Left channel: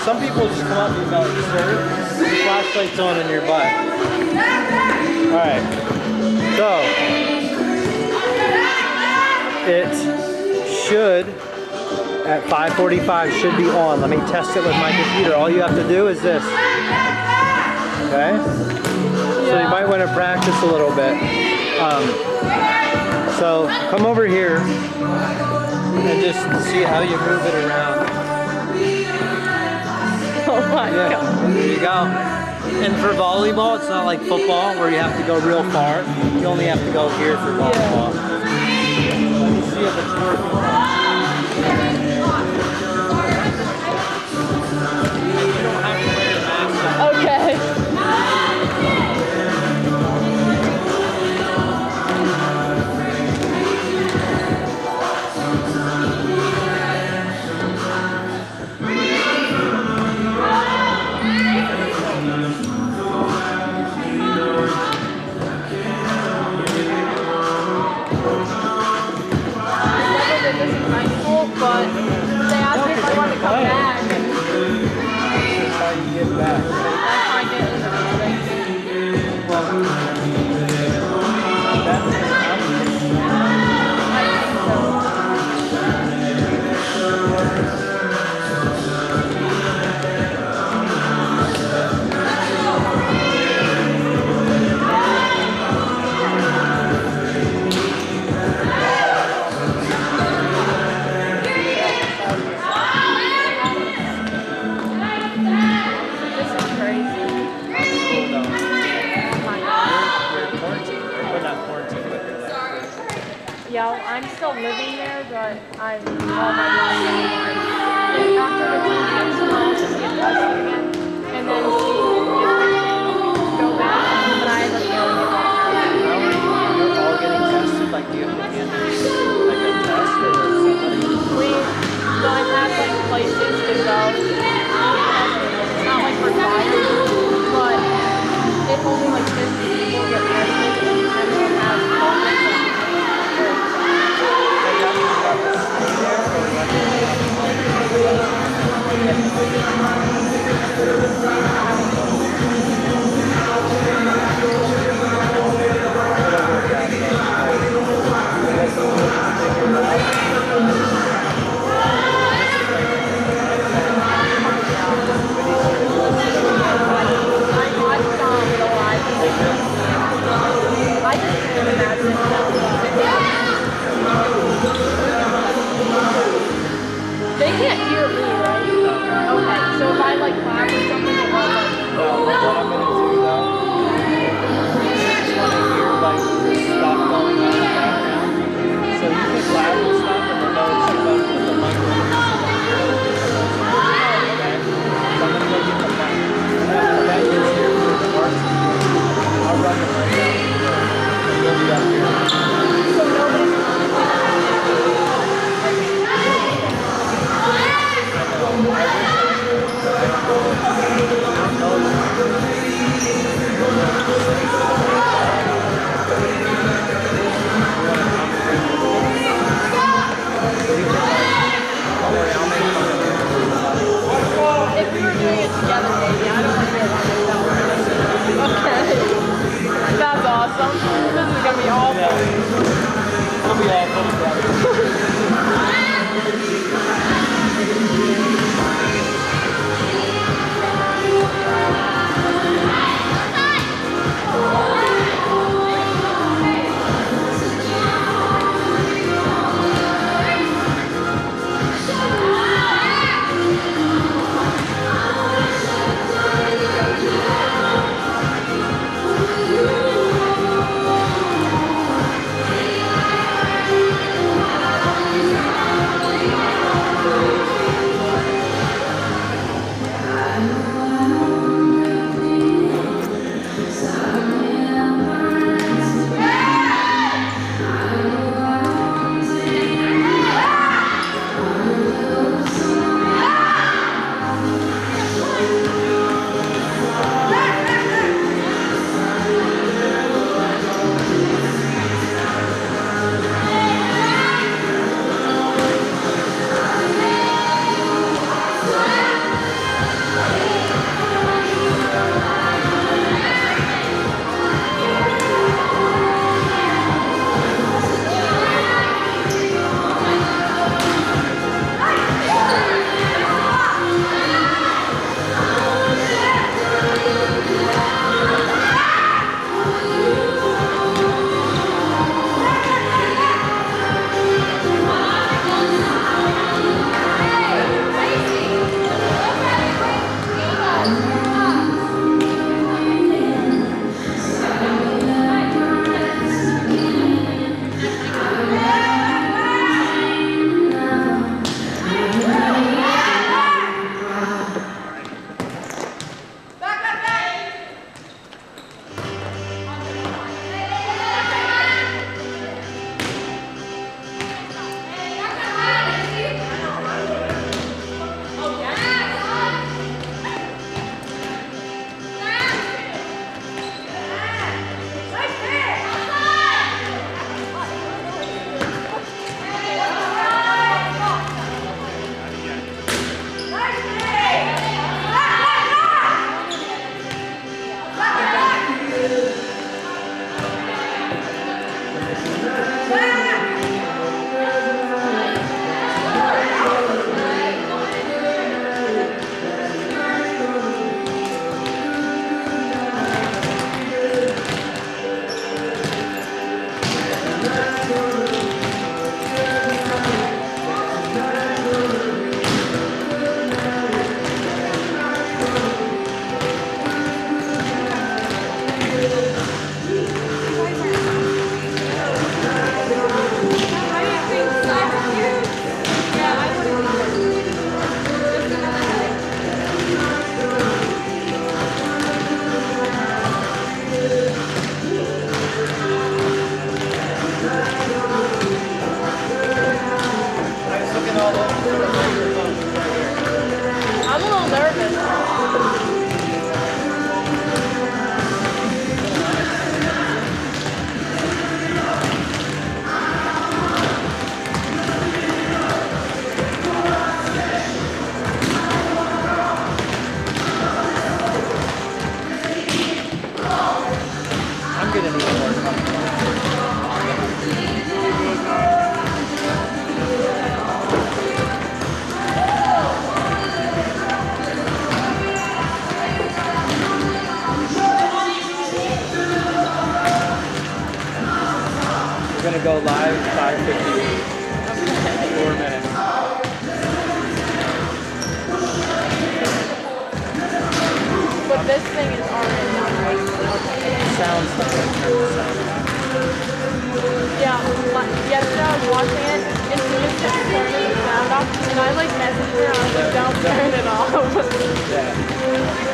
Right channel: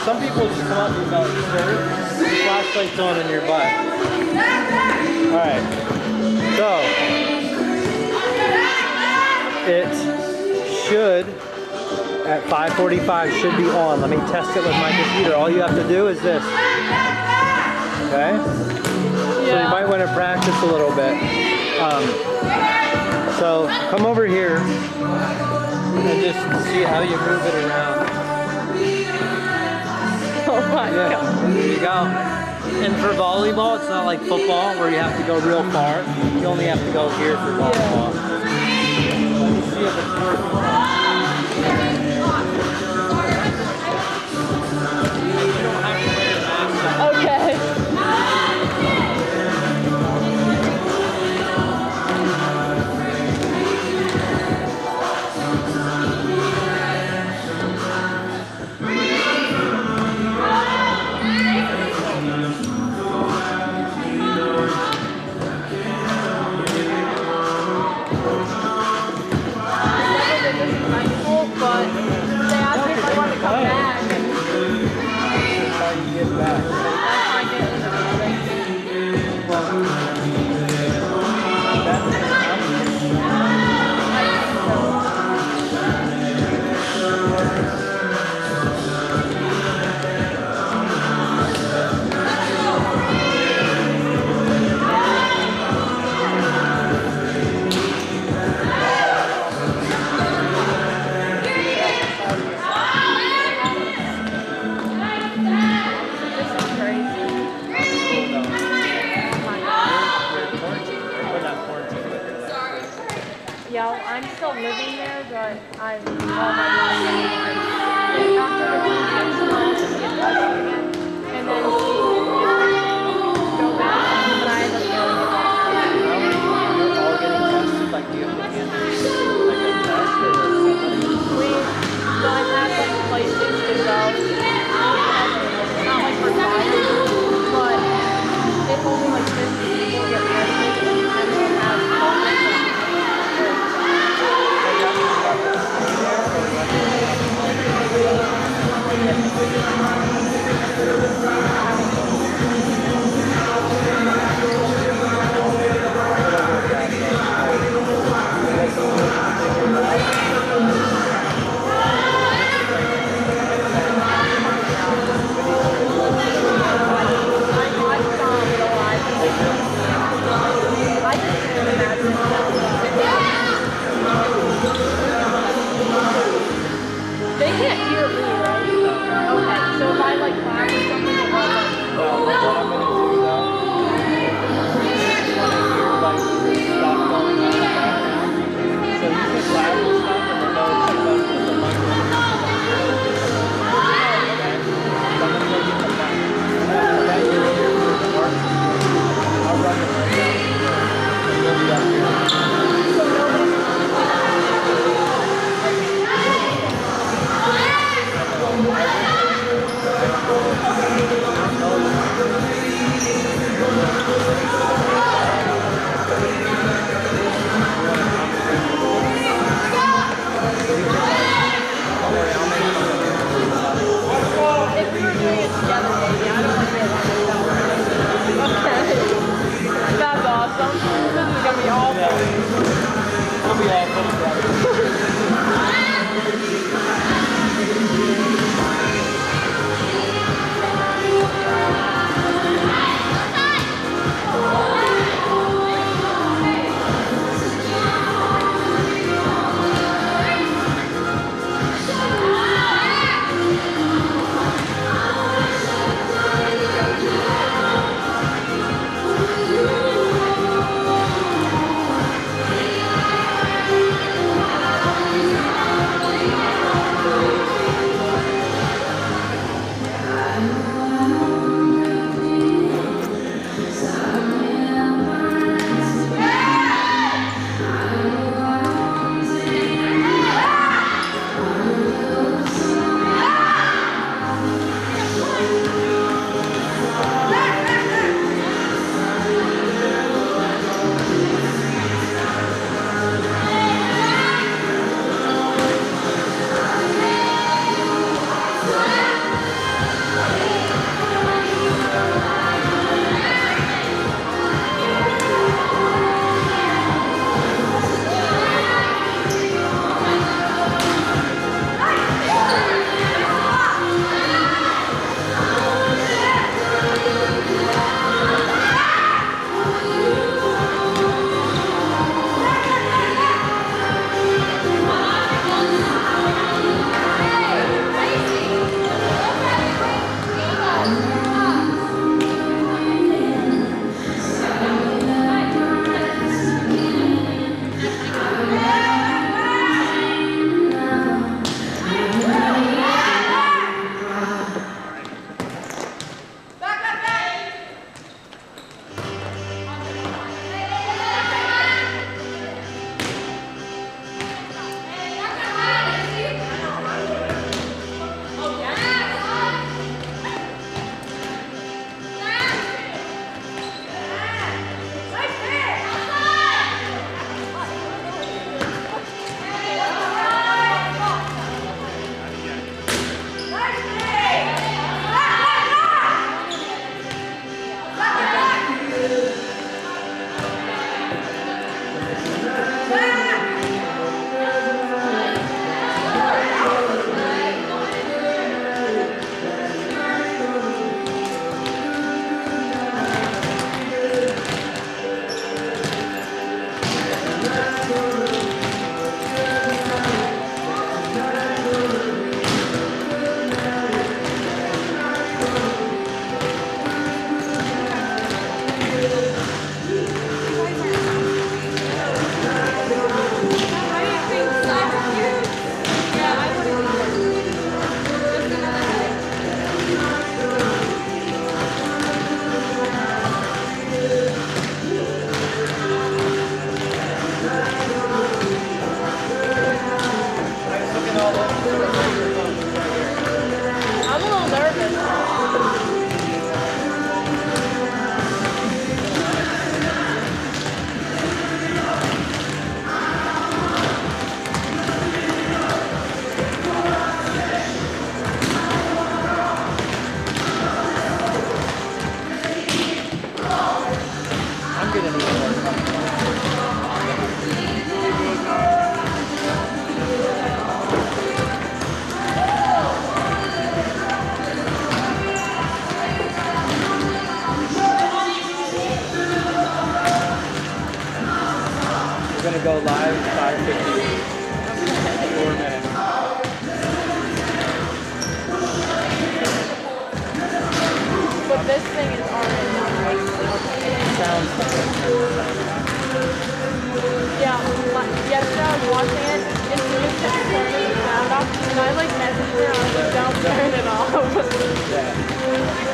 Some people just come up and go, flashlight's on in your butt. Alright, so it should, at 5:45, should be on. Let me test it with my computer. All you have to do is this. Okay? So you might want to practice a little bit. So come over here and just see how you move it around. Oh my God. There you go. And for volleyball, it's not like football where you have to go real far. You only have to go here for volleyball. Let me see if it's working. You don't have to wear your mask. Okay. But they asked me if I want to come back. This is how you get back. Yeah, I'm still living there, but I'm all my life anymore. After the weekend, so I'll just get tested again, and then see if I can go back. But I have a feeling it won't happen. You're all getting tested, like you have to get like a test or somebody? I've had like places to go. It's not like required, but if only like 50 people get tested, and they'll have COVID. Yeah. gonna go live 5:58. 4 minutes. But this thing is already on, right? Sounds Yeah, yesterday I was watching it, and she just kept turning the sound off, and I like messaged her, and I was like, don't turn it off. Yeah.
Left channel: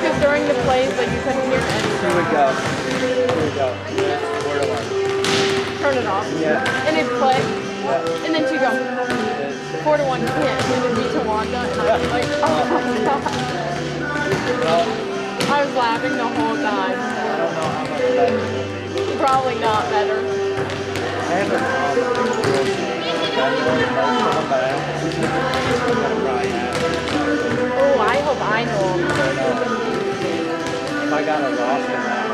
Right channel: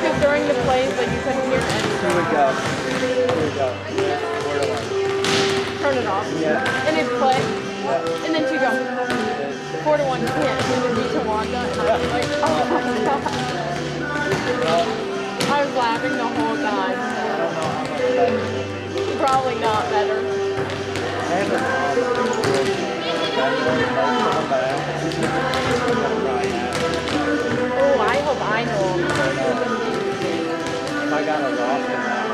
Because during the plays, like, you couldn't hear anything. Here we go. Here we go. 4 to 1. Turn it off. Yeah. And it'd play, Yeah. and then she'd go, 4 to 1, you can't send it to Wanda, and I was like, oh my god. Well, I was laughing the whole time. I don't know how much better it will be. Probably not better. I haven't done most of them, but I probably have. Oh, I hope I know them. If I got a loss in that.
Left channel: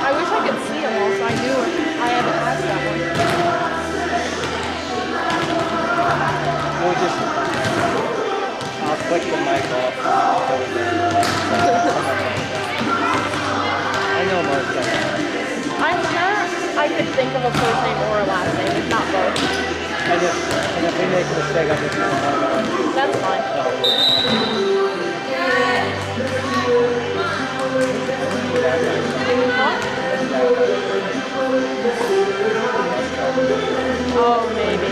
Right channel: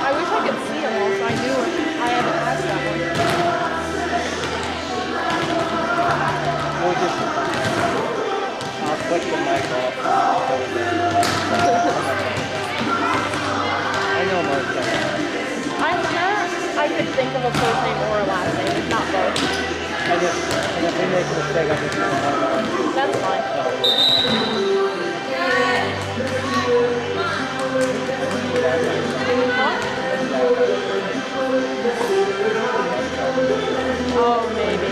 I wish I could see them all so I knew it. I haven't asked that one. We'll just, I'll click the mic off. I know most of them. I'm sure I could think of a first name or a last name, if not both. And if we make a mistake, I'll just use one. That's fine. Oh, maybe.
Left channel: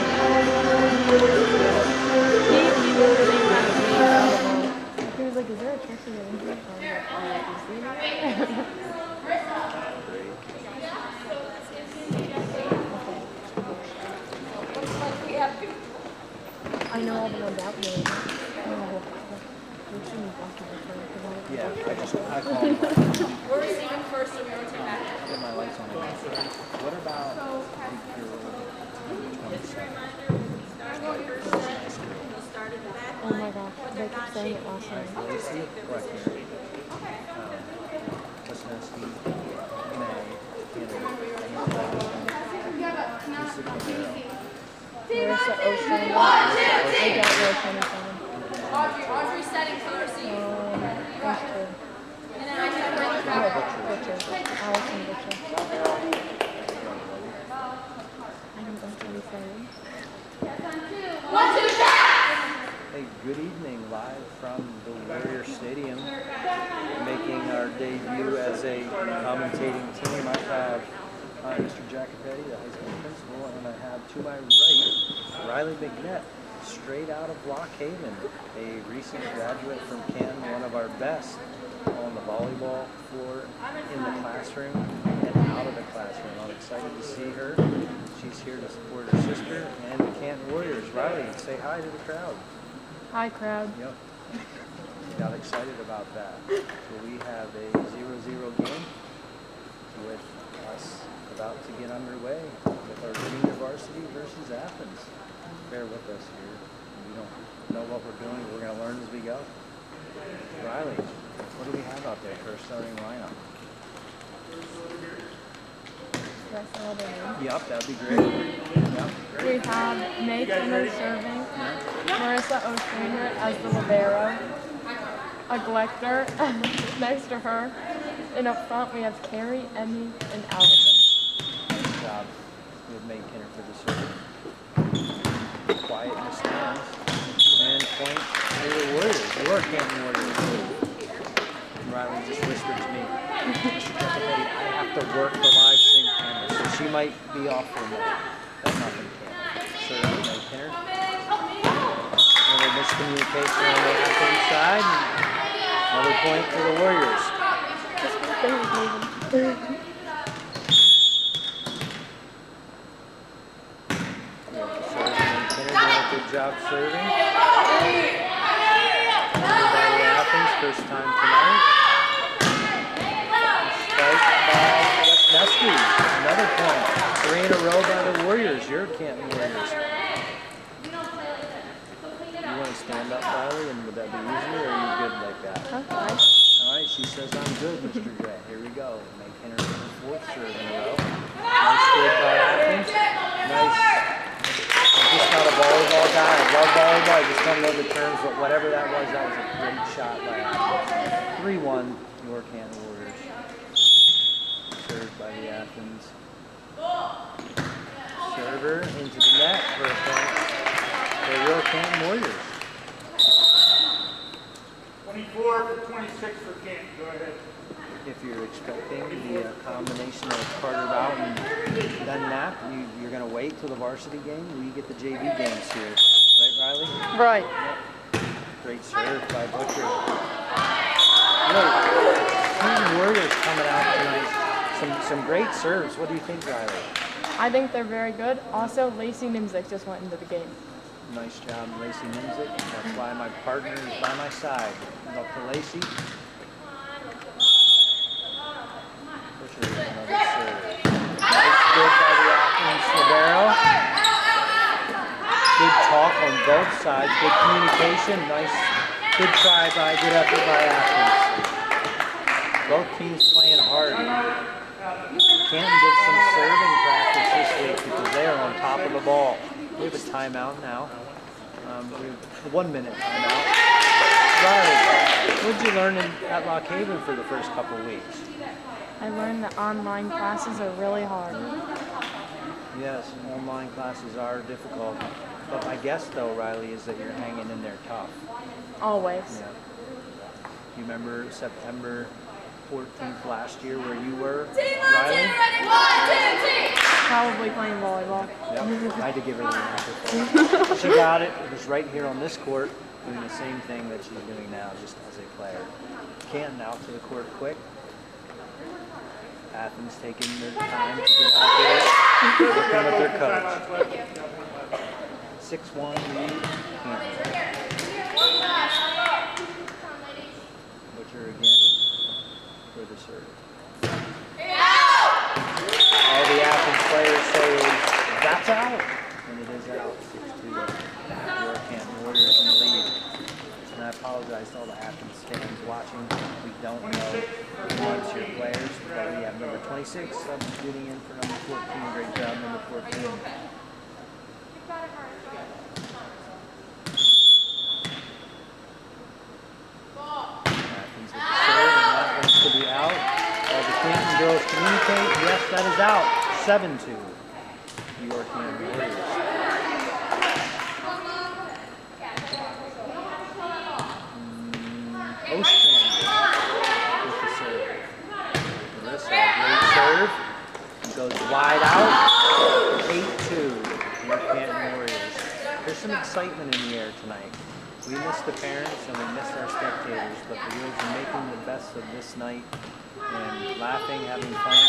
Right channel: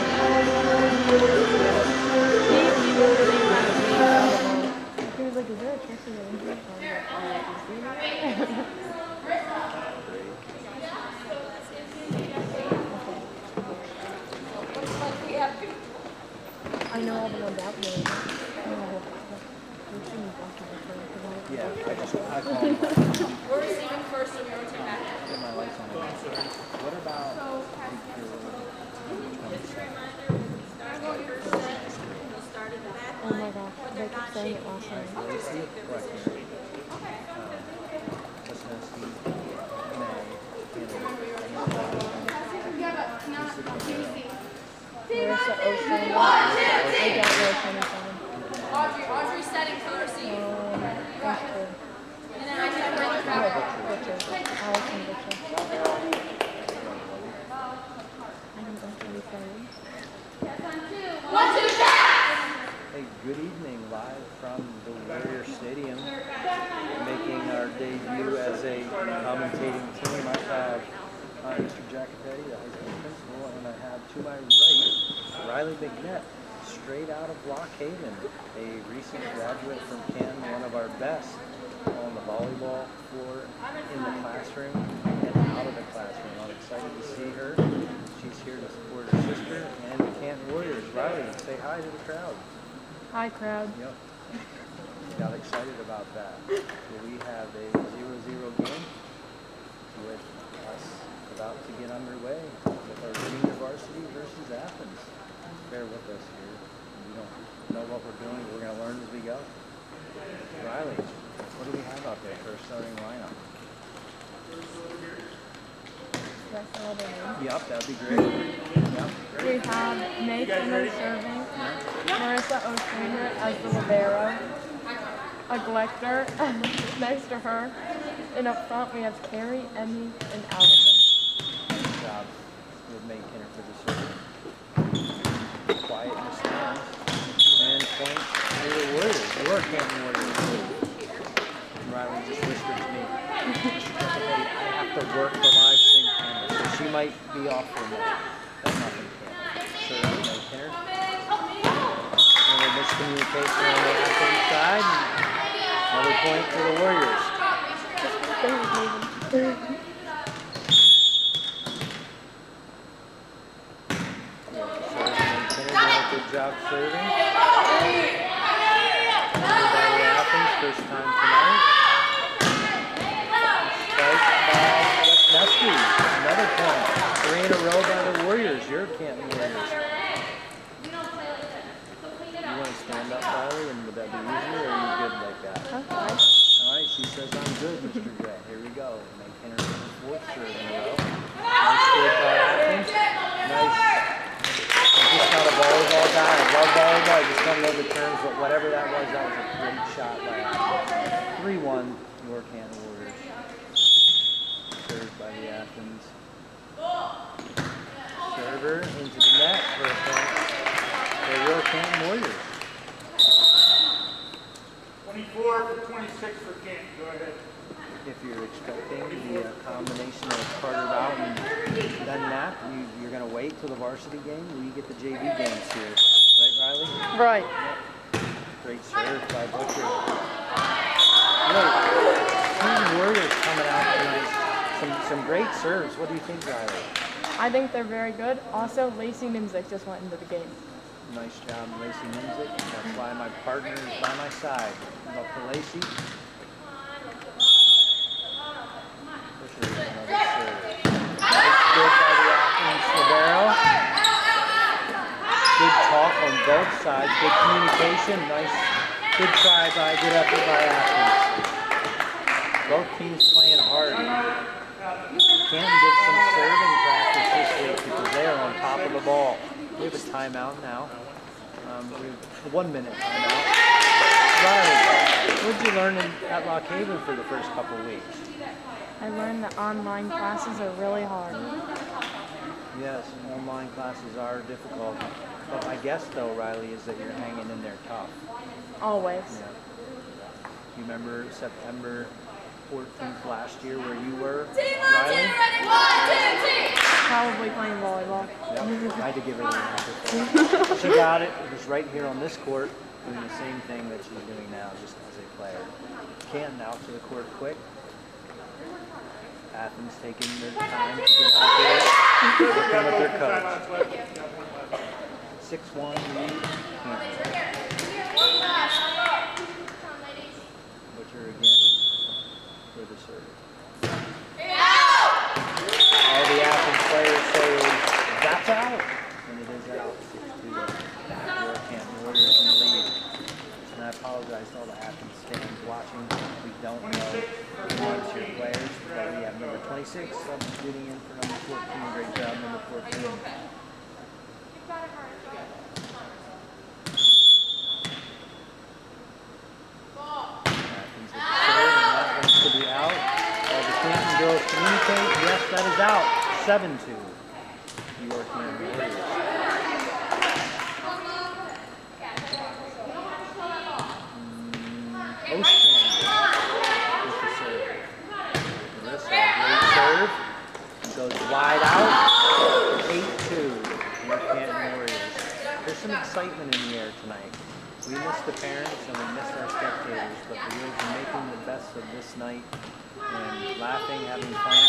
He was the same kind of me. He was like, is there a chance to get into it? I know all the ones out there. Yeah, I call them. We're receiving first, so we rotate back. Get my lights on. What about Oh my gosh, they kept saying it last night. Marissa Ocean. I don't know 27. Audrey's setting for the receive. That's true. And then I can bring it No, back. Richard. Allison Richard. I don't know 27. 1, 2, pass! Hey, good evening, live from the Warrior Stadium. Making our debut as a commentating team. I have Mr. Jacopetti, the high school principal, and I have to my right, Riley McNett, straight out of Lock Haven, a recent graduate from Canton, one of our best on the volleyball floor, in the classroom, and out of the classroom. I'm excited to see her. She's here to support her sister and the Canton Warriors. Riley, say hi to the crowd. Hi, crowd. Yep. Got excited about that. So we have a 0-0 game with us about to get underway with our junior varsity versus Athens. Bear with us here. We don't know what we're doing. We're going to learn as we go. Riley, what do we have out there for our starting lineup? That's all they need. Yep, that'd be great. Yep, We great. have May Timmer serving, Marissa O'Strainer as the libero, a Glector next to her, and up front we have Carrie, Emmy, and Allison. Good job. We have May Kinner for the serve. Quiet in the stands. And point to the Warriors. Your Canton Warriors. And Riley just whispered to me, Mr. Jacopetti, I have to work the live stream camera, so she might be off for a minute. That's nothing camera. Serve to May Kinner. And a miscommunication on the Athens side. Another point for the Warriors. Good job serving. By Athens, first time tonight. Spike by Westnesky. Another point. 3 in a row by the Warriors. Your Canton Warriors. You want to stand up, Riley, and would that be easier, or are you good like that? Okay. All right, she says I'm good, Mr. J. Here we go. Make Kinner for the 4th serve in a row. Nice good by Athens. Nice. I'm just not a volleyball guy. I love volleyball. I just don't know the terms, but whatever that was a great shot by Athens. 3-1, your Canton Warriors. serve by the Athens server into the net for a point for Your Canton Warriors. 24 for 26 for Canton. Go ahead. If you're expecting the combination of Carter Bout and then Knapp, you're going to wait till the varsity game. We get the JV games here. Right, Riley? Right. Great serve by Butcher. Canton Warriors coming out tonight. Some great serves. What do you think, Riley? I think they're very good. Also, Lacey Nimzik just went into the game. Nice job, Lacey Nimzik. That's why my partner is by my side. Up to Lacey. Butcher with another serve. Nice good by the Athens libero. Good talk on both sides. Good communication. Nice. Good try by, good effort by Athens. Both teams playing hard. Canton did some serving practice this week because they are on top of the ball. We have a timeout now. We have a 1 minute timeout. Riley, what did you learn at Lock Haven for the first couple of weeks? I learned that online classes are really hard. Yes, online classes are difficult. But my guess, though, Riley, is that you're hanging in there tough. Always. Yeah. You remember September 14th last year where you were, Riley? Probably playing volleyball. Yep. I had to give her the answer. She got it. It was right here on this court, doing the same thing that she's doing now, just as a player. Canton out to the court quick. Athens taking their time to get out there. Working with their coach. 6-1 lead. Canton. Butcher again for the serve. All the Athens players say that's out, and it is out. 6-2. Your Canton Warriors in the lead. And I apologize to all the Athens fans watching. We don't know who wants your players, but we have number 26 substituting in for number 14. Great job, number 14. Athens with the serve, and that one's to be out. All the Canton girls communicate. Yes, that is out. 7-2. Your Canton Warriors. Ostrander with the serve. Melissa, great serve. Goes wide out. 8-2. Your Canton Warriors. There's some excitement in the air tonight. We missed the parents and we missed our spectators, but the girls are making the best of this night and laughing, having fun,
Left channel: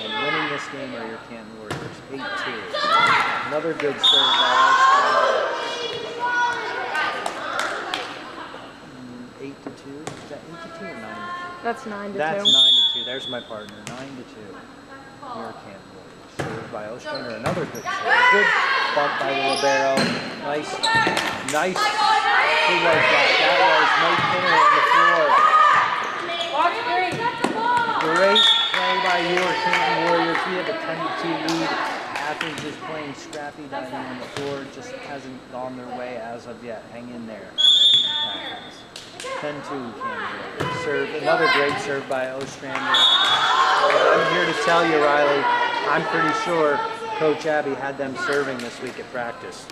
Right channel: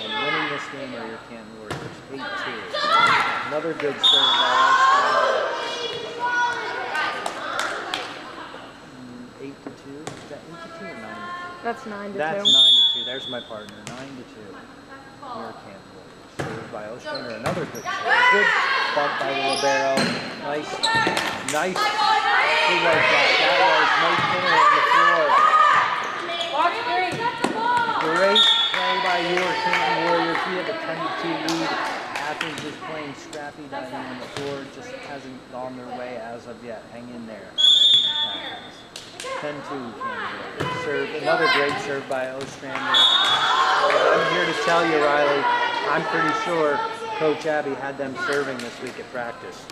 and winning this game are your Canton Warriors. 8-2. Another good serve by Ostrander. 8-2. Is that 8-2 or 9-2? That's 9-2. That's 9-2. There's my partner. 9-2. Your Canton Warriors. Served by Ostrander. Another good serve. Good bump by the libero. Nice. Who was that? That was Mike Pinner on the floor. Great play by your Canton Warriors. We have a 10-2 lead. Athens is playing scrappy down here on the floor. Just hasn't gone their way as of yet. Hang in there. Athens. 10-2 Canton Warriors. Serve. Another great serve by Ostrander. I'm here to tell you, Riley, I'm pretty sure Coach Abby had them serving this week at practice.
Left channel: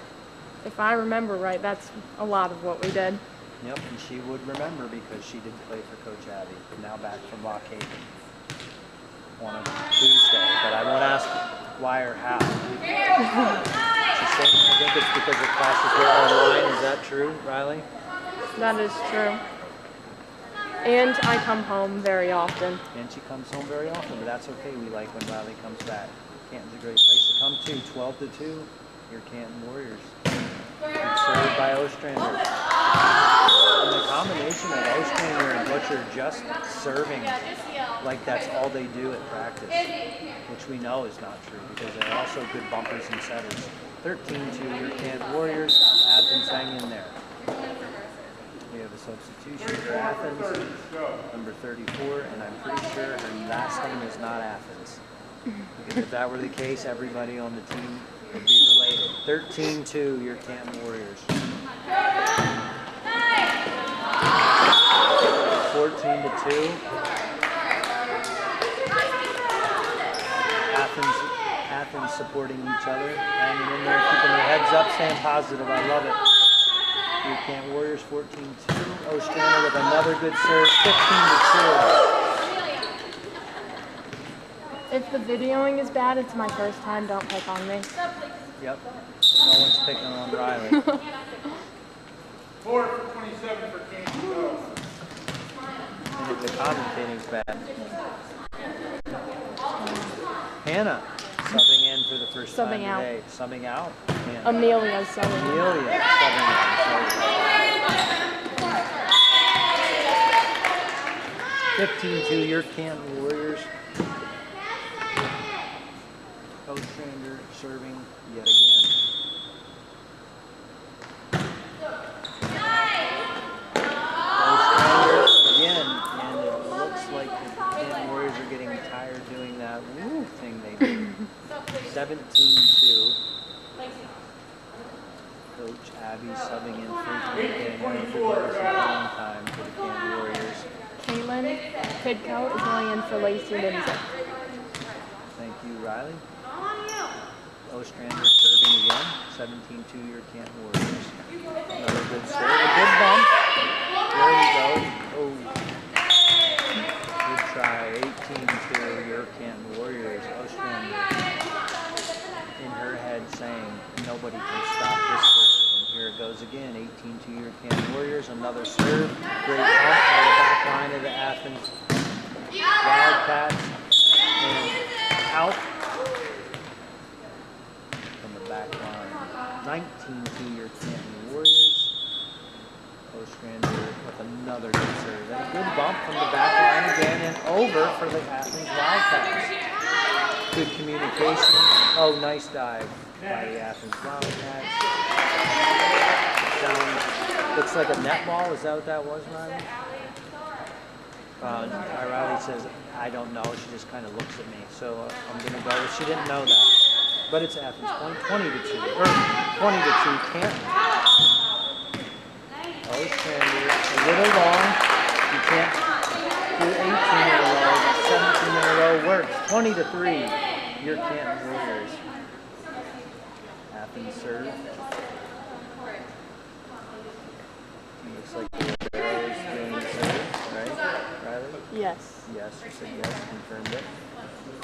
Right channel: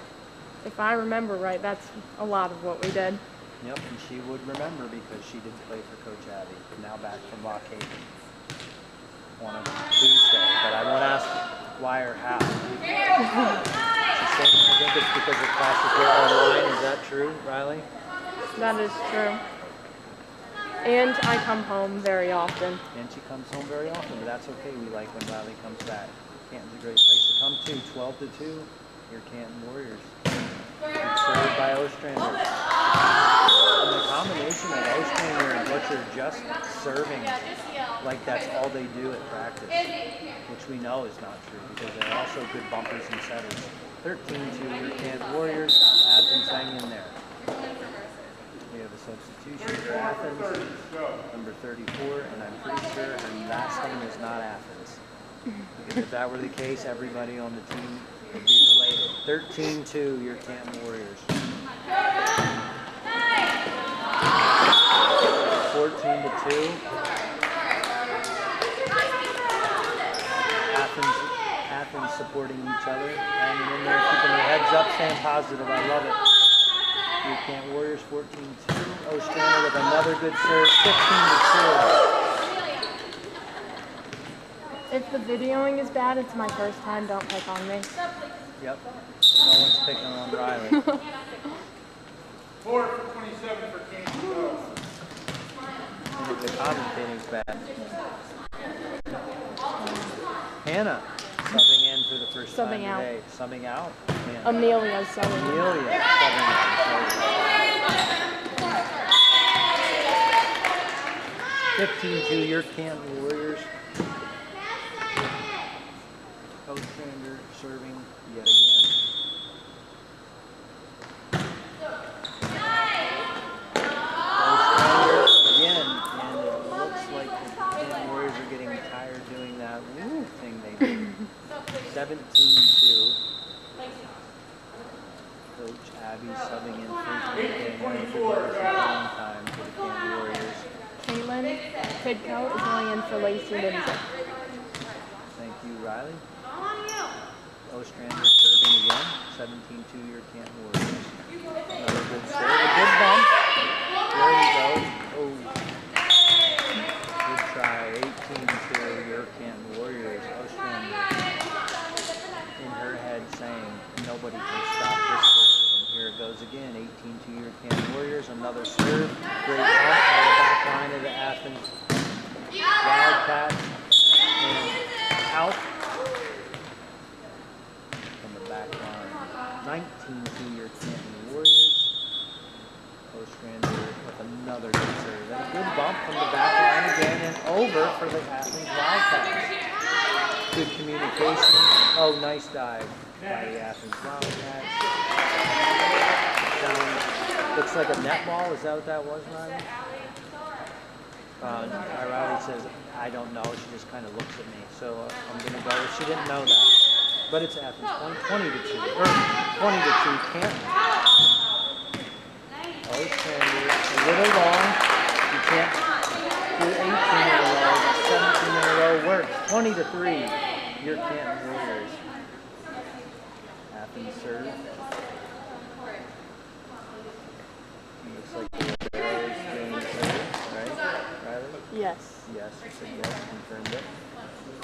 If I remember right, that's a lot of what we did. Yep, and she would remember because she did play for Coach Abby. Now back from Lock Haven on a Tuesday. But I won't ask why or how. She's saying, I think it's because her classes were online. Is that true, Riley? That is true. And I come home very often. And she comes home very often, but that's okay. We like when Riley comes back. Canton's a great place to come to. 12-2, your Canton Warriors. Good serve by Ostrander. And the combination of Ostrander and Butcher just serving like that's all they do at practice, which we know is not true because they're also good bumpers and setters. 13-2, your Canton Warriors. Athens hang in there. We have a substitution for Athens, number 34, and I'm pretty sure her last name is not Athens. Because if that were the case, everybody on the team would be related. 13-2, your Canton Warriors. 14-2. supporting each other, hanging in there, keeping their heads up, staying positive. I love it. Here Camp Warriors 14-2. Ostrander with another good serve, 15-2. If the videoing is bad, it's my first time. Don't pick on me. Yep. No one's picking on Riley. 4 for 27 for Camp. Go. And if the commentating's bad. Hannah subbing in for the first time Subbing out. today. Subbing out. Hannah. Amelia's subbing. Amelia subbing out. 15-2 your Camp Warriors. Ostrander serving yet again. Ostrander again, and it looks like the Camp Warriors are getting tired doing that woo thing they do. 17-2. Coach Abby subbing in for time for the Camp Warriors. Caitlin Pidcoe is going in for Lacey Lindsay. Thank you, Riley. Ostrander serving again. 17-2 your Camp Warriors. Another good serve. A good bump. There we go. Oh. Good try. 18-2 your Camp Warriors. Ostrander in her head saying nobody can stop this serve. And here it goes again. 18-2 your Camp Warriors. Another serve. Great bump by the back line of the Athens Wildcats. And out. Back line. 19-2 your Canton Warriors. Ostrander with another good serve. And a good bump from the back line again and over for the Athens Wildcats. Good communication. Oh, nice dive by the Athens Wildcats. Down. Looks like a net ball. Is that what that was, Riley? Riley says, I don't know. She just kind of looks at me. So I'm going to go. She didn't know that. But it's Athens point 20-2, or 20-2, Canton. Ostrander, a little long. You can't do 18 in a row, but 17 in a row works. 20-3, your Canton Warriors. Athens serve. Looks like the Libero is doing the serve, right, Riley? Yes. Yes, you said yes, confirmed it.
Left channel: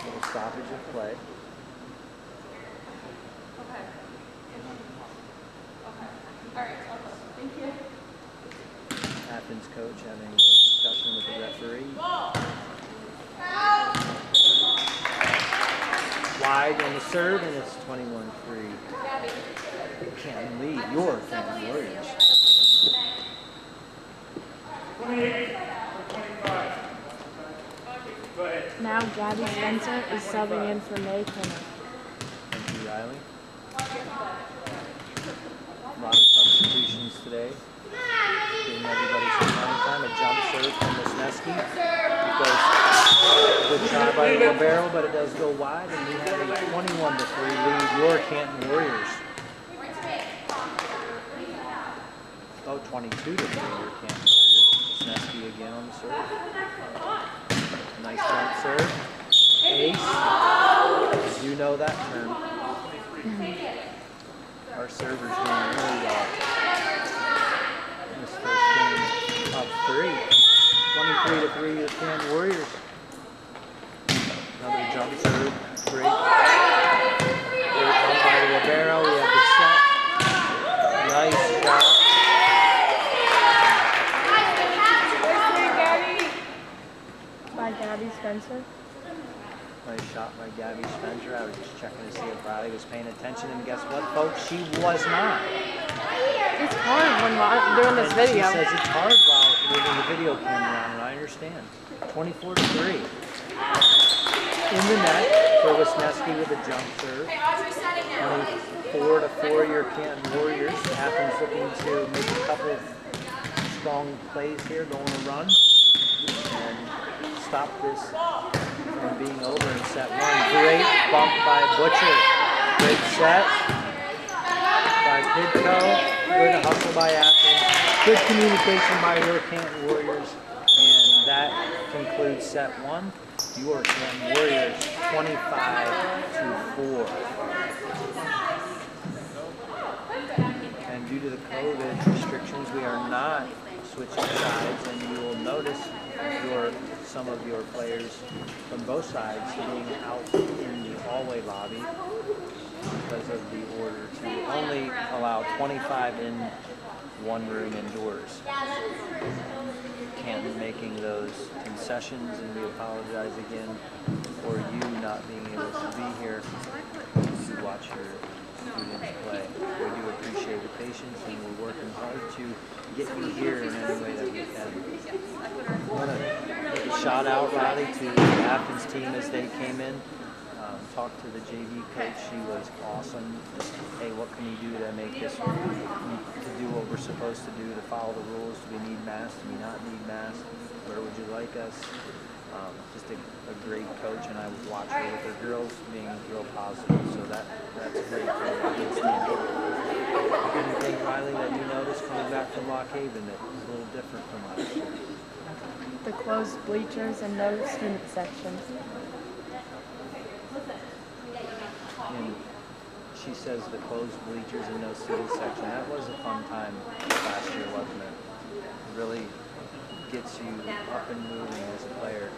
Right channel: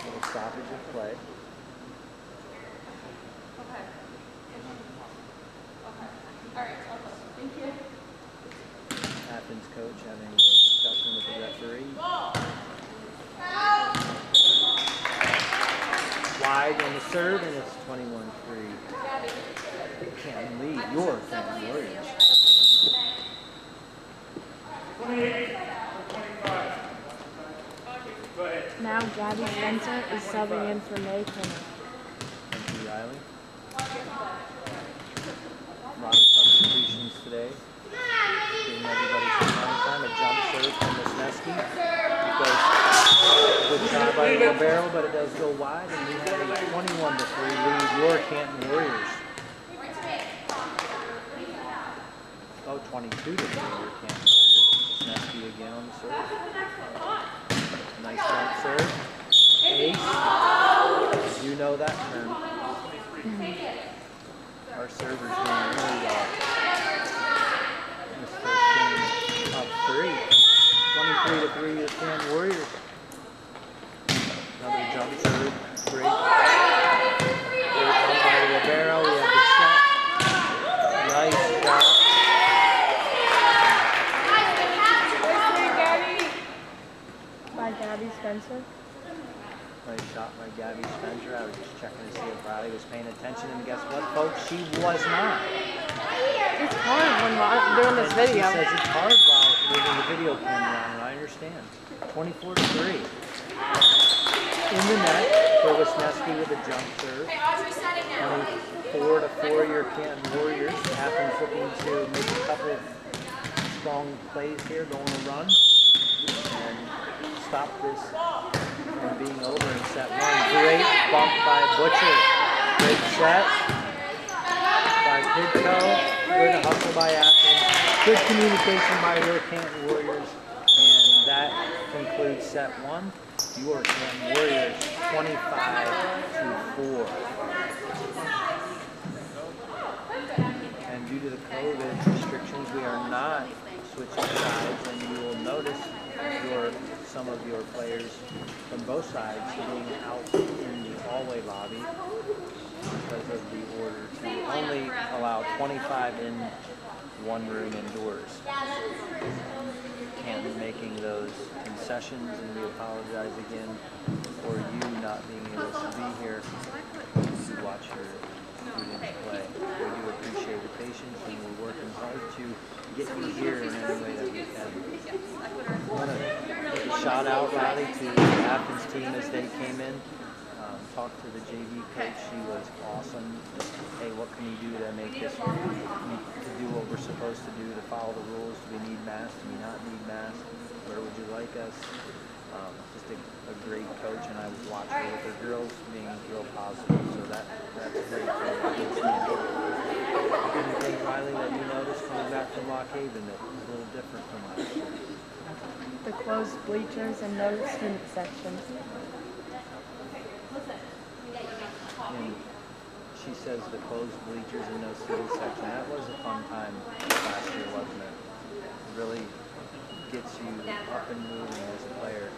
Little stoppage of play. Athens coach having a discussion with the referee. Wide on the serve, and it's 21-3. Can't lead your Canton Warriors. 28 for 25. Go ahead. Now Gabby Spencer is subbing in for May Kinner. Thank you, Riley. A lot of substitutions today. Giving everybody some playing time. A jump serve from Wisniewski. It goes good try by the Libero, but it does go wide, and we have a 21-3 lead your Canton Warriors. Oh, 22-3 your Canton Warriors. Wisniewski again on the serve. Nice jump serve. Ace. You know that term. Our server's doing really well. This first game up 3. 23-3 your Canton Warriors. Another jump serve. Great. Great bump by the Libero. We have the set. Nice shot. By Gabby Spencer. Nice shot by Gabby Spencer. I was just checking to see if Riley was paying attention, and guess what, folks? She was not. It's hard when I'm doing this And video. she says it's hard while moving the video camera on, and I understand. 24-3. In the net for Wisniewski with a jump serve. 24-4 your Canton Warriors. Athens looking to make a couple of strong plays here, going to run and stop this from being over in set 1. Great bump by Butcher. Great set by Pidcoe. Good hustle by Athens. Good communication by your Canton Warriors, and that concludes set one. Your Canton Warriors 25-4. And due to the COVID restrictions, we are not switching sides, and you will notice some of your players from both sides being out in the hallway lobby because of the order to only allow 25 in one room indoors. Canton making those concessions, and we apologize again for you not being able to be here to watch your students play. We do appreciate the patience, and we're working hard to get you here in any way that we can. I want to give a shout out, Riley, to the Athens team as they came in. Talked to the JV coach. She was awesome. Just, hey, what can you do to make this, to do what we're supposed to do, to follow the rules? Do we need masks? Do we not need masks? Where would you like us? Just a great coach, and I would watch her with her girls being real positive. So that's great. Anything, Riley, that you noticed coming back from Lock Haven that was a little different from last year? The closed bleachers and no student sections. And she says the closed bleachers and no student section. That was a fun time last year, wasn't it? It really gets you up and moving as a player.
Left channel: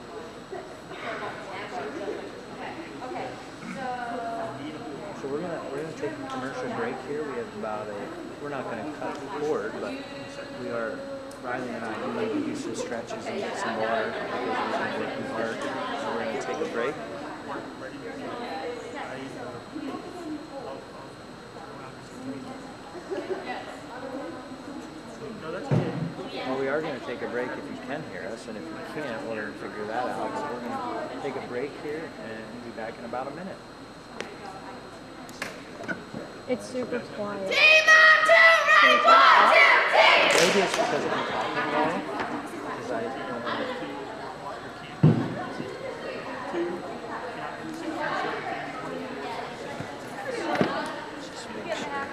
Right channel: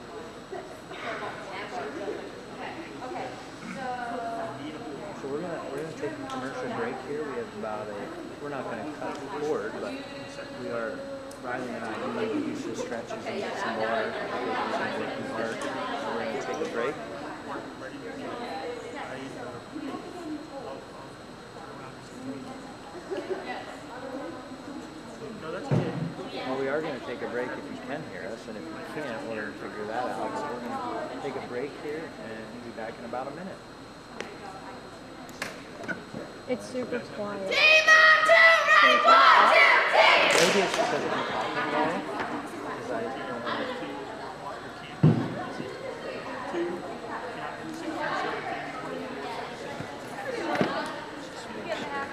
So we're gonna take a commercial break here. We have we're not gonna cut the cord, but we are, Riley and I do need to do some stretches and get some water because we've been working hard. So we're gonna take a break. Well, we are going to take a break if you can hear us, and if you can't, we're going to figure that out. But we're going to take a break here and be back in about a minute. It's super quiet. Maybe it's because I'm talking low, because I don't want to. Just make sure.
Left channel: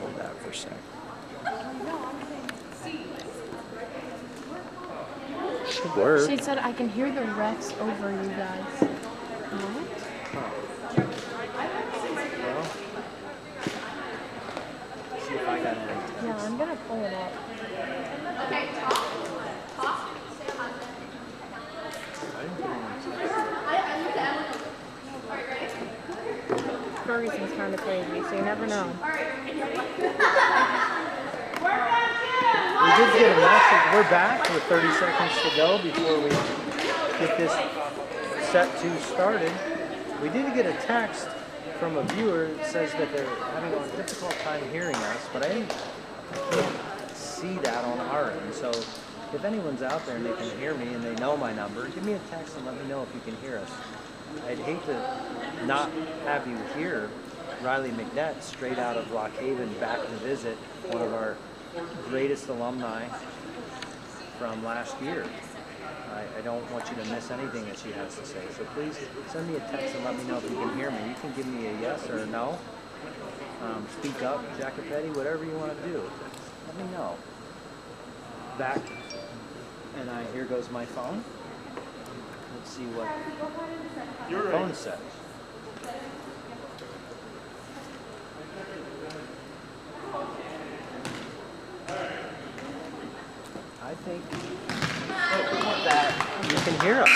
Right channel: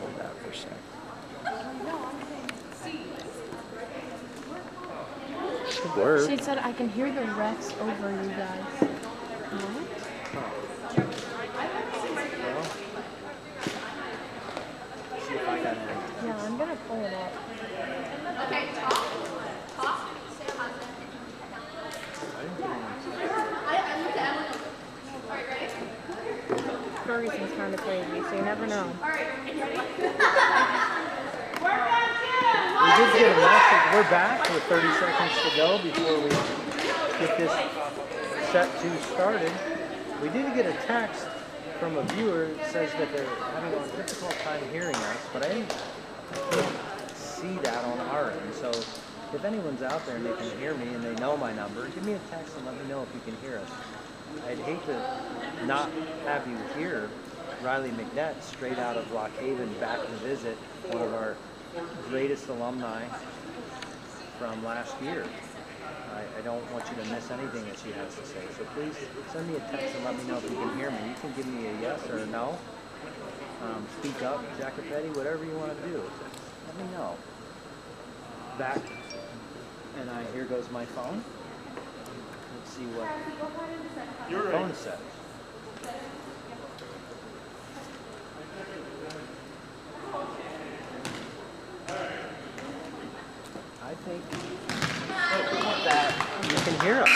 Hold that for a sec. Should work. She said I can hear the refs over you guys. What? Well, see if I got any. Yeah, I'm gonna pull it up. Okay, talk. Say a husband. I didn't get any. I looked at Emily. All right, ready? Ferguson's kind of crazy, so you never know. All right, ready? We did get a message. We're back with 30 seconds to go before we get this set 2 started. We did get a text from a viewer that says that they're having a difficult time hearing us, but I can't see that on our end. So if anyone's out there and they can hear me and they know my number, give me a text and let me know if you can hear us. I'd hate to not have you hear Riley McNett straight out of Lock Haven back to visit, one of our greatest alumni from last year. I don't want you to miss anything that she has to say. So please send me a text and let me know if you can hear me. You can give me a yes or a no. Speak up, Jacopetti, whatever you want to do. Let me know. Back, and here goes my phone. Let's see what the phone says. I think that you can hear us.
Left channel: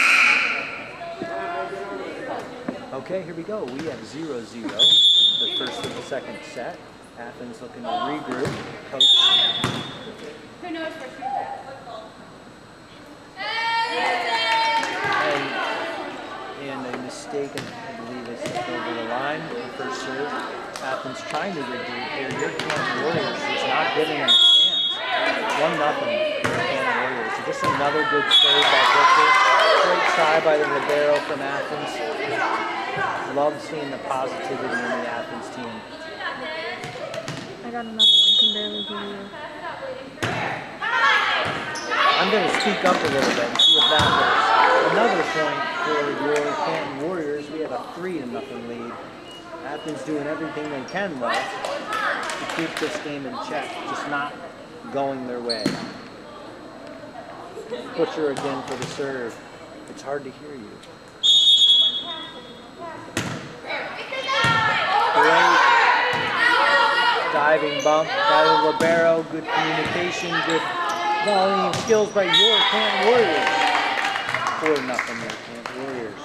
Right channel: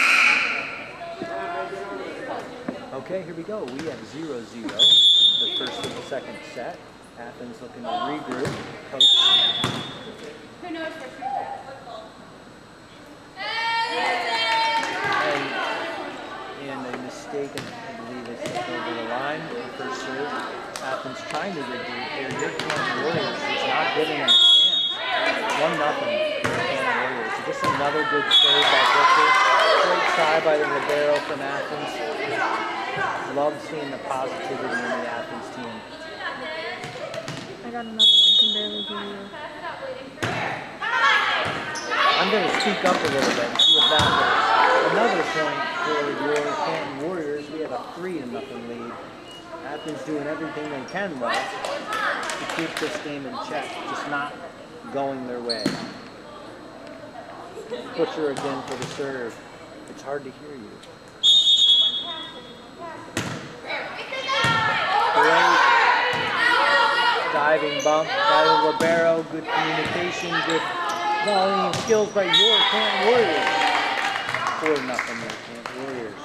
Okay, here we go. We have 0-0, the first of the second set. Athens looking to regroup. Coach. Who knows for sure? And a mistake, I believe, is over the line. The first serve. Athens trying to regroup here. Your Canton Warriors is not giving them a chance. 1-0. Canton Warriors. Just another good save by Victor. Great try by the libero from Athens. Love seeing the positivity in the Athens team. I got another one. Can barely hear you. I'm going to speak up a little bit and see if that works. Another point for your Canton Warriors. We have a 3-0 lead Athens doing everything they can, though, to keep this game in check, just not going their way. Butcher again for the serve. It's hard to hear you. Great diving bump by the libero. Good communication, good volleying skills by your Canton Warriors. 4-0 your Canton Warriors.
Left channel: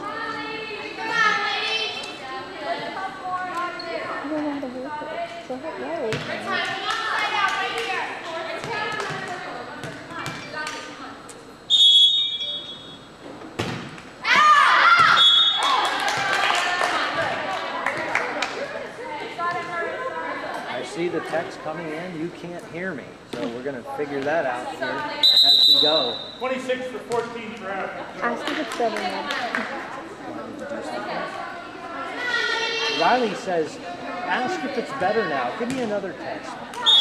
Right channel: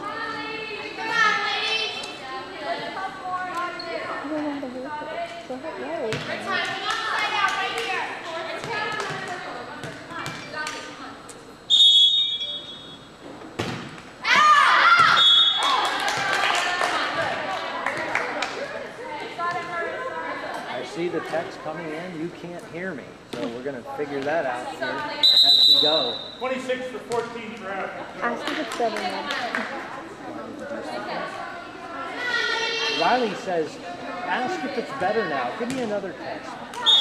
I see the text coming in. You can't hear me, so we're going to figure that out here as we go. 26 for 14 for Athens. I think it's 7 now. Riley says, ask if it's better now. Give me another text.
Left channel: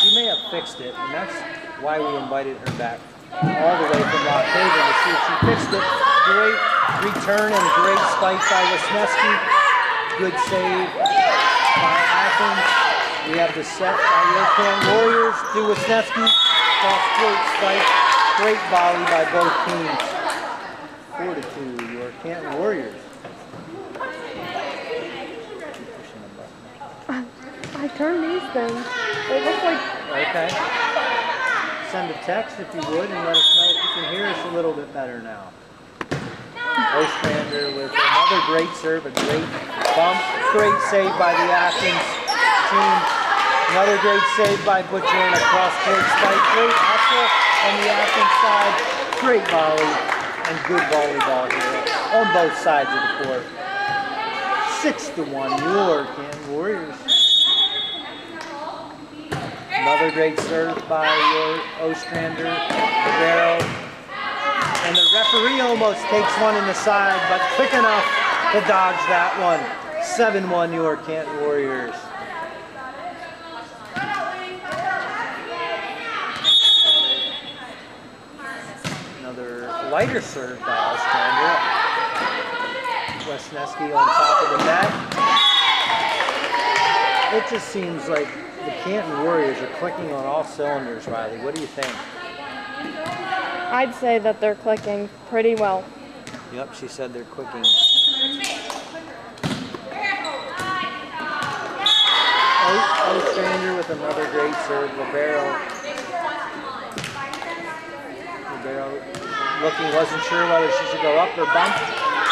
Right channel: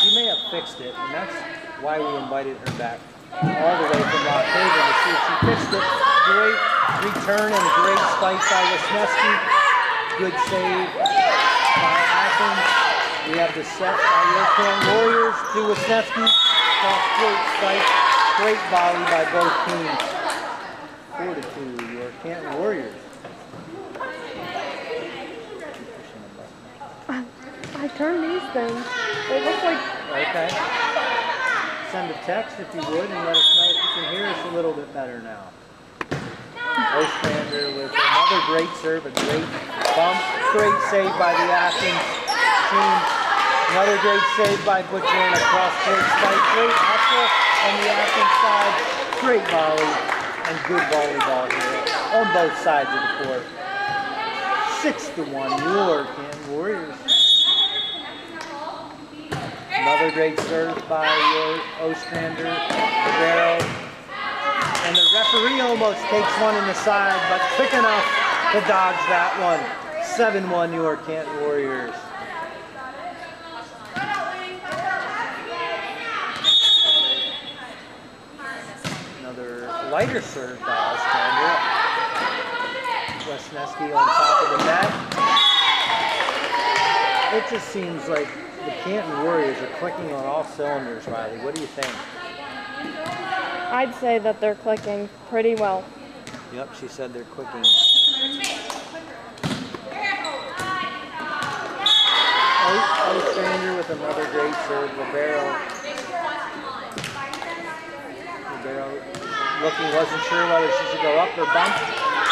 She may have fixed it, and that's why we invited her back all the way from Lock Haven to see if she fixed it. Great return and great spike by Wisniewski. Good save by Athens. We have the set by your Canton Warriors to Wisniewski. Cross-court spike. Great volley by both teams. 4-2, your Canton Warriors. I turned these things. They look like... Okay. Send a text if you would and let us know if you can hear us a little bit better now. Ostrander with another great serve, a great bump. Great save by the Athens team. Another great save by Butcher and a cross-court spike. Great hustle on the Athens side. Great volley and good volleyball here on both sides of the court. 6-1, your Canton Warriors. Another great serve by your Ostrander, Rivero. And the referee almost takes one in the side, but quick enough to dodge that one. 7-1, your Canton Warriors. Another lighter serve by Ostrander. Wisniewski on top of the net. It just seems like the Canton Warriors are clicking on all cylinders, Riley. What do you think? I'd say that they're clicking pretty well. Yep, she said they're clicking. Ostrander with another great serve. Libero looking, wasn't sure whether she should go up or bump.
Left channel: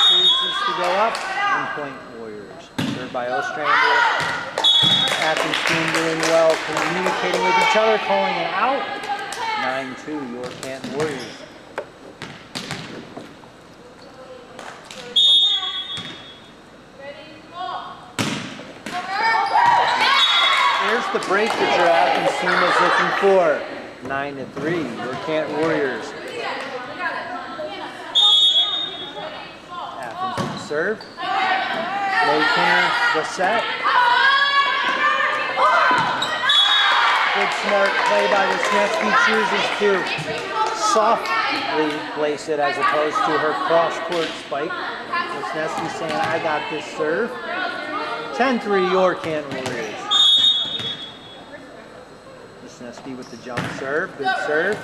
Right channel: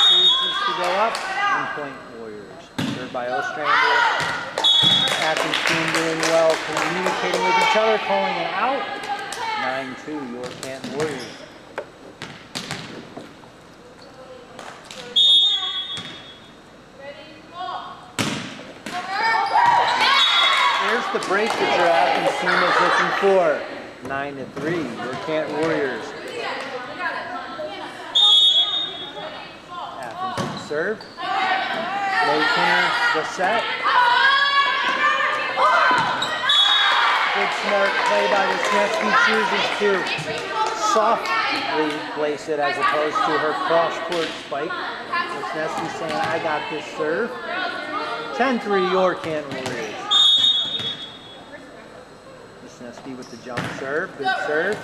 Chooses to go up. And point Warriors. Served by Ostrander. Athens team doing well, communicating with each other, calling it out. 9-2, your Canton Warriors. Here's the break that your Athens team is looking for. 9-3, your Canton Warriors. Athens with the serve. Low corner, the set. Good smart play by Wisniewski. Chooses to softly place it as opposed to her cross-court spike. Wisniewski saying, I got this serve. 10-3, your Canton Warriors. Wisniewski with the jump serve. Good serve.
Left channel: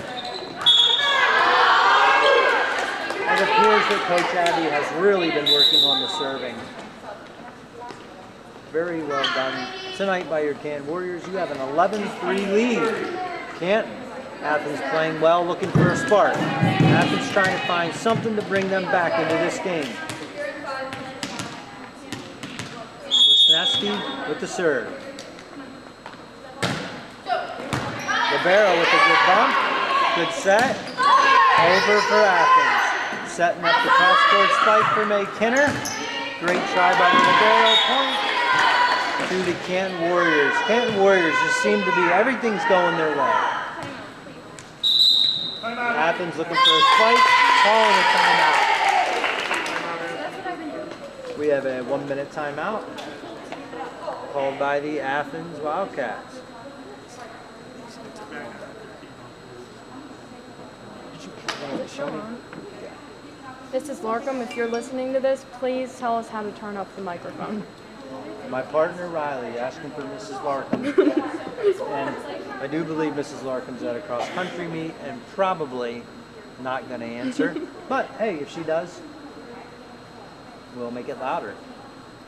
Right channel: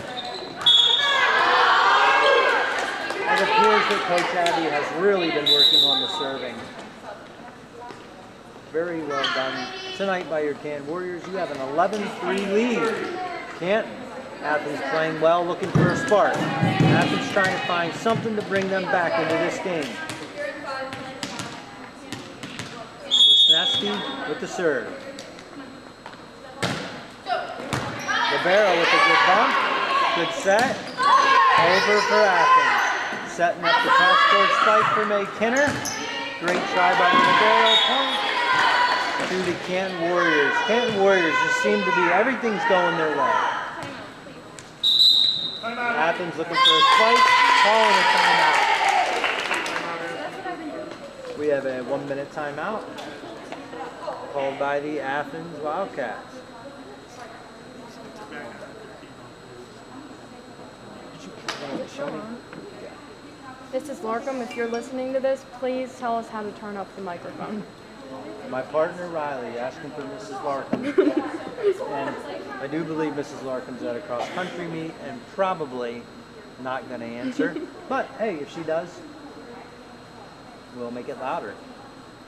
It appears that Coach Abby has really been working on the serving. Very well done tonight by your Canton Warriors. You have an 11-3 lead. Canton, Athens playing well, looking for a spark. Athens trying to find something to bring them back into this game. Wisniewski with the serve. Libero with a good bump. Good set. Over for Athens. Setting up the cross-court spike for May Kinner. Great try by the Libero. Point to the Canton Warriors. Canton Warriors just seem to be, everything's going their way. Athens looking for a spike, calling a timeout. We have a 1-minute timeout called by the Athens Wildcats. Show me. This is Larkham. If you're listening to this, please tell us how to turn up the microphone. My partner Riley asking for Mrs. Larkham. And I do believe Mrs. Larkham's at a cross-country meet and probably not going to answer. But hey, if she does, we'll make it louder.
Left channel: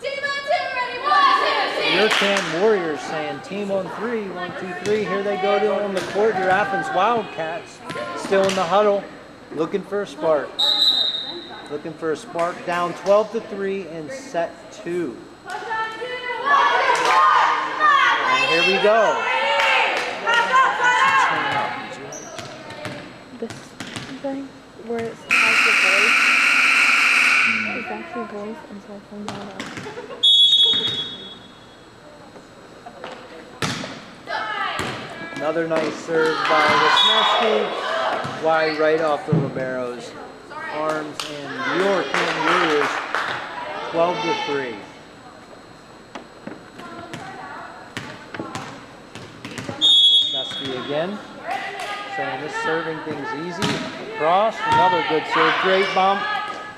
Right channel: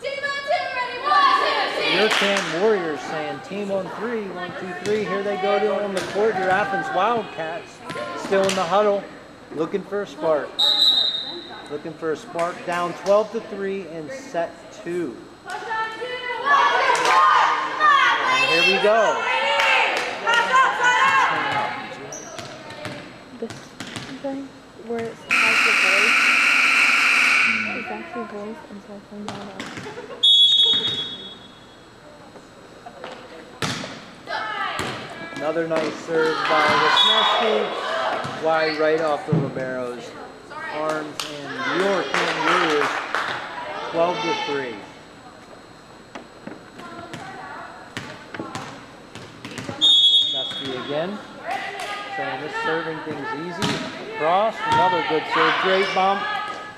Team on two, ready? 1, 2, 3. Your Canton Warriors saying team on 3, 1, 2, 3. Here they go to on the court. Your Athens Wildcats still in the huddle, looking for a spark. Looking for a spark. Down 12-3 in set 2. And here we go. This thing where it has the voice. It's actually voice, and so I found that out. Another nice serve by Wisniewski. Wide right off the libero's arms, and your Canton Warriors 12-3. Wisniewski again, saying this serving thing's easy. Across, another good serve, great bump.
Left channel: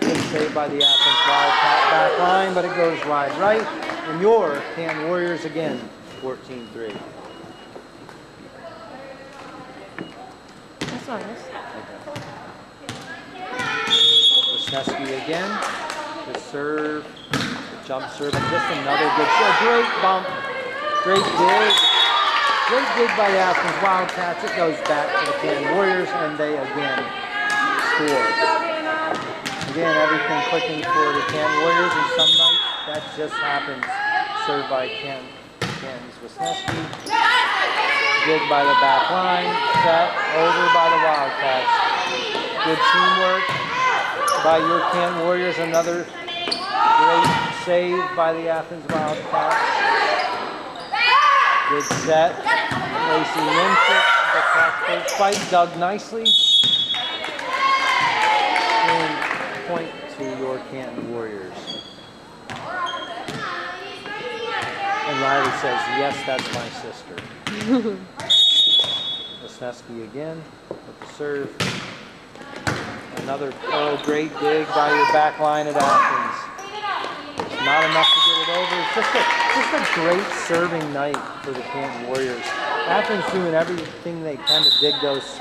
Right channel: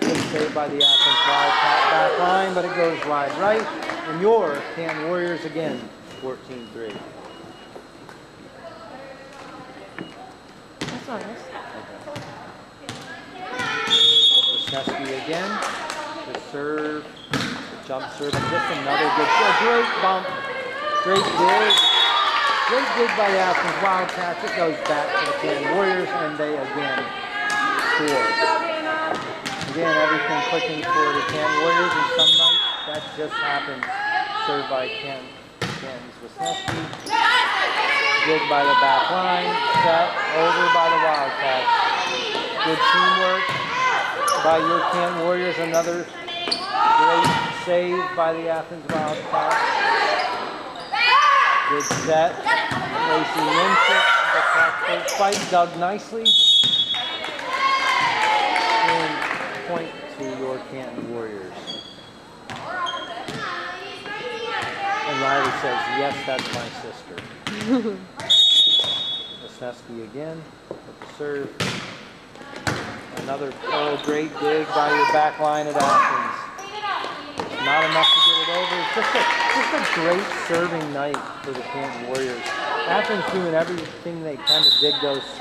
Good save by the Athens Wildcat back line, but it goes wide right. And your Canton Warriors again, 14-3. That's nice. Wisniewski again, the serve, the jump serve, and just another good serve. Great bump, great dig by the Athens Wildcats. It goes back to the Canton Warriors, and they again score. Again, everything clicking for the Canton Warriors, and some nights that just happens. Served by Canton's Wisniewski. Dig by the back line, set over by the Wildcats. Good teamwork by your Canton Warriors. Another great save by the Athens Wildcats. Good set. Lacey Minchik, the cross-court fight, dug nicely. And point to your Canton Warriors. And Riley says, yes, that's my sister. Wisniewski again with the serve. Another great dig by your back line at Athens. Not enough to get it over. It's just a great serving night for the Canton Warriors. Athens doing everything they can to dig those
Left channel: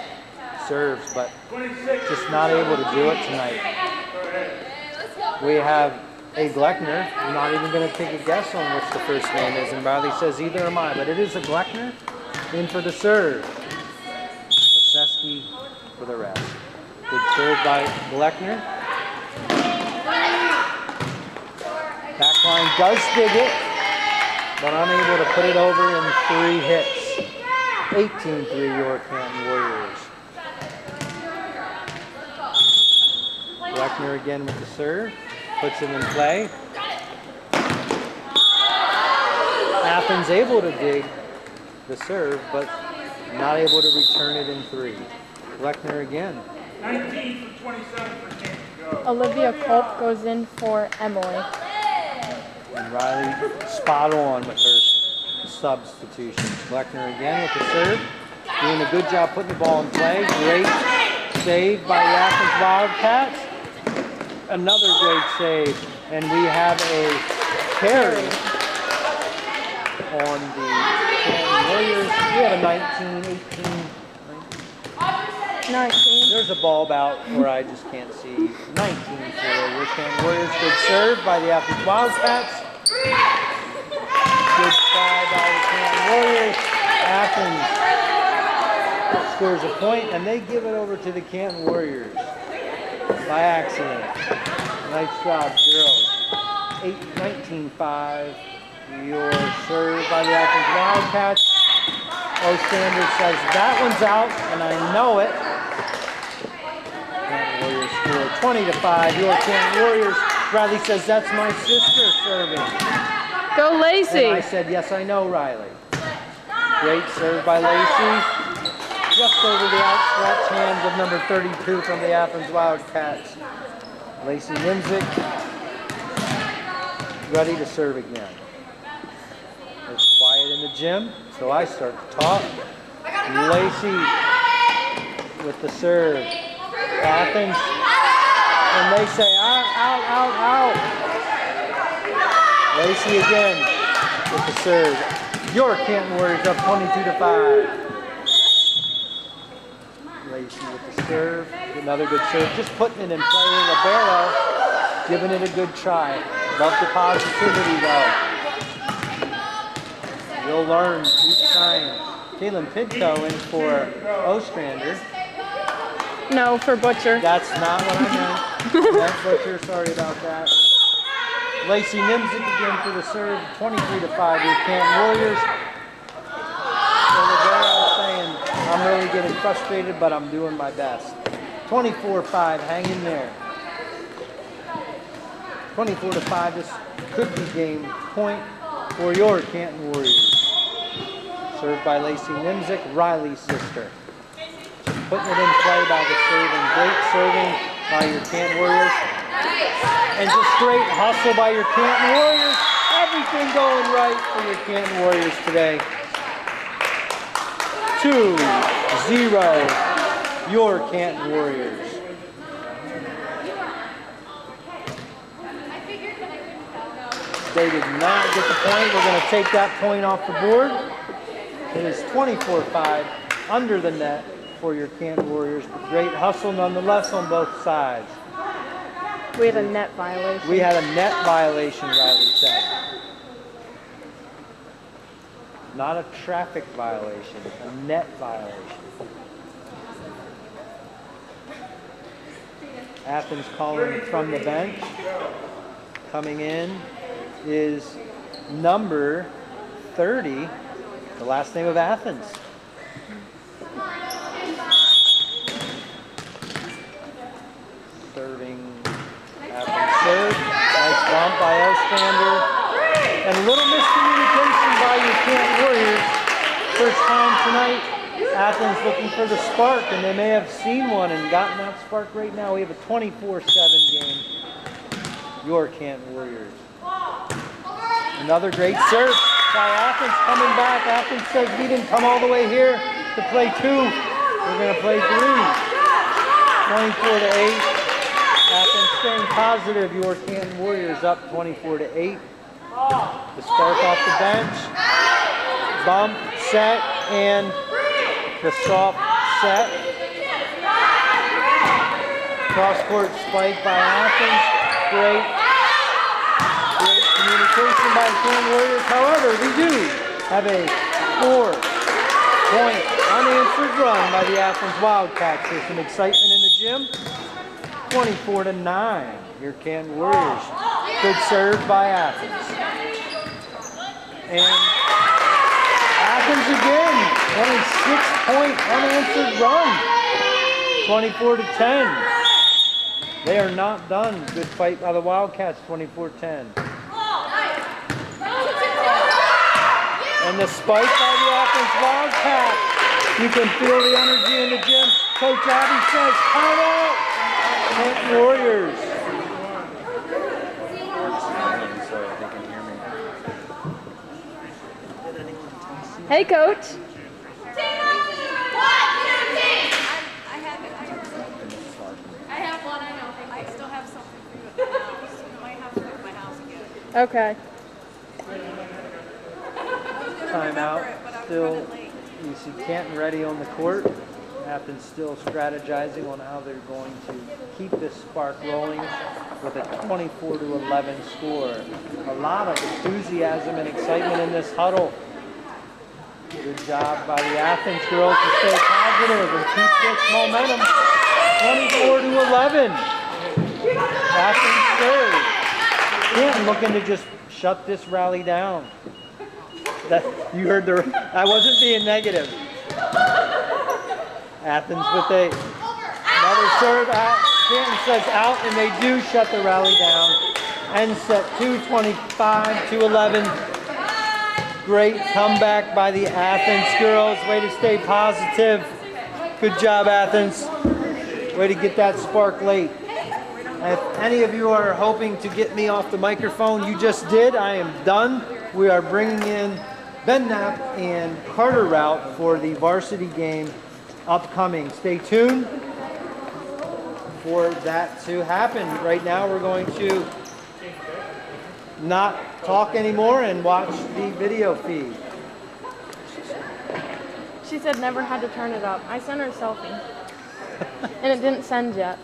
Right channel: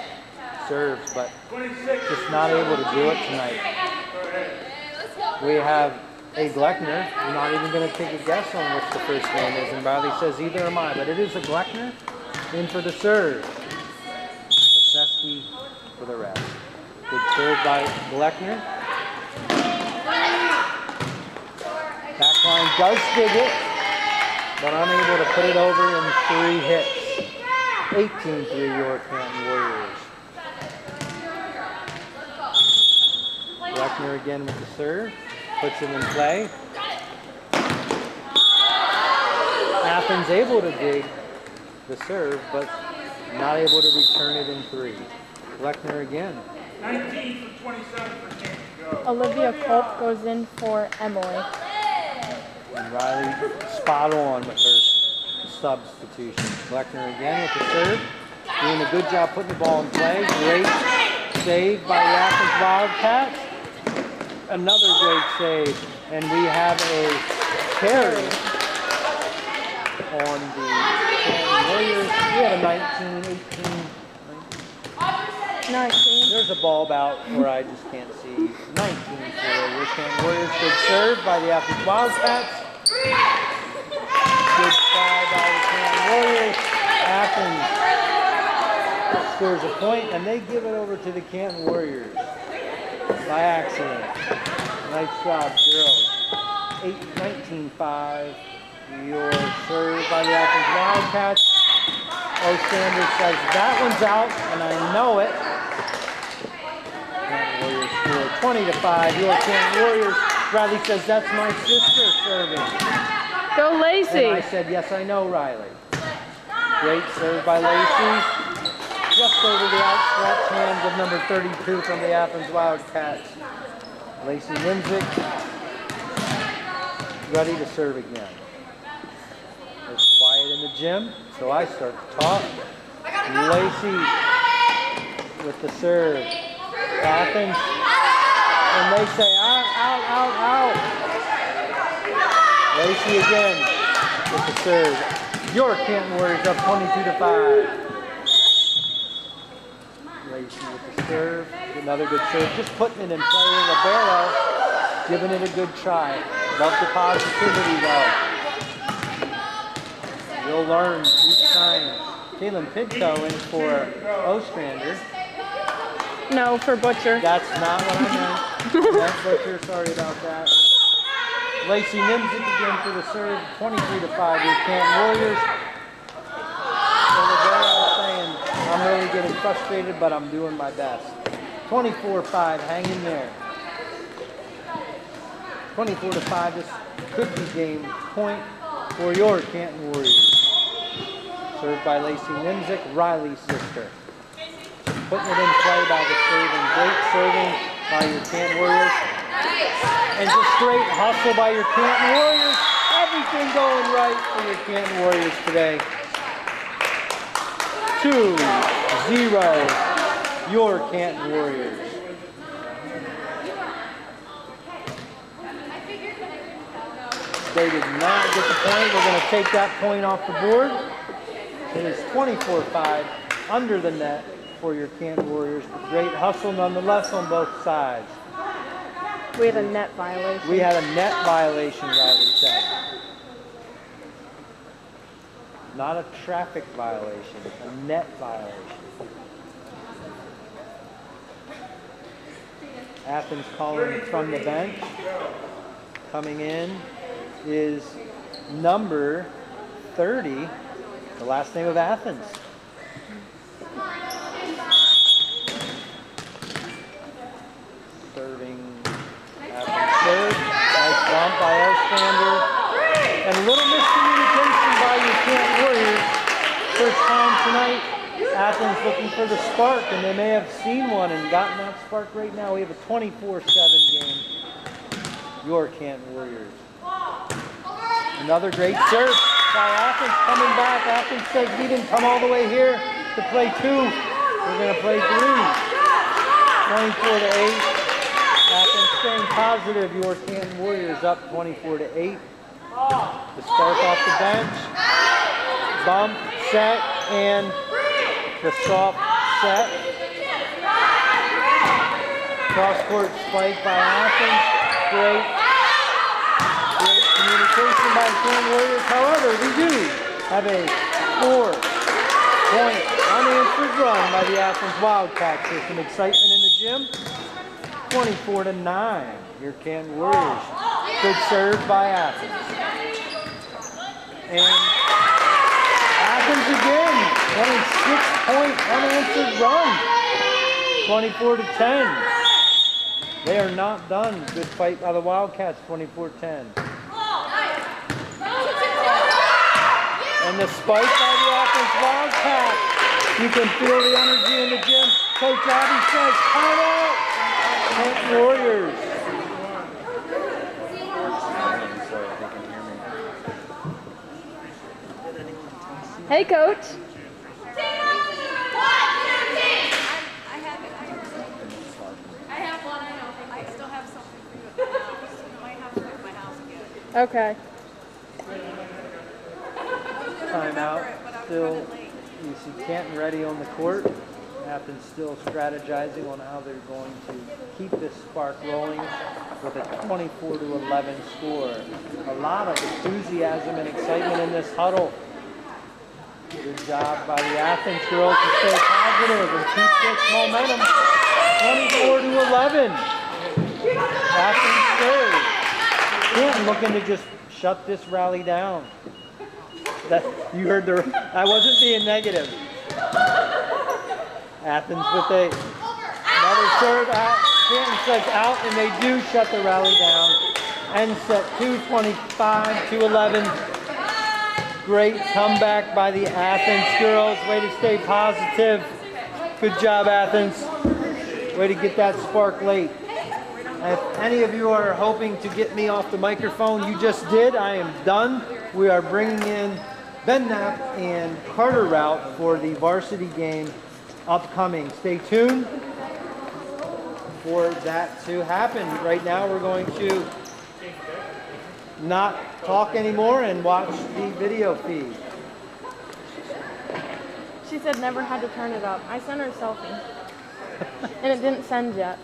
serves, but just not able to do it tonight. We have a Gleckner. I'm not even going to take a guess on which the first name is, and Riley says either am I, but it is a Gleckner in for the serve. Wisniewski for the rest. Good serve by Gleckner. Backline does dig it, but unable to put it over in 3 hits. 18-3 your Canton Warriors. Gleckner again with the serve. Puts it in play. Athens able to dig the serve, but not able to return it in 3. Gleckner again. 19 for 27 for Canton. Go. Olivia Culp goes in for Emily. And Riley spot on with her substitution. Gleckner again with the serve. Doing a good job putting the ball in play. Great save by the Athens Wildcats. Another great save. And we have a carry on the Canton Warriors. We have a 19, 18, 19. there's a ball about where I just can't see. 19 for the Canton Warriors. Good serve by the Athens Wildcats. Good try by the Canton Warriors. Athens scores a point, and they give it over to the Canton Warriors by accident. Nice job, girls. 19-5. Your serve by the Athens Wildcats. Sanders says that one's out, and I know it. Canton Warriors score 20-5. Your Canton Warriors. Riley says that's my sister serving. Go Lacey! And I said, yes, I know, Riley. Great serve by Lacey. Just over the outstretched hands of number 32 from the Athens Wildcats. Lacey Winzik, ready to serve again. It's quiet in the gym, so I start to talk. Lacey with the serve. Athens, and they say out, out, out, out. Lacey again. with the serve. Your Canton Warriors up 22-5. Lacey with the serve. Another good serve. Just putting it in play. Libero giving it a good try. Love the positivity though. You'll learn each time. Caitlin Pidco in for Ostrander. No, for Butcher. That's not what I meant. That's Butcher. Sorry about that. Lacey Nimzik again for the serve. 23-5. Your Canton Warriors. So Libero saying, I'm really getting frustrated, but I'm doing my best. 24-5. Hang in there. 24-5. This could be game point for your Canton Warriors. Served by Lacey Nimzik, Riley's sister. Putting it in play by the serving. Great serving by your Canton Warriors. And just great hustle by your Canton Warriors. Everything going right for your Canton Warriors today. 2-0, your Canton Warriors. They did not get the point. We're going to take that point off the board. It is 24-5 under the net for your Canton Warriors. But great hustle nonetheless on both sides. We had a net violation. We had a net violation, Riley said. Not a traffic violation, a net violation. Athens calling from the bench. Coming in is number 30, the last name of Athens. Serving Athens serve. Nice bump by Ostrander. And a little miscommunication by your Canton Warriors. First time tonight, Athens looking for the spark, and they may have seen one and gotten that spark right now. We have a 24-7 game. Your Canton Warriors. Another great serve by Athens coming back. Athens says we didn't come all the way here to play 2. We're going to play 3. 24-8. Athens staying positive. Your Canton Warriors up 24-8. The spark off the bench. Bump, set, and the soft set. Cross-court spike by Athens. Great communication by the Canton Warriors. However, we do have a 4-point unanswered run by the Athens Wildcats. There's some excitement in the gym. 24-9. Your Canton Warriors. Good serve by Athens. And Athens again on a 6-point unanswered run. 24-10. They are not done. Good fight by the Wildcats, 24-10. And the spike by the Athens Wildcats. You can feel the energy in the gym. Coach Abby says, time out. Canton Warriors. Hey, Coach. Okay. Timeout. Still, you see Canton ready on the court. Athens still strategizing on how they're going to keep this spark rolling with a 24-11 score. A lot of enthusiasm and excitement in this huddle. Good job by the Athens girls to stay positive and keep this momentum. 24-11. Athens serve. Canton looking to just shut this rally down. That you heard the. I wasn't being negative. Athens with another serve. Canton says out, and they do shut the rally down. End set 2:25-11. Great comeback by the Athens girls. Way to stay positive. Good job, Athens. Way to get that spark late. If any of you are hoping to get me off the microphone, you just did. I am done. We are bringing in Ben Knapp and Carter Rout for the varsity game upcoming. Stay tuned for that to happen. Right now we're going to not talk anymore and watch the video feed. She said never had to turn it up. I sent her a selfie. And it didn't send yet.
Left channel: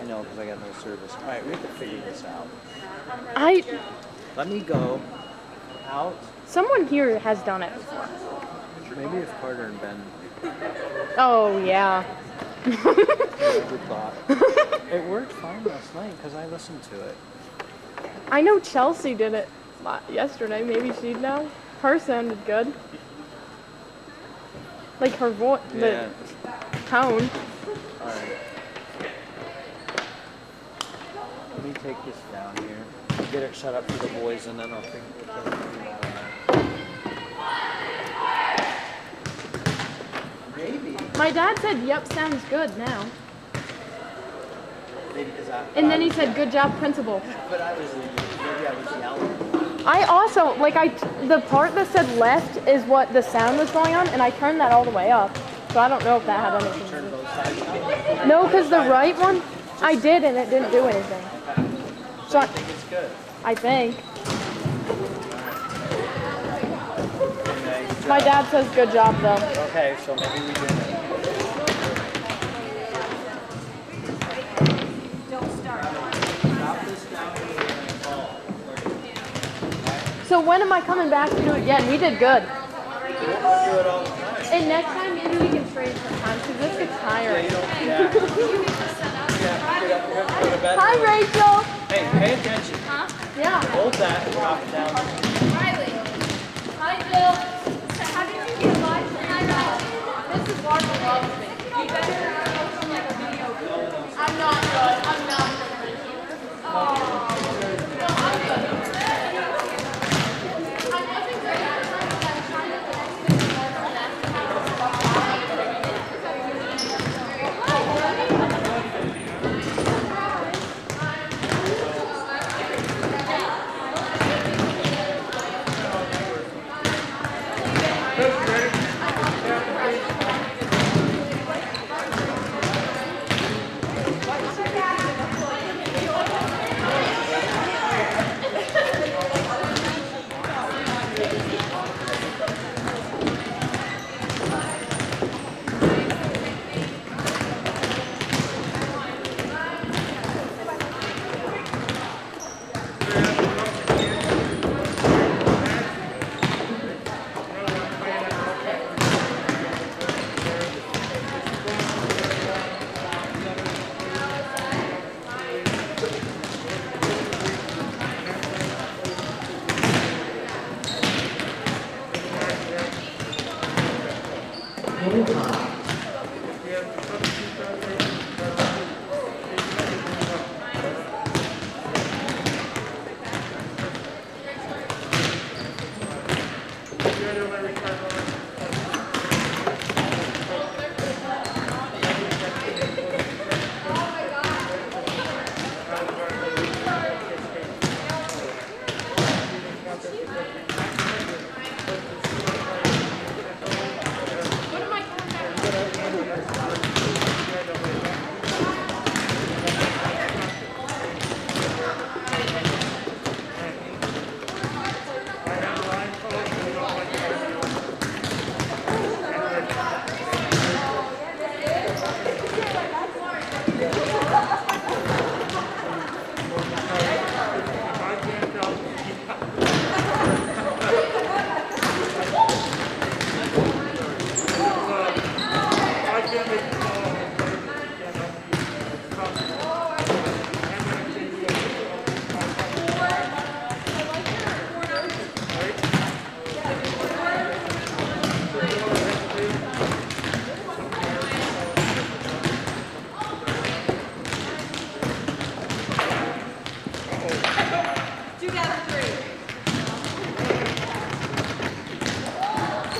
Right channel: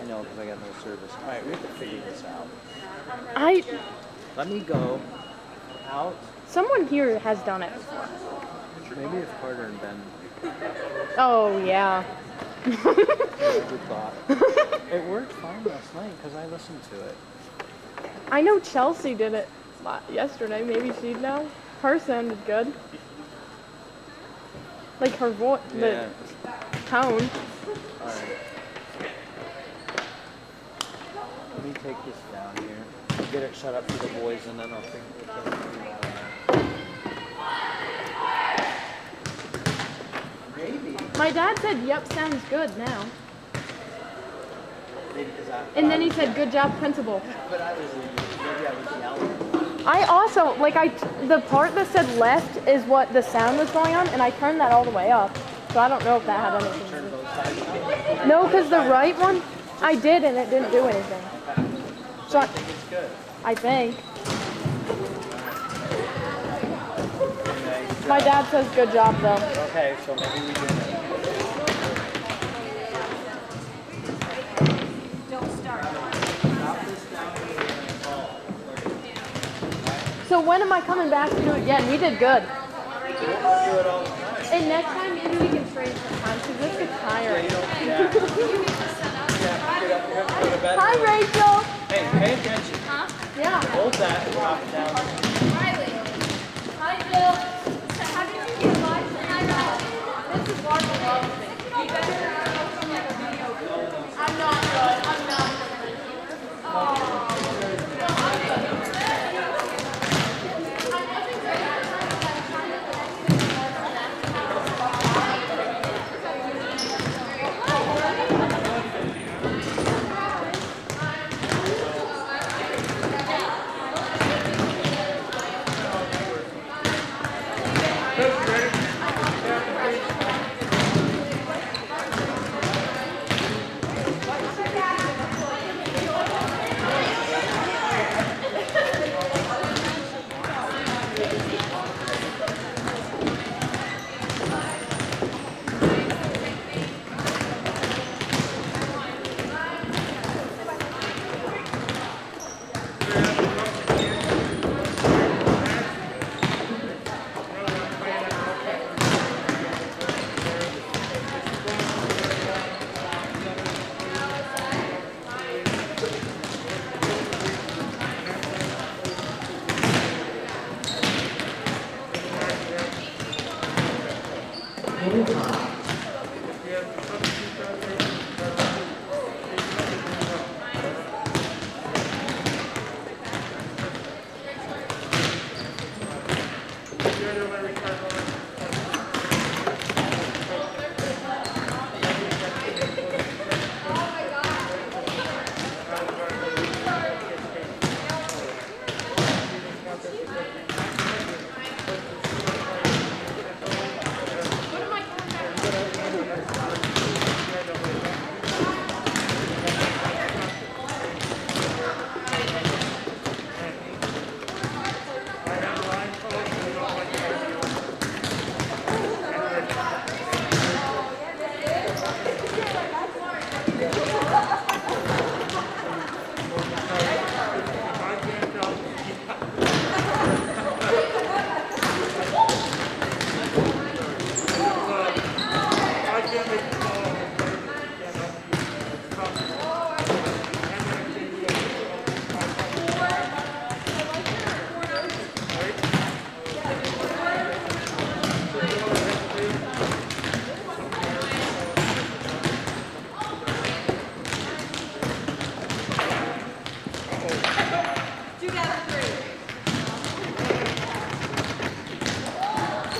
I know, because I got no service. All right, we have to figure this out. Let me go out. Someone here has done it before. Maybe if Carter and Ben. Oh, yeah. Good thought. It worked fine last night because I listened to it. I know Chelsea did it yesterday. Maybe she'd know. Her sounded good. Like her voice, the tone. All right. Let me take this down here. Get it shut up for the boys, and then I'll figure it out. Maybe. My dad said, "Yep, sounds good now." And then he said, "Good job, principal." But maybe I was yelling. I also, the part that said left is what the sound was going on, and I turned that all the way up. So I don't know if that had anything to do with it. No, because the right one, I did, and it didn't do anything. So I think it's good. I think. My dad says good job, though. Okay, so maybe we did it. So when am I coming back to do it again? We did good. We'll do it all the time. And next time, maybe we can trade sometimes, because this gets tiring. Hi, Rachel. Hey, pay attention. Yeah. Hold that and drop it down. Riley. Hi, Jill. So how did you get live tonight? This is Barbara loves me. You better from like a video. I'm not good. I'm not good. Oh.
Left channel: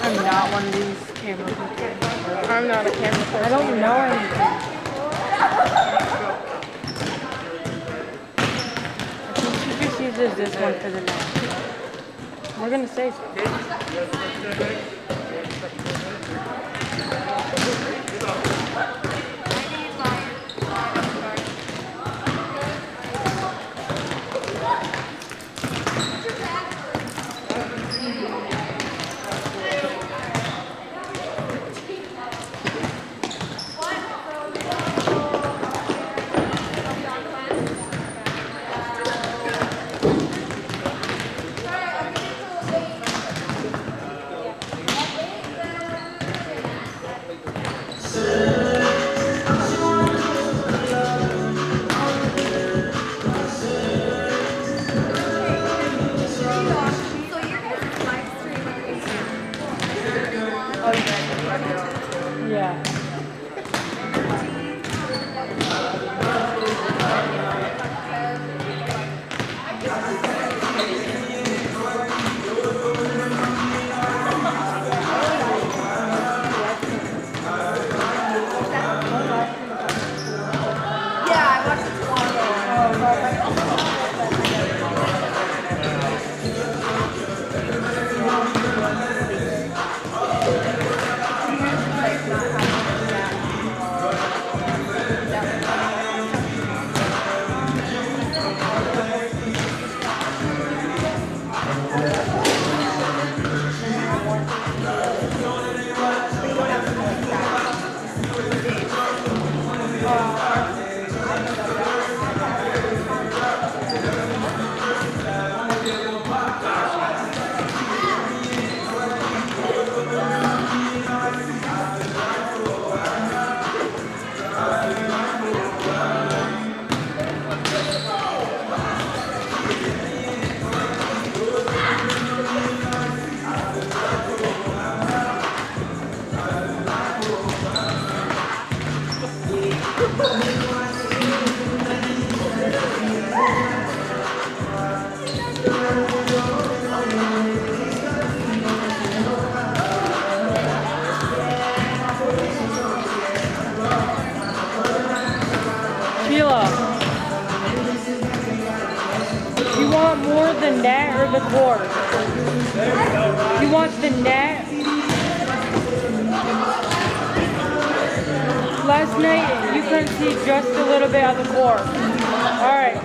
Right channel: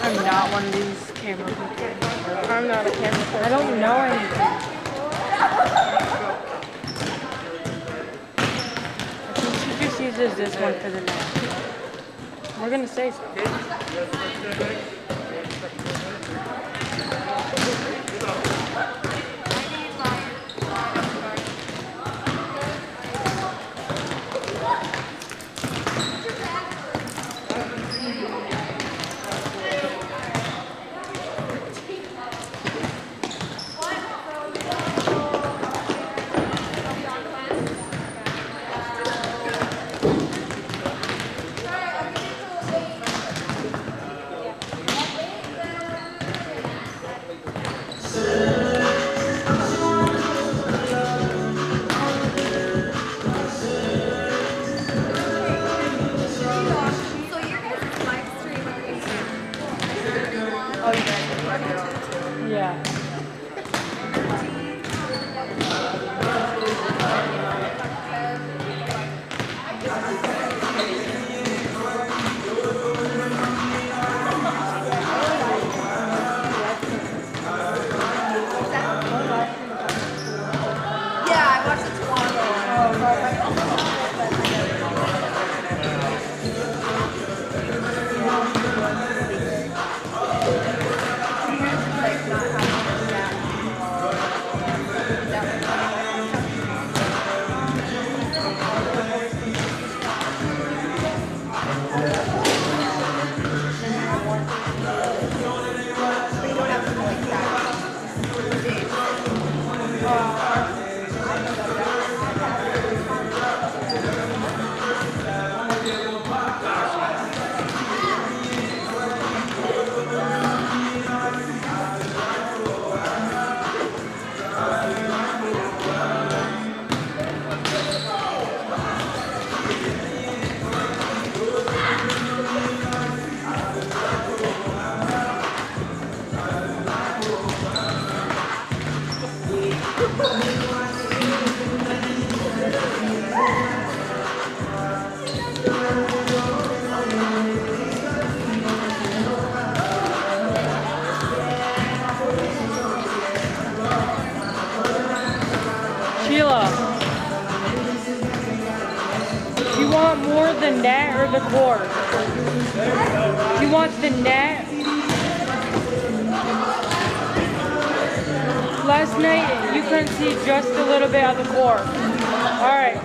I'm not one of these camera people. I'm not a camera person. I don't know anything. I think she just uses this one for the net. We're gonna say so. Sheila, you want more the net or the court? You want the net? Last night you couldn't see just a little bit of the court. All right.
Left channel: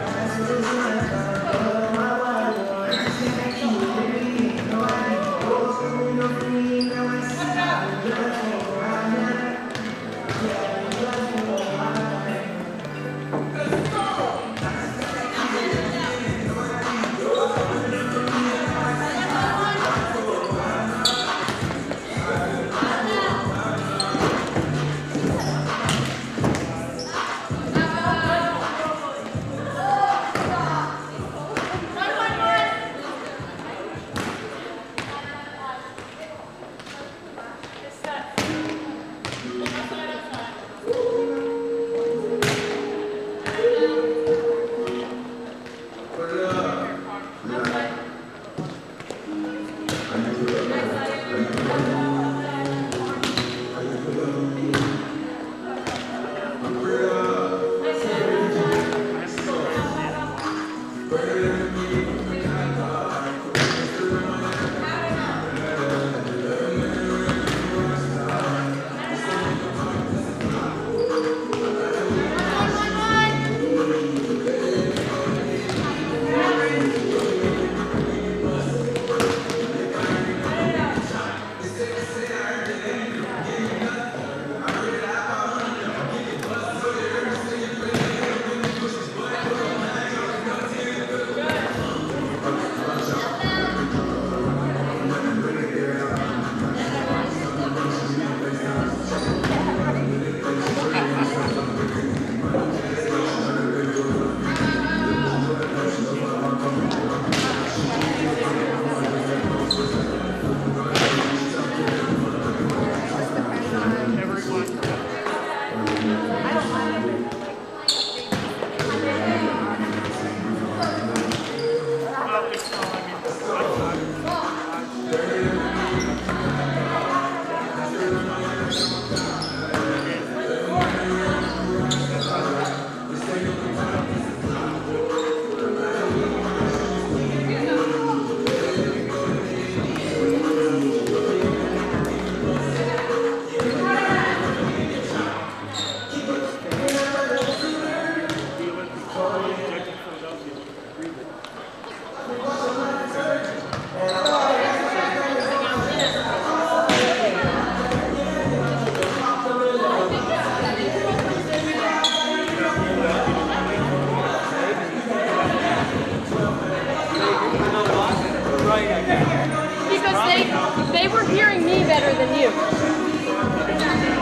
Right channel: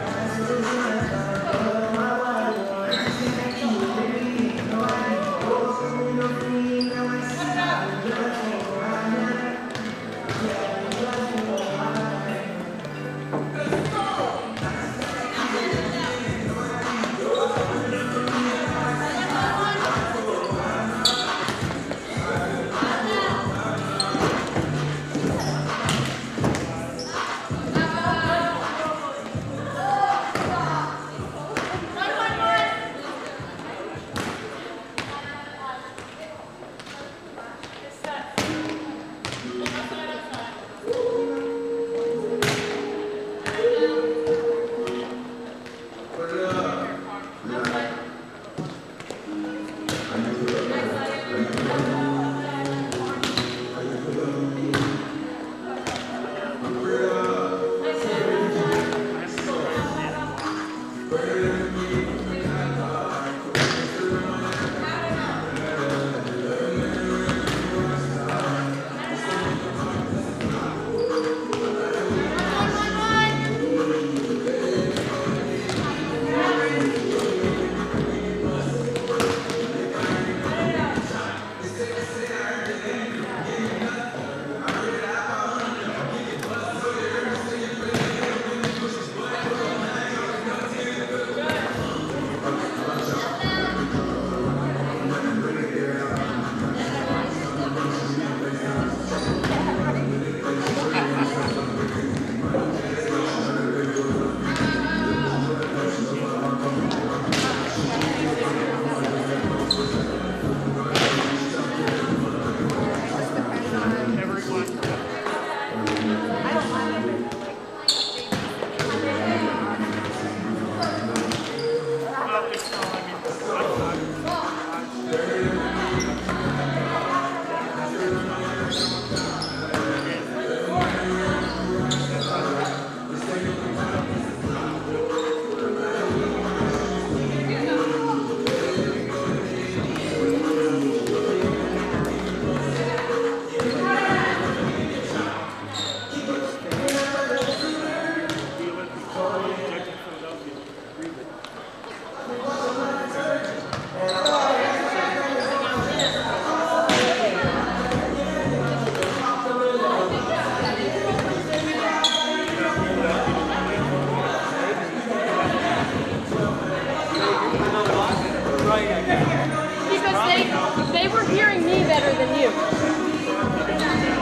Because they were hearing me better than you.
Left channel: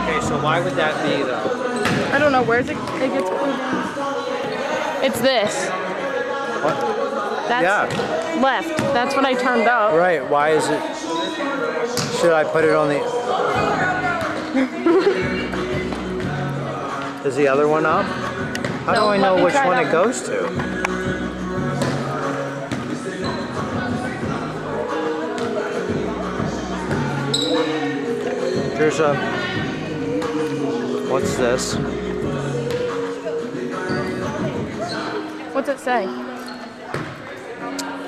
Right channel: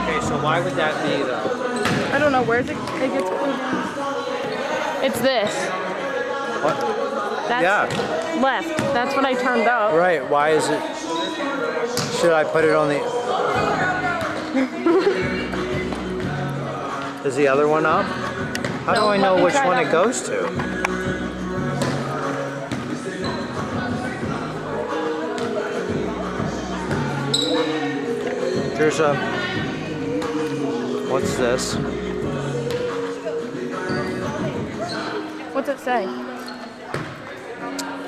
Okay, so why would that be though? I don't know, where's it gets pulled down? It's this. What? That's Yeah. left. That's what I turned up. Right, why is it? Should I put it on the... Is the other one up? How do No, I let know me which try one that it goes to? There's a... What's this? What's it say?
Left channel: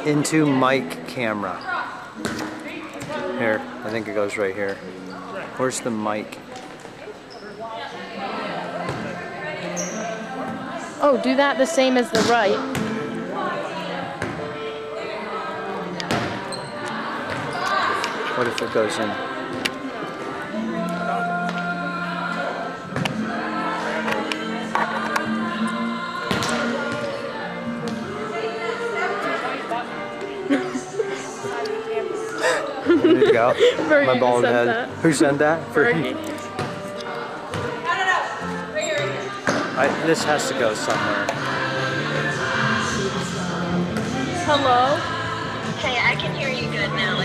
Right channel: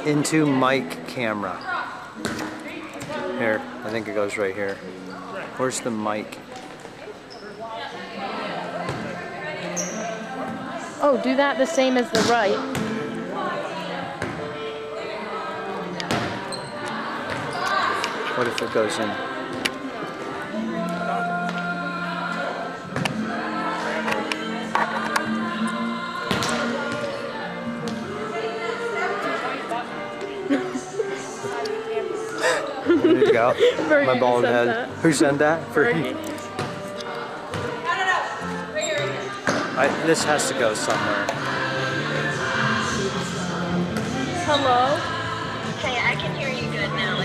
Into mic camera. Here, I think it goes right here. Where's the mic? Oh, do that the same as the right. What if it goes in? There you go. My bald head. That. Who sent that? Fergie. This has to go somewhere. Hello? Hey, I can hear you good now.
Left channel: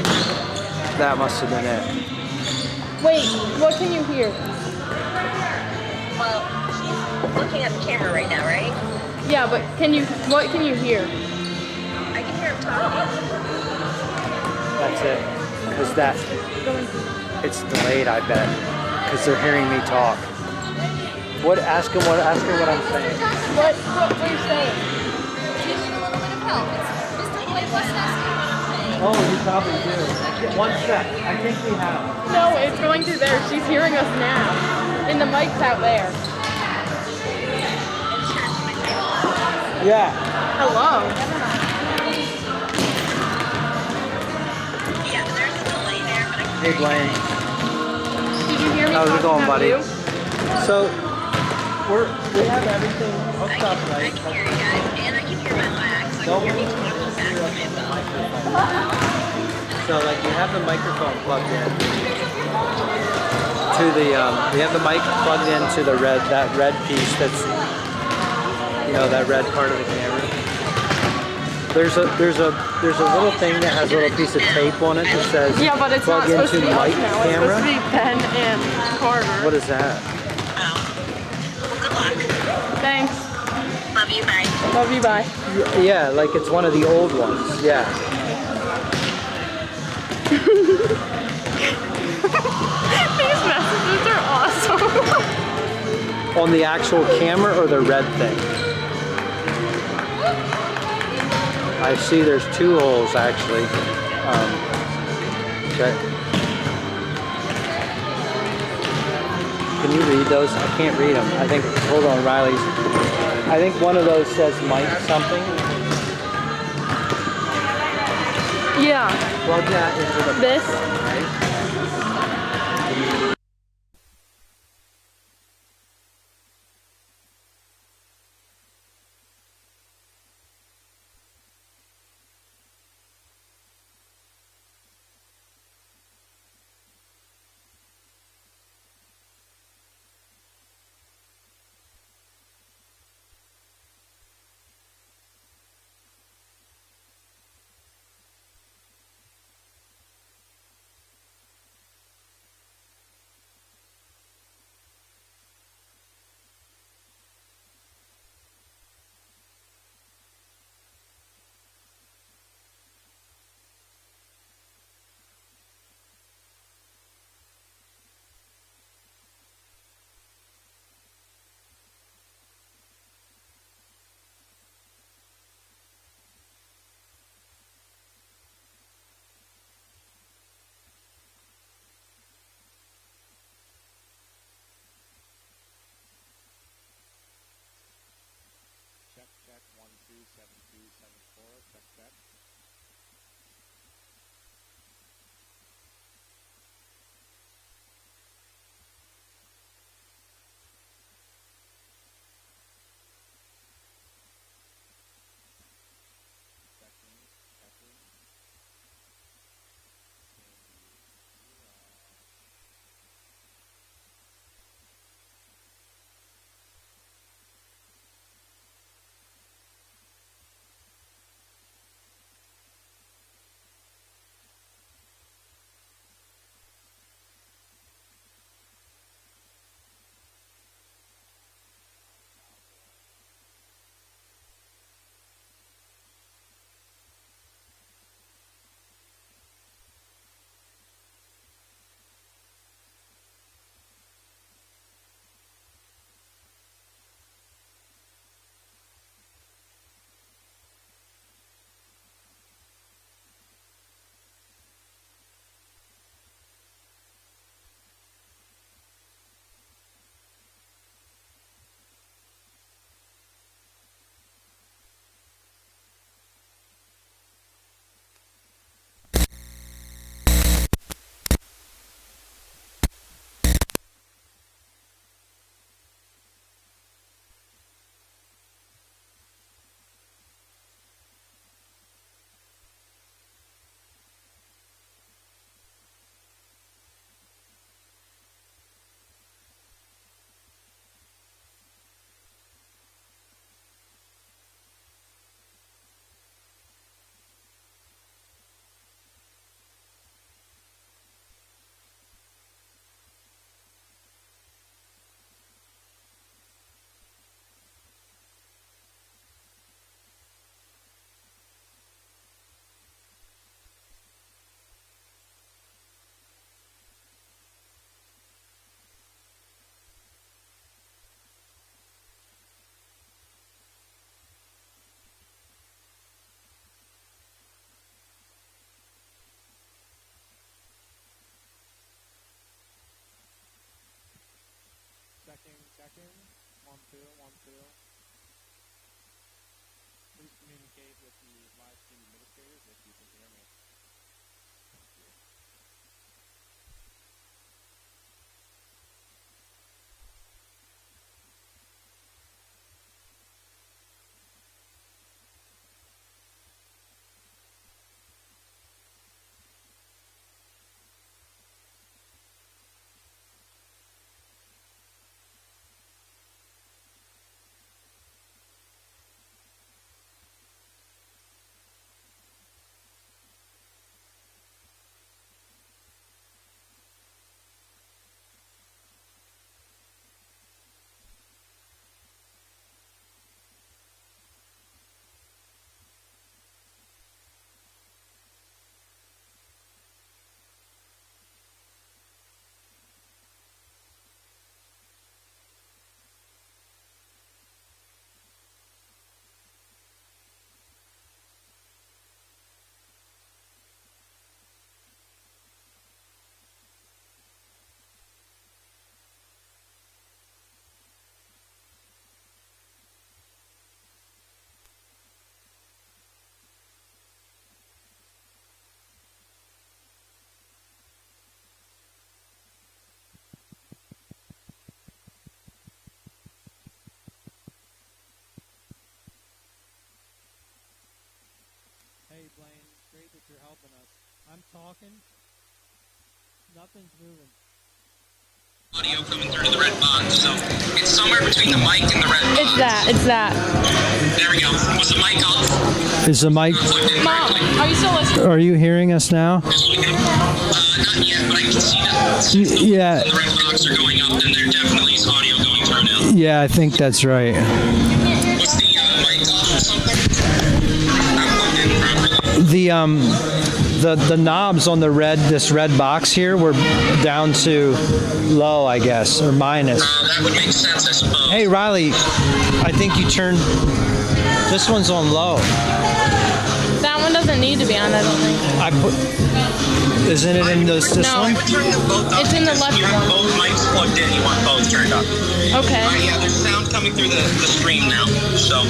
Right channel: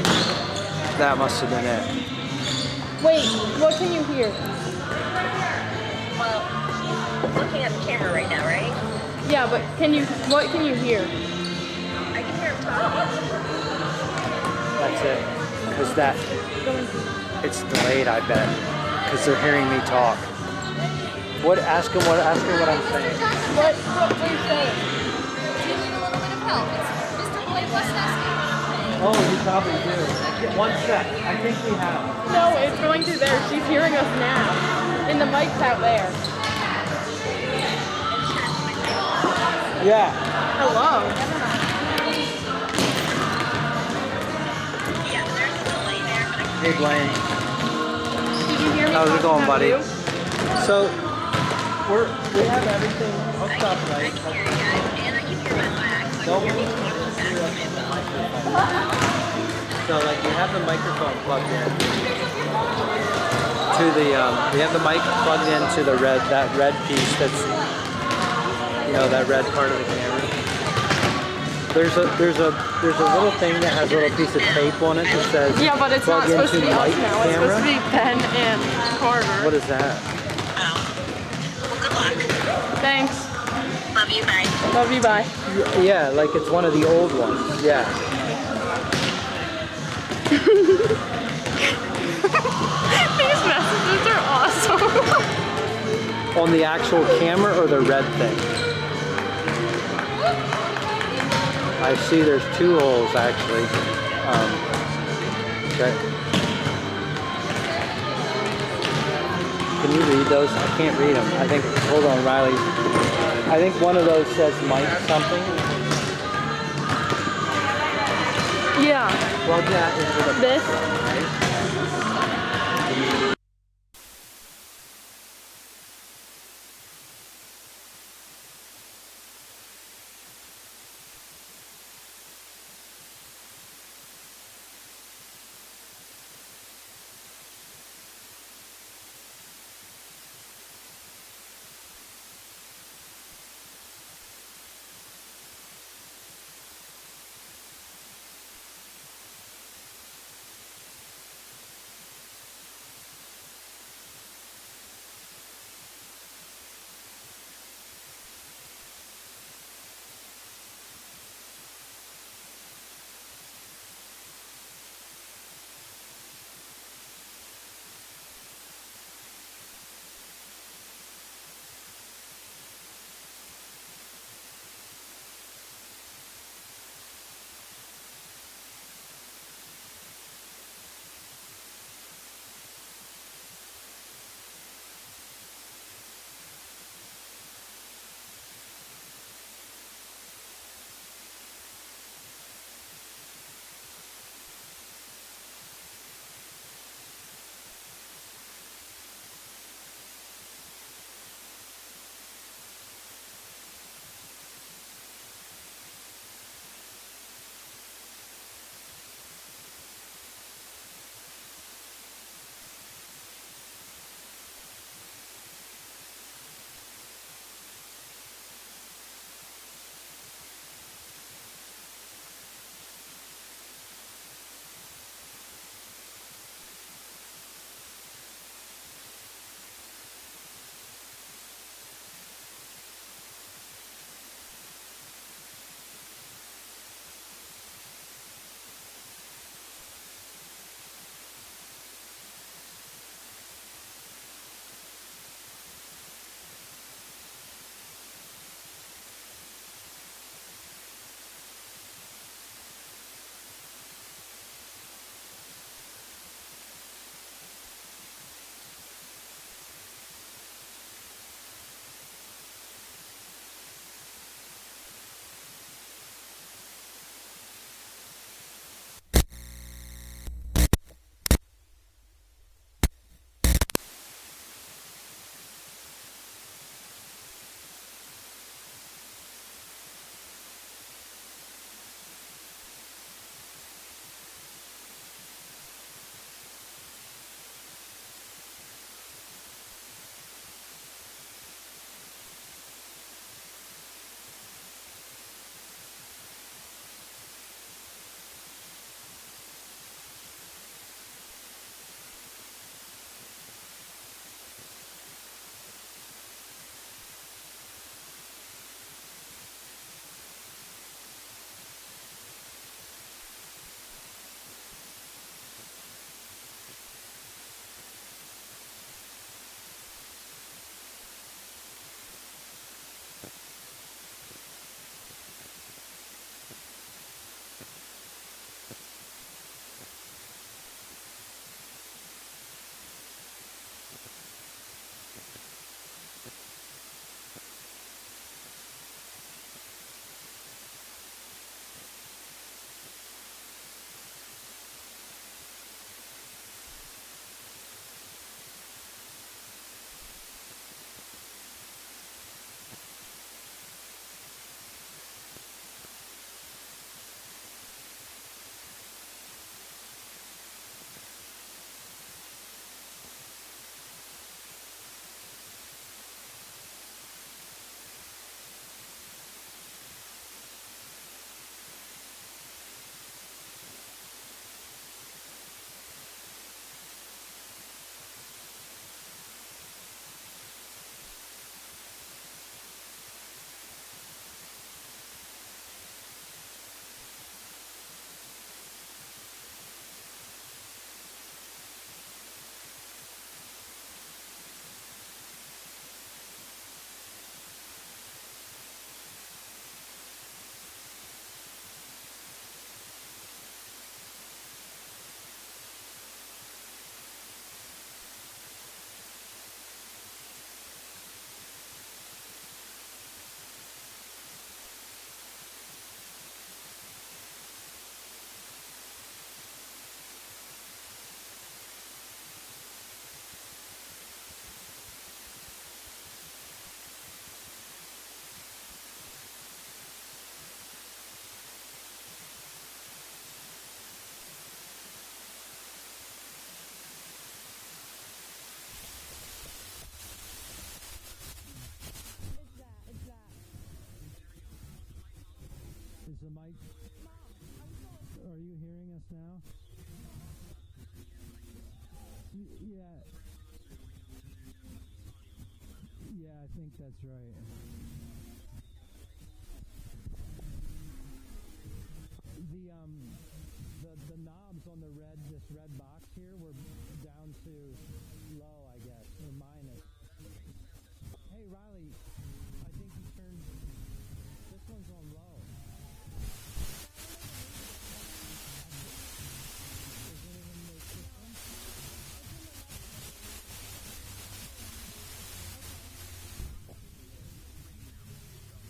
That must have been it. Wait, what can you hear? Well, she's looking at the camera right now, right? Yeah, but what can you hear? I can hear him talking. That's it. Because it's delayed, I bet. Because they're hearing me talk. Ask her what I'm saying. What are you saying? You need a little bit of help. It's Mr. Blake asking. Oh, you probably do. Yeah, 1 sec. I think we have. No, it's going through there. She's hearing us now. And the mic's out there. Yeah. Hello. Hey, Blaine. Did you hear me? How's it talking going, about buddy? you? So, we have everything hooked up, right? Nope. So, like, we have the microphone plugged in to the, we have the mic plugged into the that red piece that's, you know, that red part of the camera. There's a little thing that has a little piece of tape on it that says Yeah, but it's not plug supposed to into be us mic now. It's camera. supposed to be Ben and Carter. What is that? Good luck. Thanks. Love you, bye. Love you, bye. Yeah, like it's one of the old ones. Yeah. These messages are awesome. On the actual camera or the red thing? I see there's 2 holes actually. Okay. Can you read those? I can't read them. I think, hold on, Riley's. I think one of those says Mike something. Yeah. Plug that into the This? right? Audio coming through to the red box, so it's somewhere between the mic and the red box. It's that. There we go. Was the mic off? Is the mic? Mom, are you still listening? Are you hearing us now? Not yet, but I can see that. Yeah. The red box are going up, and there definitely is audio going through now. Yeah, I think that's right. Was the mic off or something? I'm plugged in properly. The knobs on this red box here were down to low, I guess, or minus. That would make sense, I suppose. Hey Riley, I think you turned this one's on low. That one doesn't need to be on, I don't think. Isn't it in this No. one? Turn them both up. It's in the because left you have one. both mics plugged in. You want both turned up. Okay. Yeah, there's sound coming through the stream now. So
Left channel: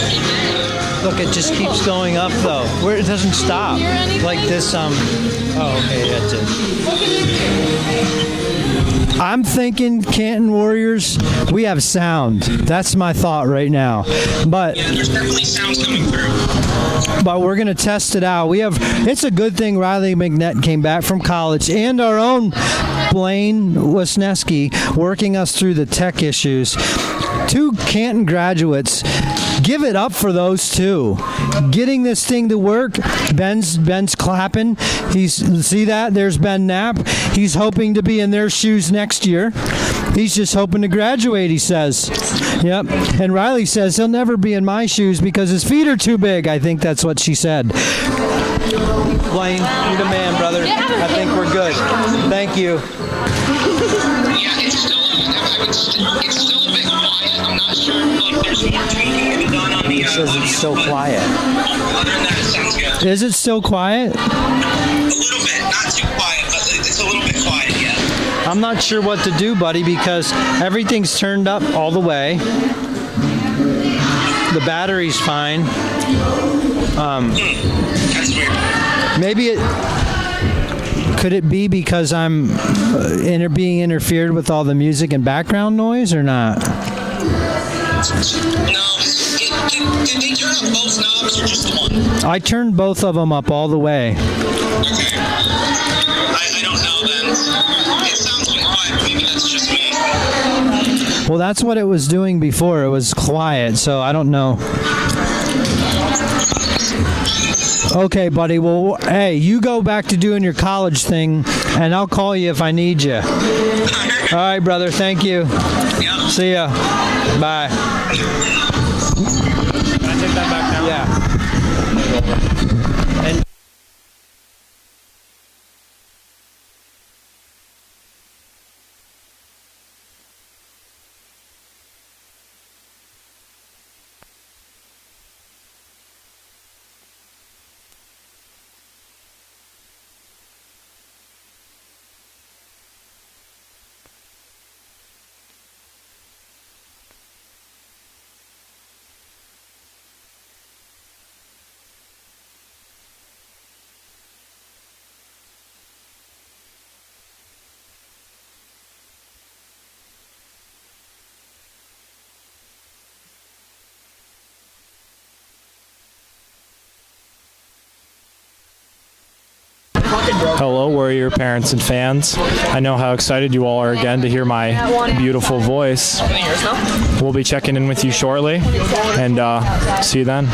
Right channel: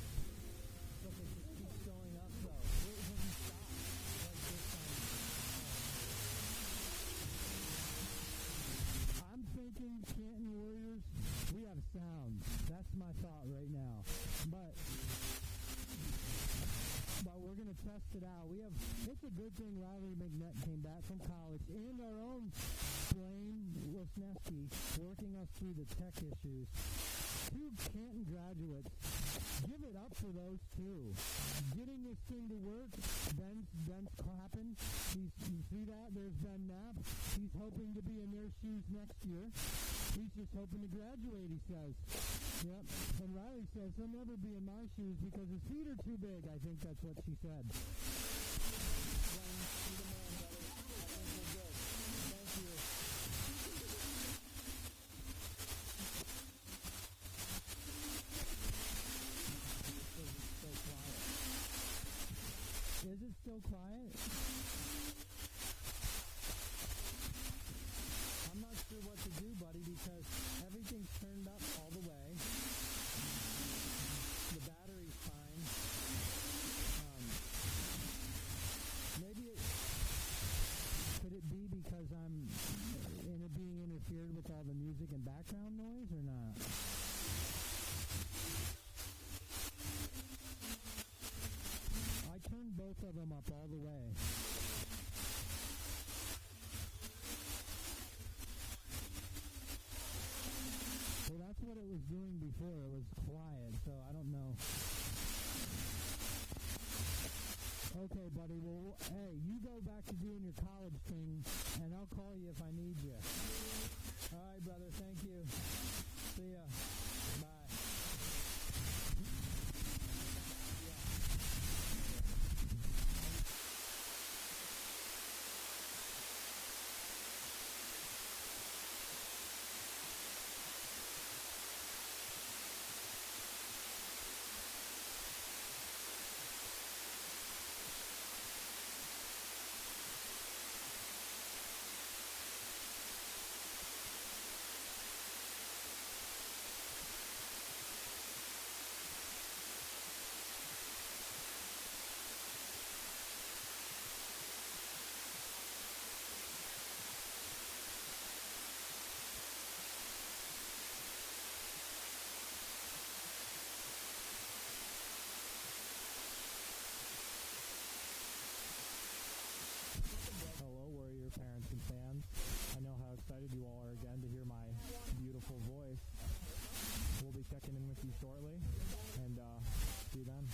Look, it just keeps going up though. Where it doesn't stop. Hear anything? Like this oh okay, that's it. I'm thinking Canton Warriors, we have sound. That's my thought right now. But yeah, there's definitely sounds coming through. but we're gonna test it out. It's a good thing Riley McNett came back from college and our own Blaine Wisniewski working us through the tech issues. 2 Canton graduates. Give it up for those two. Getting this thing to work. Ben's clapping. See that? There's Ben Knapp. He's hoping to be in their shoes next year. He's just hoping to graduate, he says. Yep. And Riley says he'll never be in my shoes because his feet are too big. I think that's what she said. Blaine, you're the man, brother. I think we're good. Thank you. Yeah, it's still a bit quiet. I'm not sure if there's more tweaking to be done on the It says audio, it's still but quiet. Other than that, it sounds good. Is it still quiet? A little bit, not too quiet, but it's a little bit quiet, yeah. I'm not sure what to do, buddy, because everything's turned up all the way. The battery's fine. That's weird. Maybe could it be because I'm being interfered with all the music and background noise or not? No, did they turn up both knobs or just the one? I turned both of them up all the way. Okay. I don't know then. It sounds a bit quiet, but maybe that's just me. Well, that's what it was doing before. It was quiet, so I don't know. Okay, buddy. Well, hey, you go back to doing your college thing, and I'll call you if I need you. All right, brother. Thank you. Yeah. See ya. Bye. Can I take that back now? Yeah. And Hello, Warrior parents and fans. I know how excited you all are again to hear my beautiful voice. We'll be checking in with you shortly, and see you then.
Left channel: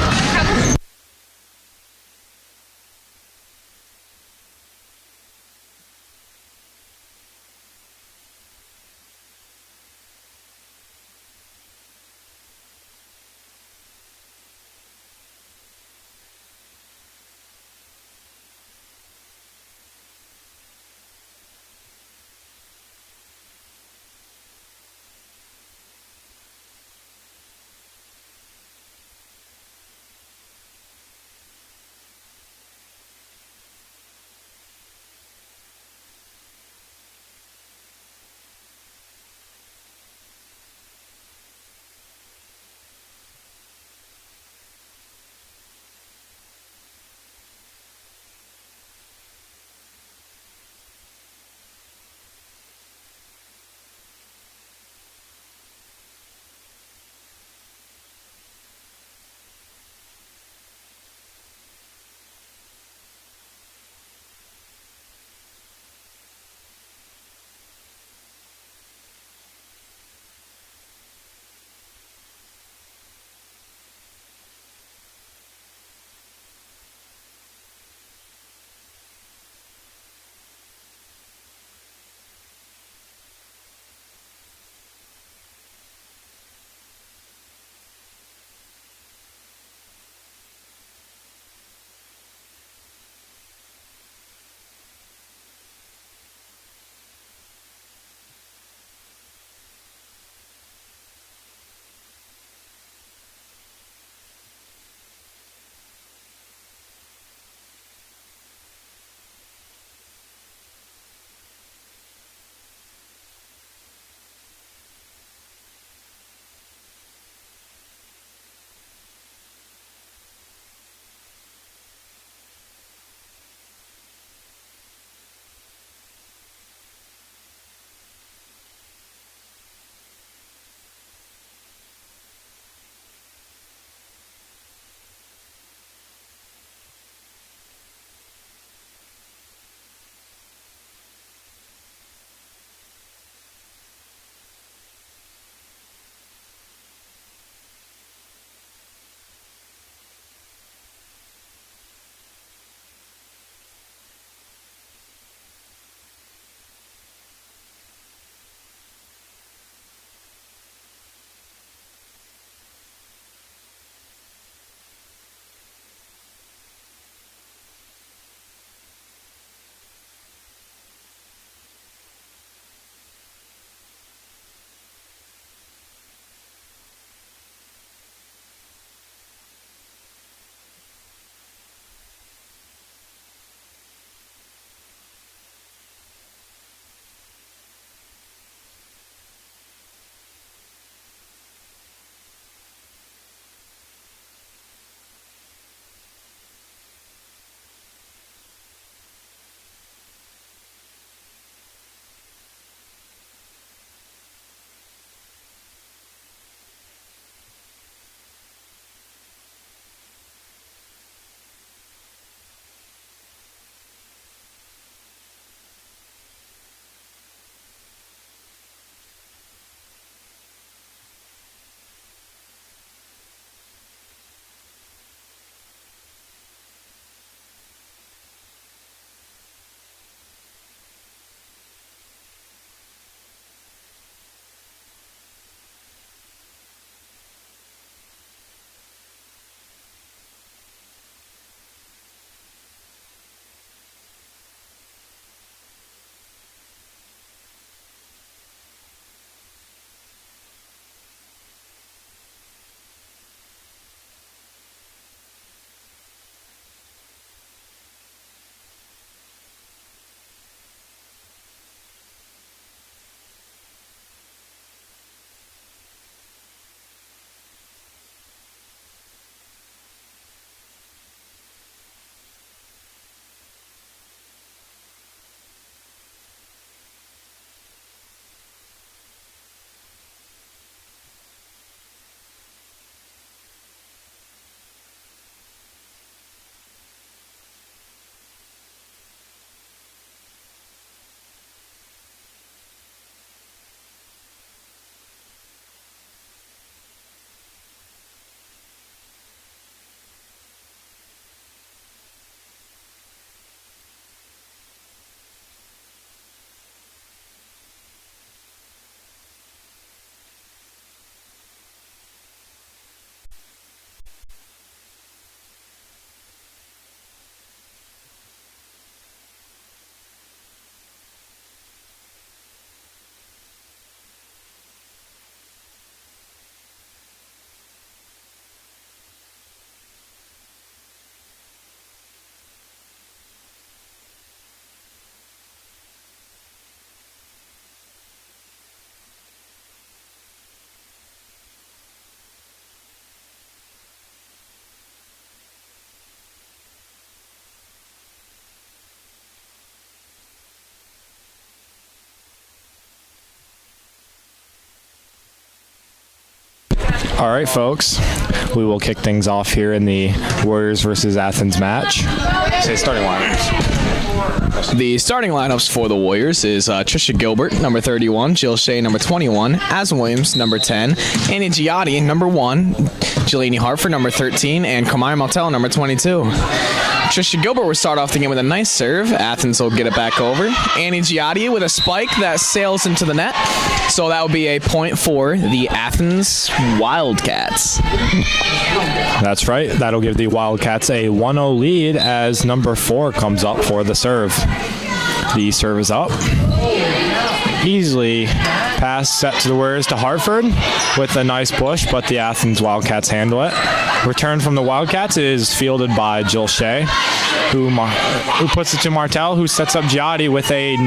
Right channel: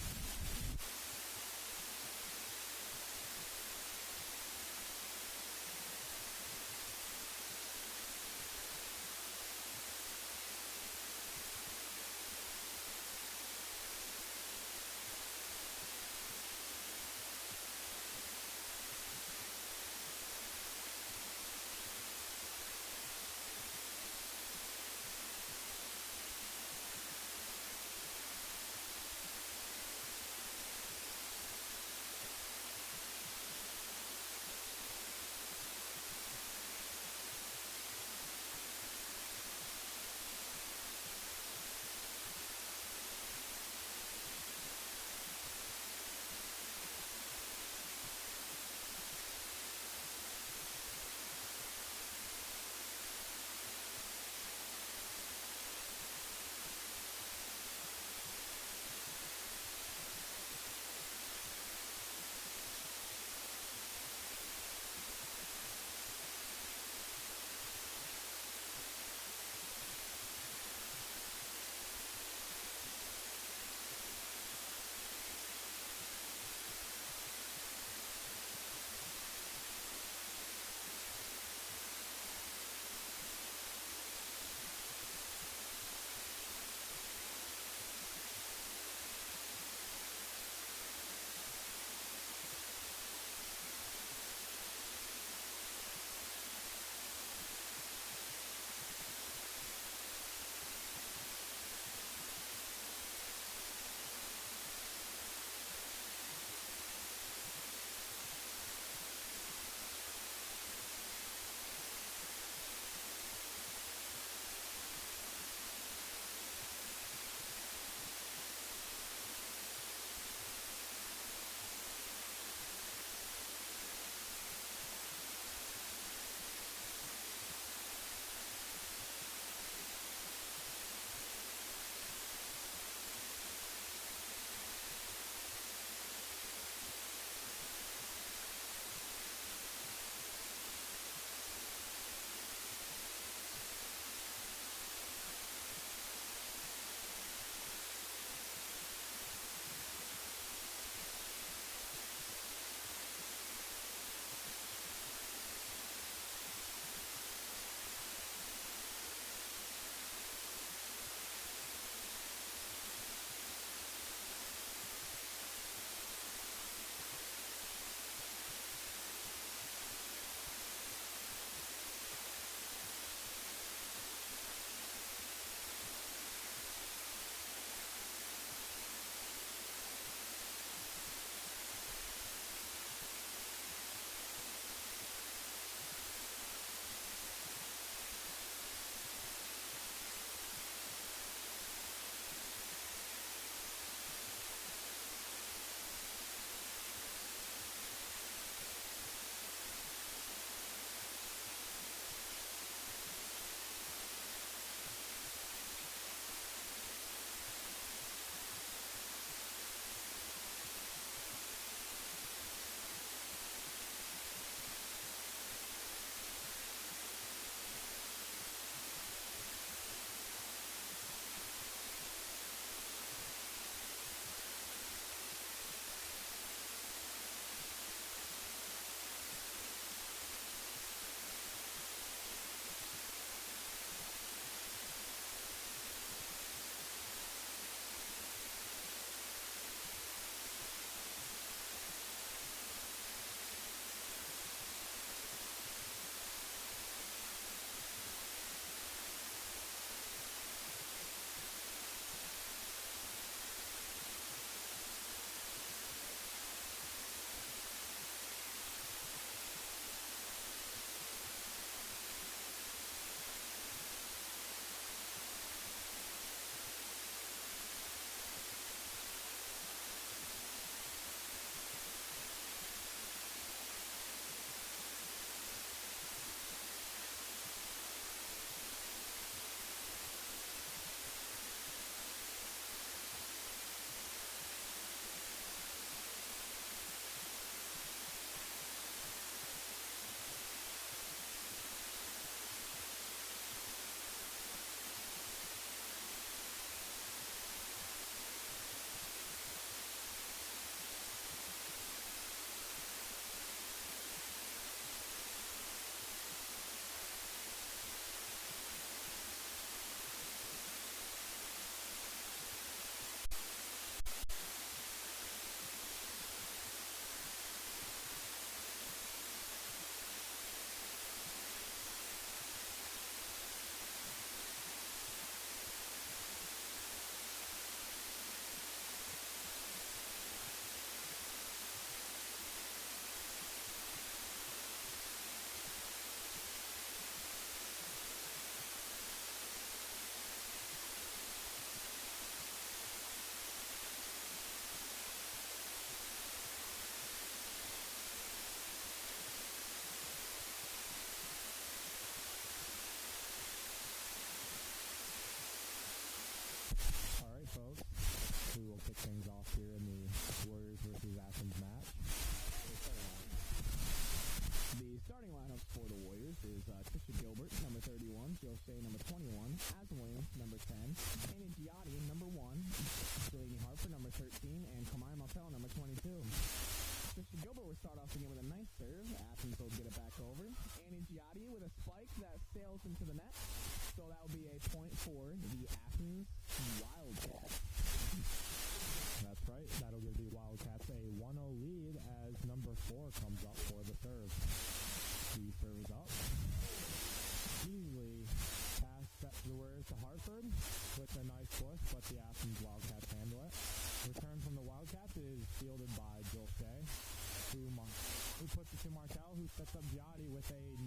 All right, folks. We will kick things off here in the Warriors versus Athens match. Say starting lineups. The starting lineups for the Warriors is Trisha Gilbert, number 31, Jill Shea, number 21, Aslan Williams, number 10, Annie Giotti, number 1, Jelani Hartford, number 13, and Kamaya Martell, number 22. Trisha Gilbert will start off the game with a nice serve. Athens will get it back over. Annie Giotti with a spike that sails into the net. So that will be a point for the Athens Wildcats. That's right. That'll give the Wildcats a 1-0 lead as number 4 comes up for the serve. The serve is up. Easily pass set to the Warriors to Hartford with a nice push, but the Athens Wildcats handle it. Return from the Wildcats is fielded by Jill Shea, who puts it to Martell, who sets up Giotti with a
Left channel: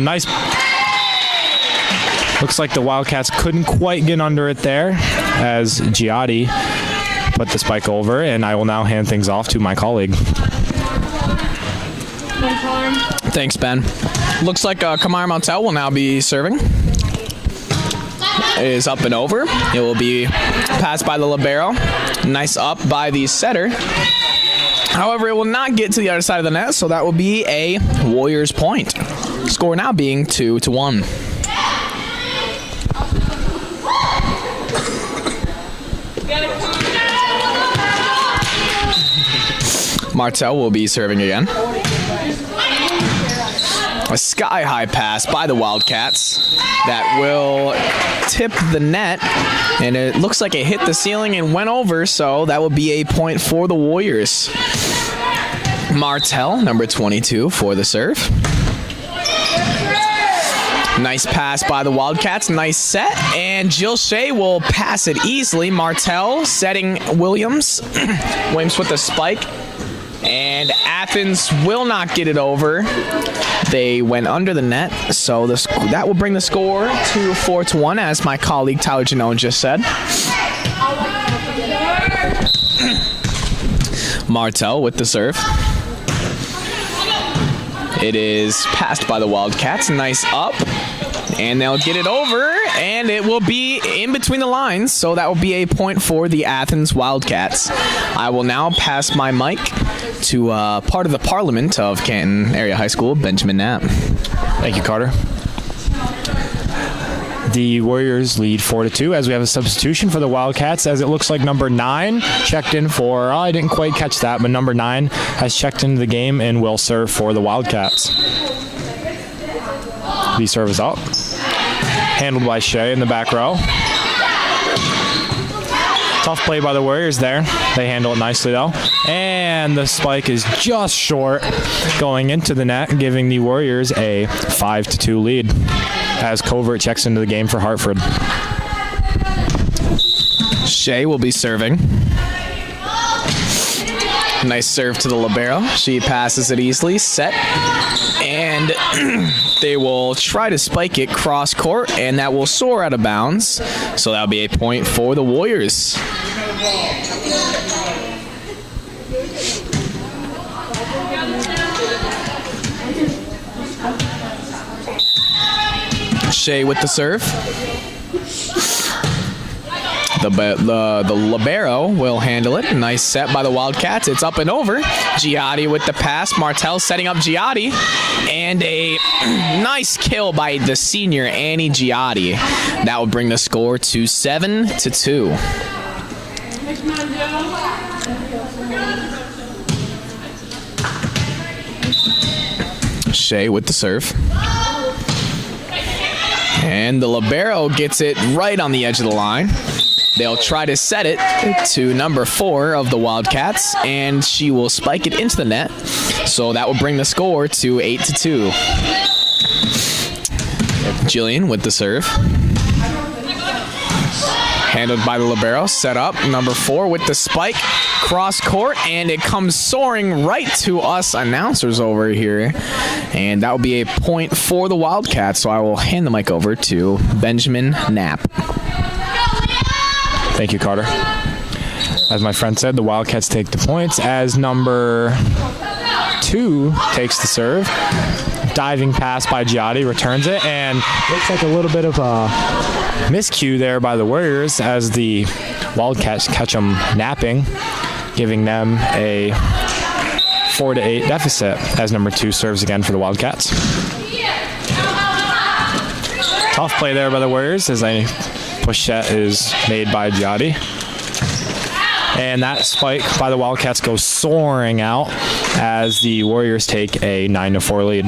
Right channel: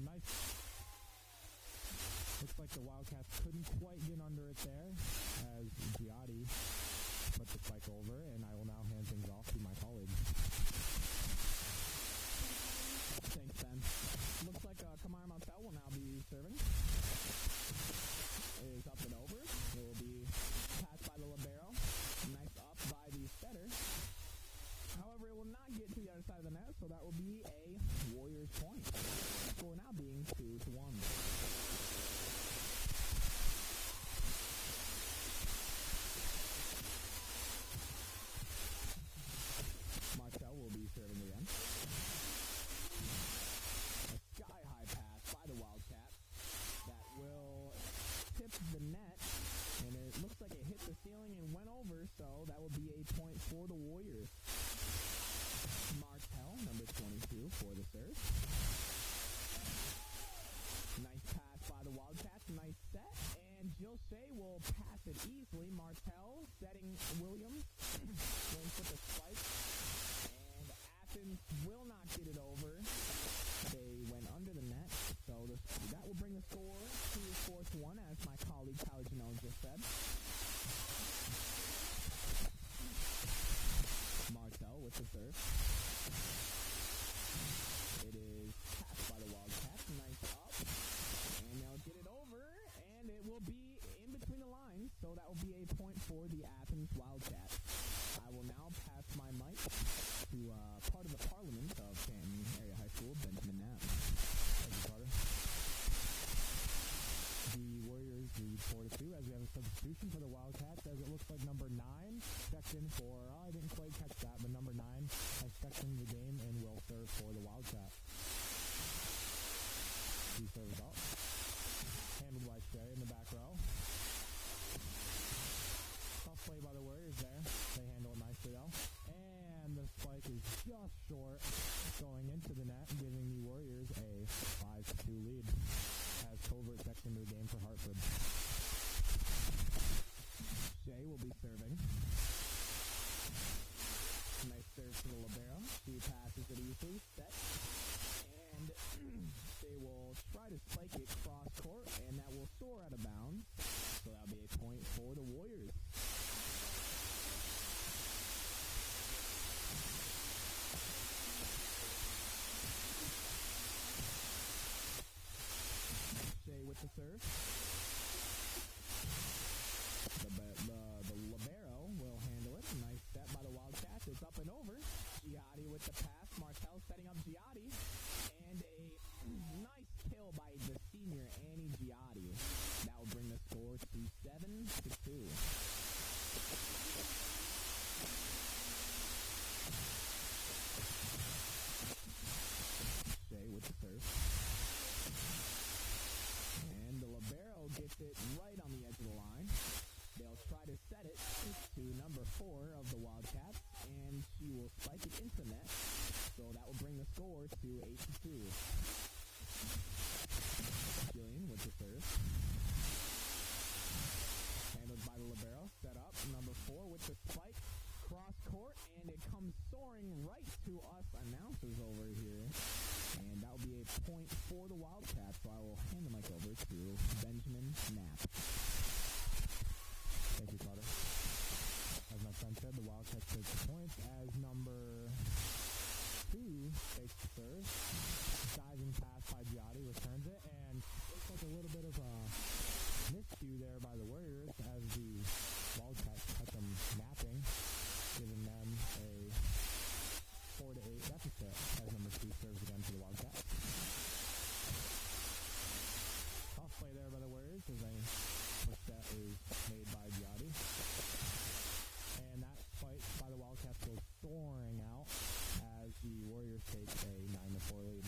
nice. Looks like the Wildcats couldn't quite get under it there as Giotti put the spike over, and I will now hand things off to my colleague. Thanks, Ben. Looks like Kamaya Martell will now be serving. It is up and over. It will be passed by the libero. Nice up by the setter. However, it will not get to the other side of the net, so that will be a Warriors point. Score now being 2-1. Martell will be serving again. A sky-high pass by the Wildcats that will tip the net, and it looks like it hit the ceiling and went over, so that will be a point for the Warriors. Martell, number 22, for the serve. Nice pass by the Wildcats, nice set, and Jill Shea will pass it easily. Martell setting Williams. Williams with the spike. And Athens will not get it over. They went under the net, so that will bring the score to 4-1, as my colleague Tyler Janone just said. Martell with the serve. It is passed by the Wildcats. Nice up. And they'll get it over, and it will be in between the lines, so that will be a point for the Athens Wildcats. I will now pass my mic to part of the Parliament of Canton Area High School, Benjamin Knapp. Thank you, Carter. The Warriors lead 4-2 as we have a substitution for the Wildcats, as it looks like number 9 checked in for, I didn't quite catch that, but number 9 has checked into the game and will serve for the Wildcats. The serve is up. Handled by Shea in the back row. Tough play by the Warriors there. They handle it nicely though. And the spike is just short going into the net, giving the Warriors a 5-2 lead as Covert checks into the game for Hartford. Shea will be serving. Nice serve to the libero. She passes it easily, set, and they will try to spike it cross court, and that will soar out of bounds. So that'll be a point for the Warriors. Shea with the serve. The libero will handle it. Nice set by the Wildcats. It's up and over. Giotti with the pass. Martell setting up Giotti. And a nice kill by the senior Annie Giotti. That will bring the score to 7-2. Shea with the serve. And the libero gets it right on the edge of the line. They'll try to set it to number 4 of the Wildcats, and she will spike it into the net. So that will bring the score to 8-2. Jillian with the serve. Handled by the libero, set up. Number 4 with the spike, cross court, and it comes soaring right to us announcers over here. And that will be a point for the Wildcats, so I will hand the mic over to Benjamin Knapp. Thank you, Carter. As my friend said, the Wildcats take the points as number 2 takes the serve. diving pass by Giotti, returns it, and looks like a little bit of a miscue there by the Warriors as the Wildcats catch them napping, giving them a 4-8 deficit as number 2 serves again for the Wildcats. Tough play there by the Warriors as a push-set is made by Giotti. And that spike by the Wildcats goes soaring out as the Warriors take a 9-4 lead.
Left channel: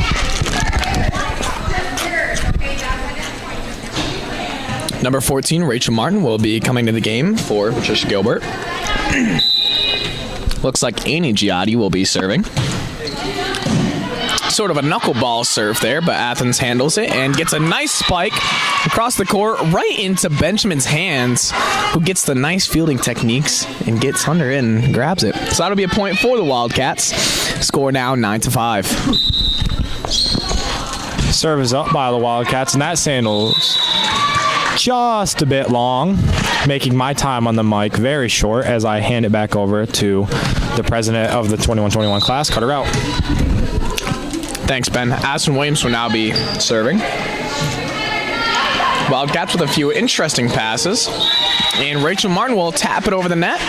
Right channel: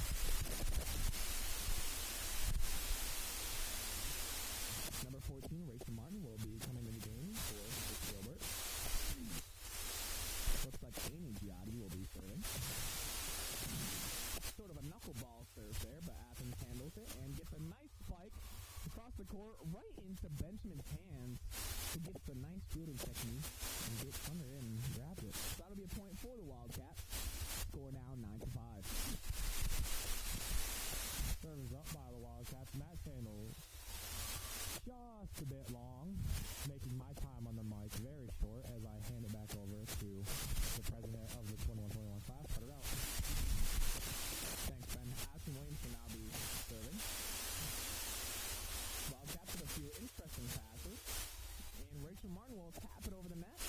Number 14, Rachel Martin, will be coming to the game for Patricia Gilbert. Looks like Annie Giotti will be serving. Sort of a knuckleball serve there, but Athens handles it and gets a nice spike across the court right into Benjamin's hands, who gets the nice fielding techniques and gets under it and grabs it. So that'll be a point for the Wildcats. Score now 9-5. Serve is up by the Wildcats, and that sandals just a bit long, making my time on the mic very short as I hand it back over to the president of the 21-21 class, Cutter Out. Thanks, Ben. Aspen Williams will now be serving. Wildcats with a few interesting passes. And Rachel Martin will tap it over the net.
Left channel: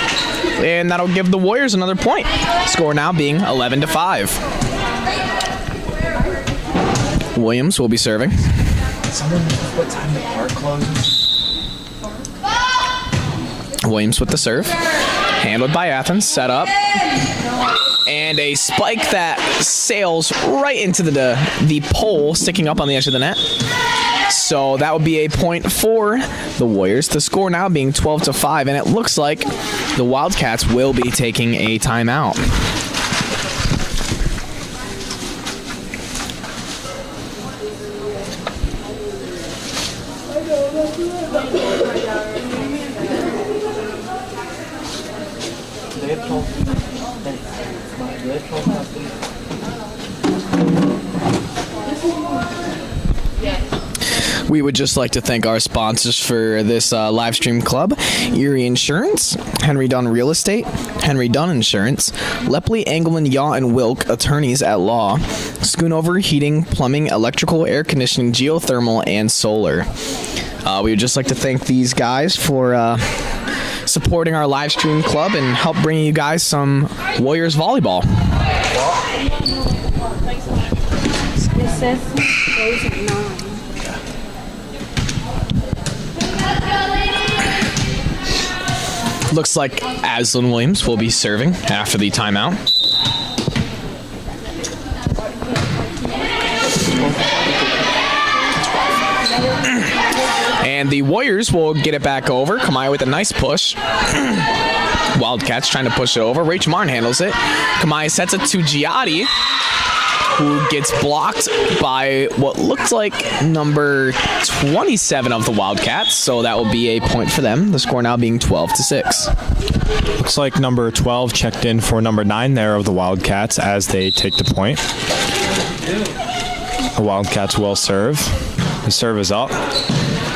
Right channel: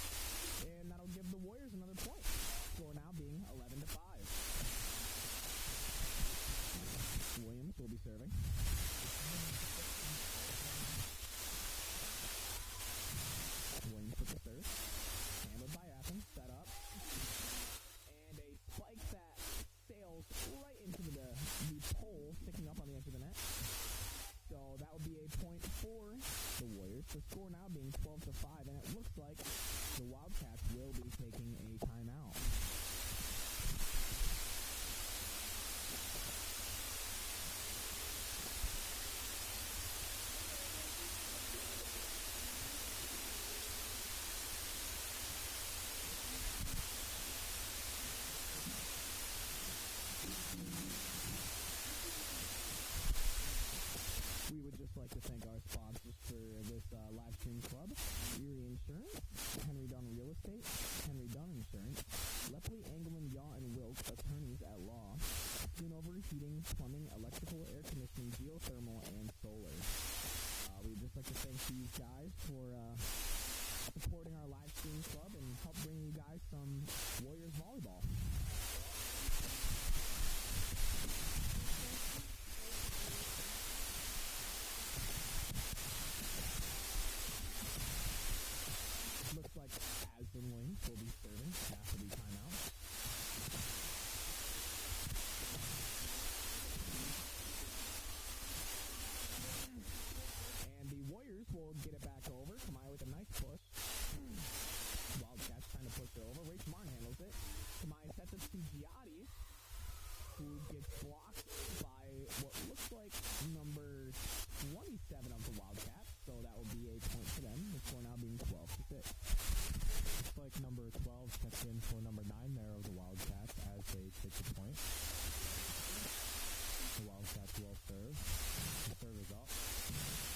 And that'll give the Warriors another point. Score now being 11-5. Williams will be serving. What time the park closes? Williams with the serve. Handled by Athens. Set up. And a spike that sails right into the pole sticking up on the edge of the net. So that would be a point for the Warriors. The score now being 12-5, and it looks like the Wildcats will be taking a timeout. We would just like to thank our sponsors for this live stream club: Erie Insurance, Henry Dunn Real Estate, Henry Dunn Insurance, Lepley, Engelman, Yaw, and Wilk, attorneys at law, Schoonover Heating, Plumbing, Electrical, Air Conditioning, Geothermal, and Solar. We would just like to thank these guys for supporting our live stream club and help bringing you guys some Warriors volleyball. It says close at 9. Looks like Aslan Williams will be serving after the timeout. And the Warriors will get it back over. Kamaya with a nice push. Wildcats trying to push it over. Rach Martin handles it. Kamaya sets it to Giotti, who gets blocked by what looked like number 27 of the Wildcats. So that will be a point for them. The score now being 12-6. Looks like number 12 checked in for number 9 there of the Wildcats as they take the point. The Wildcats will serve. The serve is up.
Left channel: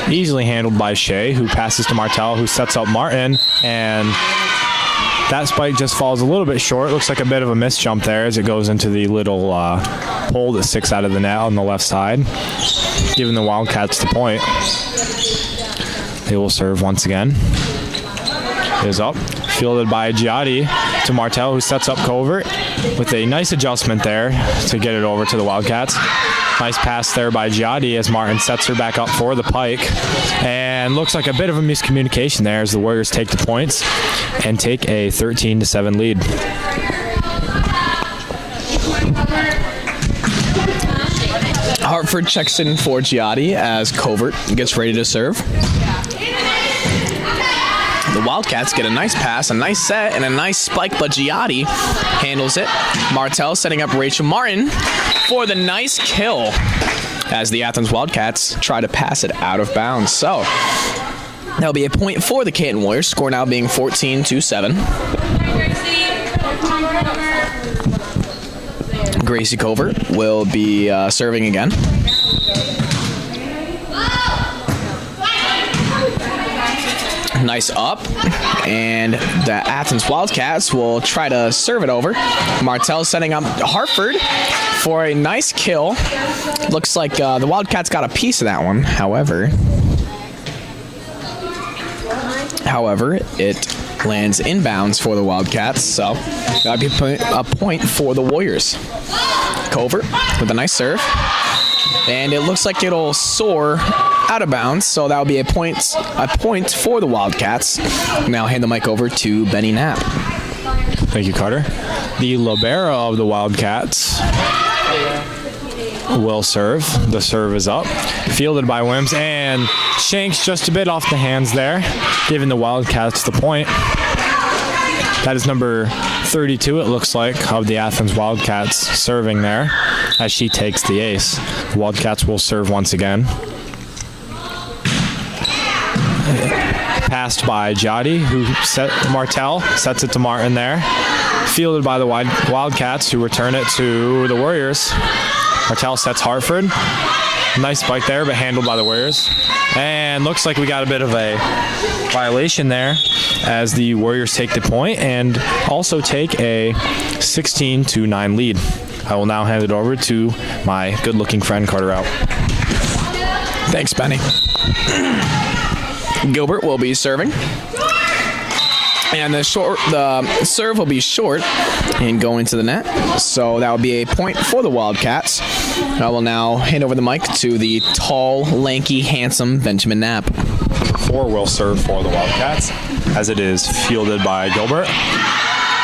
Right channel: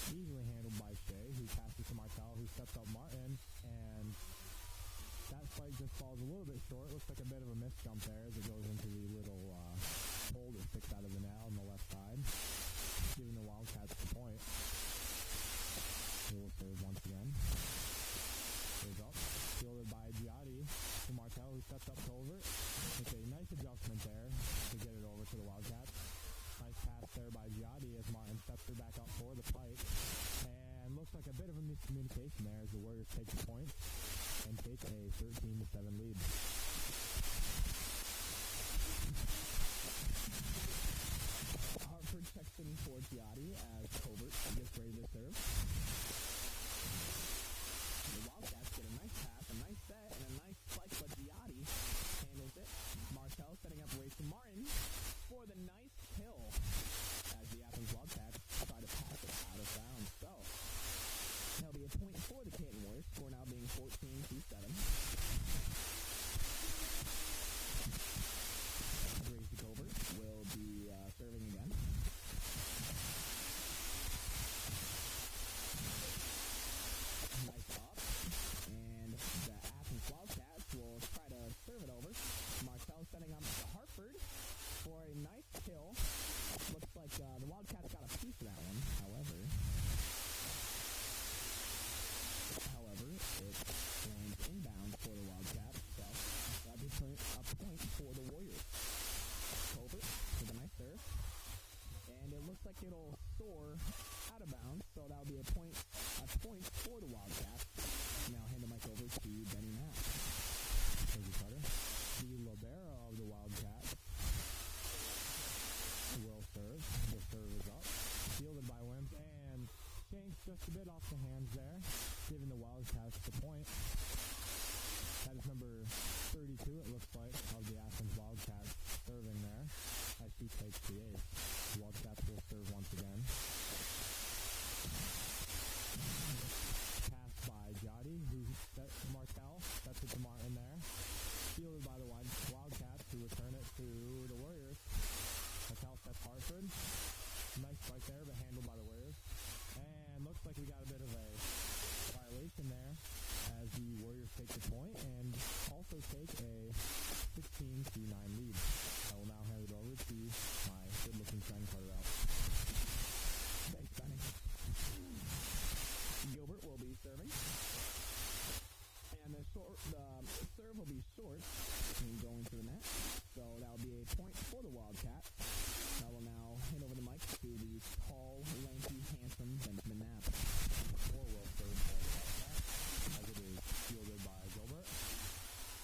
Easily handled by Shea, who passes to Martell, who sets up Martin, and that spike just falls a little bit short. Looks like a bit of a missed jump there as it goes into the little pole that sticks out of the net on the left side, giving the Wildcats the point. They will serve once again. It is up. Fielded by Giotti to Martell, who sets up Covert with a nice adjustment there to get it over to the Wildcats. Nice pass there by Giotti as Martin sets her back up for the pike. And looks like a bit of a miscommunication there as the Warriors take the points and take a 13-7 lead. Hartford checks in for Giotti as Covert gets ready to serve. The Wildcats get a nice pass, a nice set, and a nice spike, but Giotti handles it. Martell setting up Rachel Martin for the nice kill as the Athens Wildcats try to pass it out of bounds. So that'll be a point for the Canton Warriors, score now being 14-7. Gracie Covert will be serving again. Nice up, and the Athens Wildcats will try to serve it over. Martell setting up Hartford for a nice kill. Looks like the Wildcats got a piece of that one. However, it lands inbounds for the Wildcats, so that'll be a point for the Warriors. Covert with a nice serve, and it looks like it'll soar out of bounds, so that'll be a point for the Wildcats. Now hand the mic over to Benny Knapp. Thank you, Carter. The libero of the Wildcats will serve. The serve is up. Fielded by Wims, and shanks just a bit off the hands there, giving the Wildcats the point. That is number 32, it looks like, of the Athens Wildcats serving there as she takes the ace. The Wildcats will serve once again. Passed by Jody, Martell sets it to Martin there. Fielded by the Wildcats, who return it to the Warriors. Martell sets Hartford. Nice spike there, but handled by the Warriors. And looks like we got a bit of a violation there as the Warriors take the point and also take a 16-9 lead. I will now hand it over to my good-looking friend Carter Rao. Thanks, Benny. Gilbert will be serving. And the serve will be short and go into the net. So that will be a point for the Wildcats. I will now hand over the mic to the tall, lanky, handsome Benjamin Knapp. 4 will serve for the Wildcats, as it is fielded by Gilbert.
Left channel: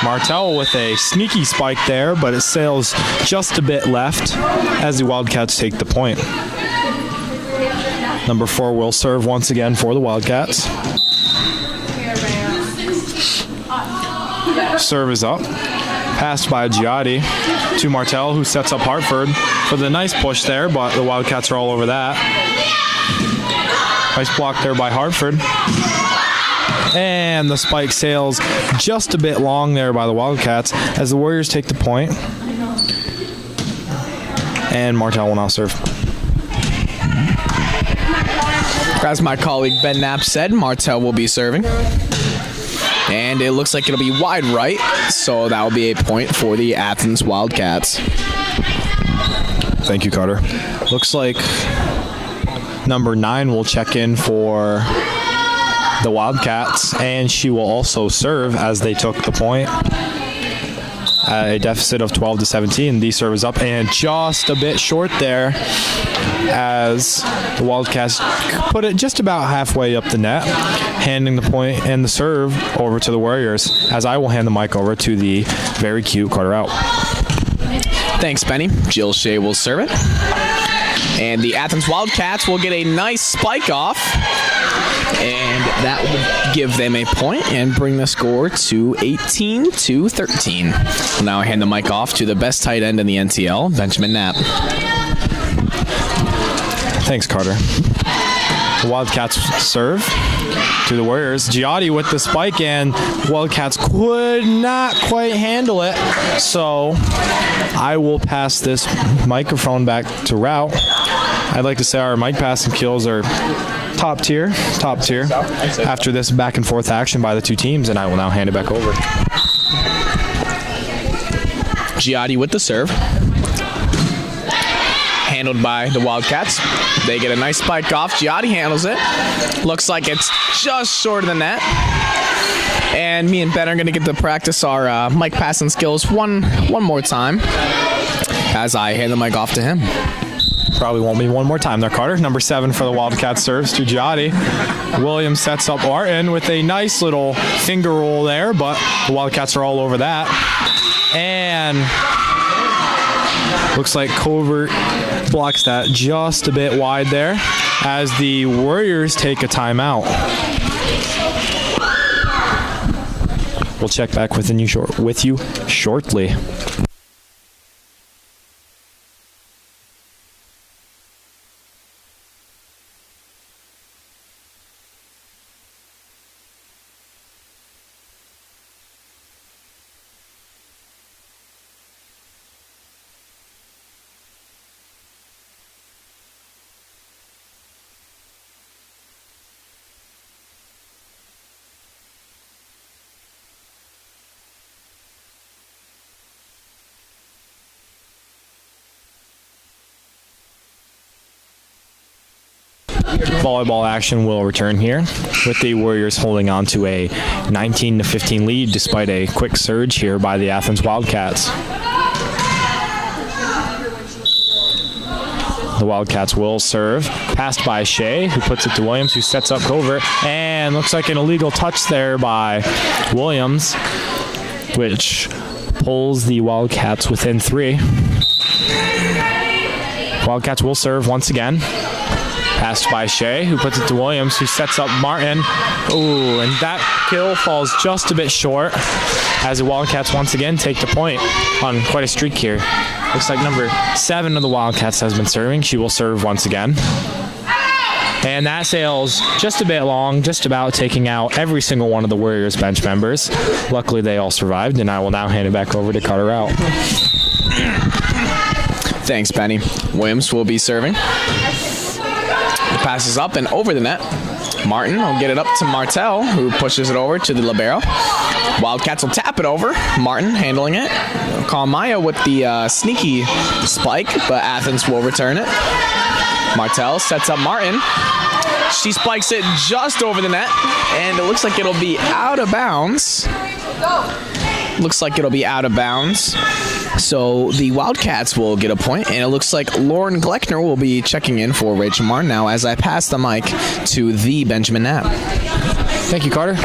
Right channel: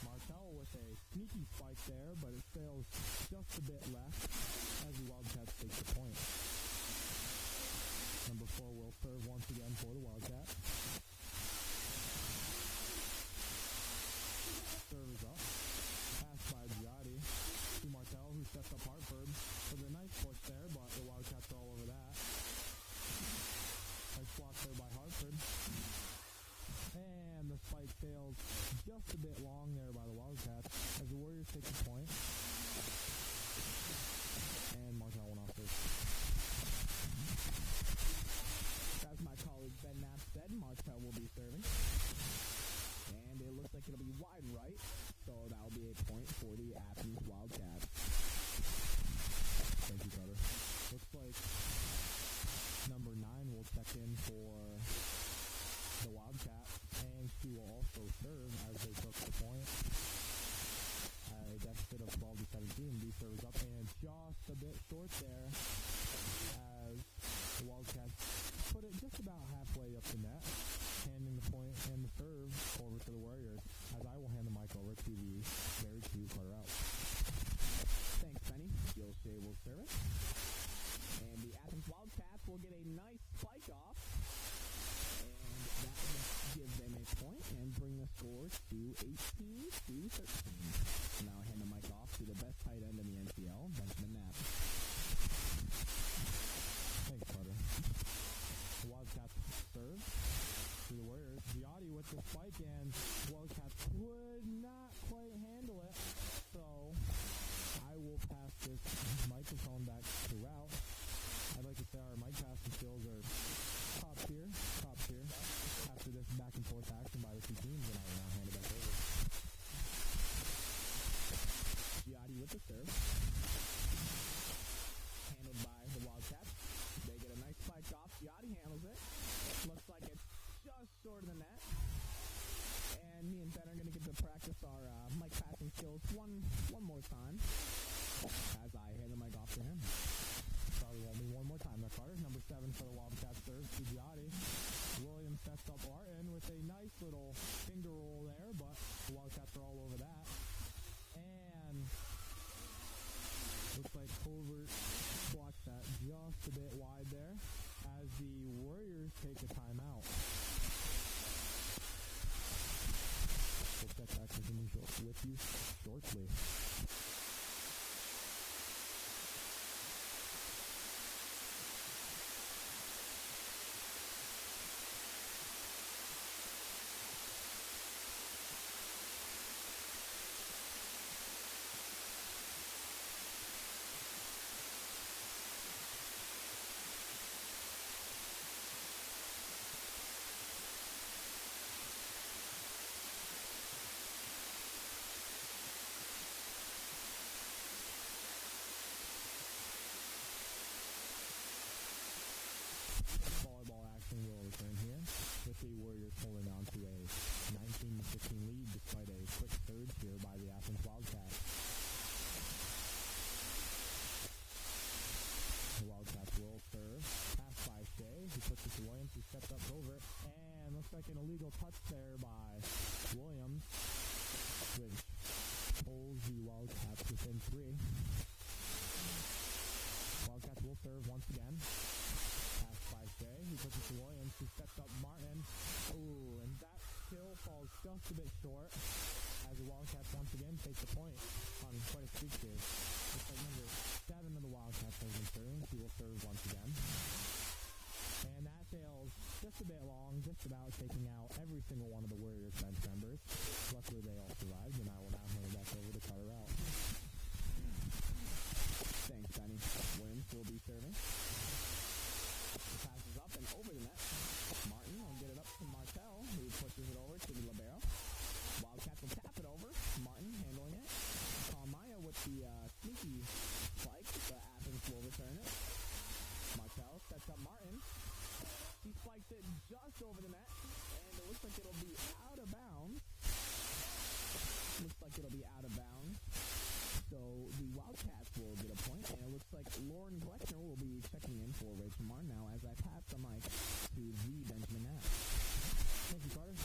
Martell with a sneaky spike there, but it sails just a bit left as the Wildcats take the point. Number 4 will serve once again for the Wildcats. Serve is up. Passed by Giotti to Martell, who sets up Hartford for the nice push there, but the Wildcats are all over that. Nice block there by Hartford. And the spike sails just a bit long there by the Wildcats as the Warriors take the point. And Martell will now serve. As my colleague Ben Knapp said, Martell will be serving. And it looks like it'll be wide right, so that will be a point for the Athens Wildcats. Thank you, Carter. Looks like number 9 will check in for the Wildcats, and she will also serve as they took the point. At a deficit of 12-17, the serve is up and just a bit short there as the Wildcats put it just about halfway up the net, handing the point and the serve over to the Warriors, as I will hand the mic over to the very cute Carter Out. Thanks, Benny. Jill Shea will serve it. And the Athens Wildcats will get a nice spike off. And that will give them a point and bring the score to 18-13. I'll now hand the mic off to the best tight end in the NTL, Benjamin Knapp. Thanks, Carter. The Wildcats serve to the Warriors. Giotti with the spike, and Wildcats could not quite handle it. So I will pass this microphone back to Rao. I'd like to say our mic passing kills are top tier after this back and forth action by the two teams, and I will now hand it back over. Giotti with the serve. Handled by the Wildcats. They get a nice spike off. Giotti handles it. Looks like it's just short of the net. And me and Ben are going to get to practice our mic passing skills one more time as I hand the mic off to him. Probably won't be one more time there, Carter. Number 7 for the Wildcats serves to Giotti. Williams sets up Martin with a nice little finger roll there, but the Wildcats are all over that. And looks like Covert blocks that just a bit wide there as the Warriors take a timeout. We'll check back with you shortly. volleyball action will return here, with the Warriors holding on to a 19-15 lead despite a quick surge here by the Athens Wildcats. The Wildcats will serve. Passed by Shea, who puts it to Williams, who sets up Covert. And looks like an illegal touch there by Williams, which pulls the Wildcats within 3. Wildcats will serve once again. Passed by Shea, who puts it to Williams, who sets up Martin. Ooh, and that kill falls just a bit short as the Wildcats once again take the point on quite a streak here. Looks like number 7 of the Wildcats has been serving. She will serve once again. And that sails just a bit long, just about taking out every single one of the Warriors bench members. Luckily, they all survived, and I will now hand it back over to Cutter out. Thanks, Benny. Williams will be serving. The pass is up and over the net. Martin will get it up to Martel, who pushes it over to the libero. Wildcats will tap it over. Martin handling it. Kalmaya with the sneaky spike, but Athens will return it. Martel sets up Martin. She spikes it just over the net, and it looks like it'll be out of bounds. So the Wildcats will get a point, and it looks like Lauren Gleckner will be checking in for Rachel Martin now as I pass the mic to the Benjamin Knapp. Thank you, Carter.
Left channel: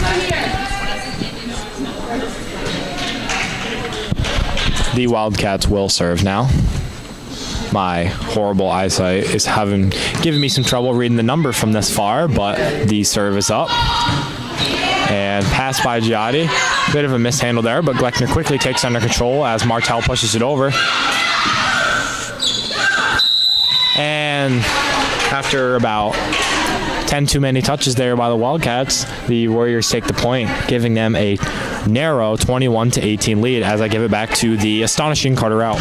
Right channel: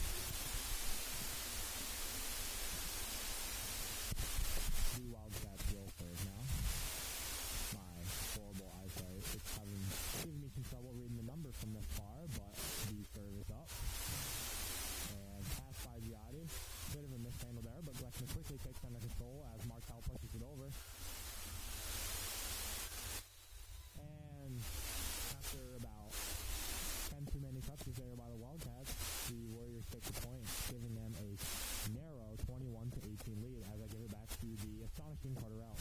The Wildcats will serve now. My horrible eyesight is giving me some trouble reading the number from this far, but the serve is up. And pass by Giotti. Bit of a mishandle there, but Gleckner quickly takes under control as Martel pushes it over. And after about 10 too many touches there by the Wildcats, the Warriors take the point, giving them a narrow 21-18 lead as I give it back to the astonishing Carter out.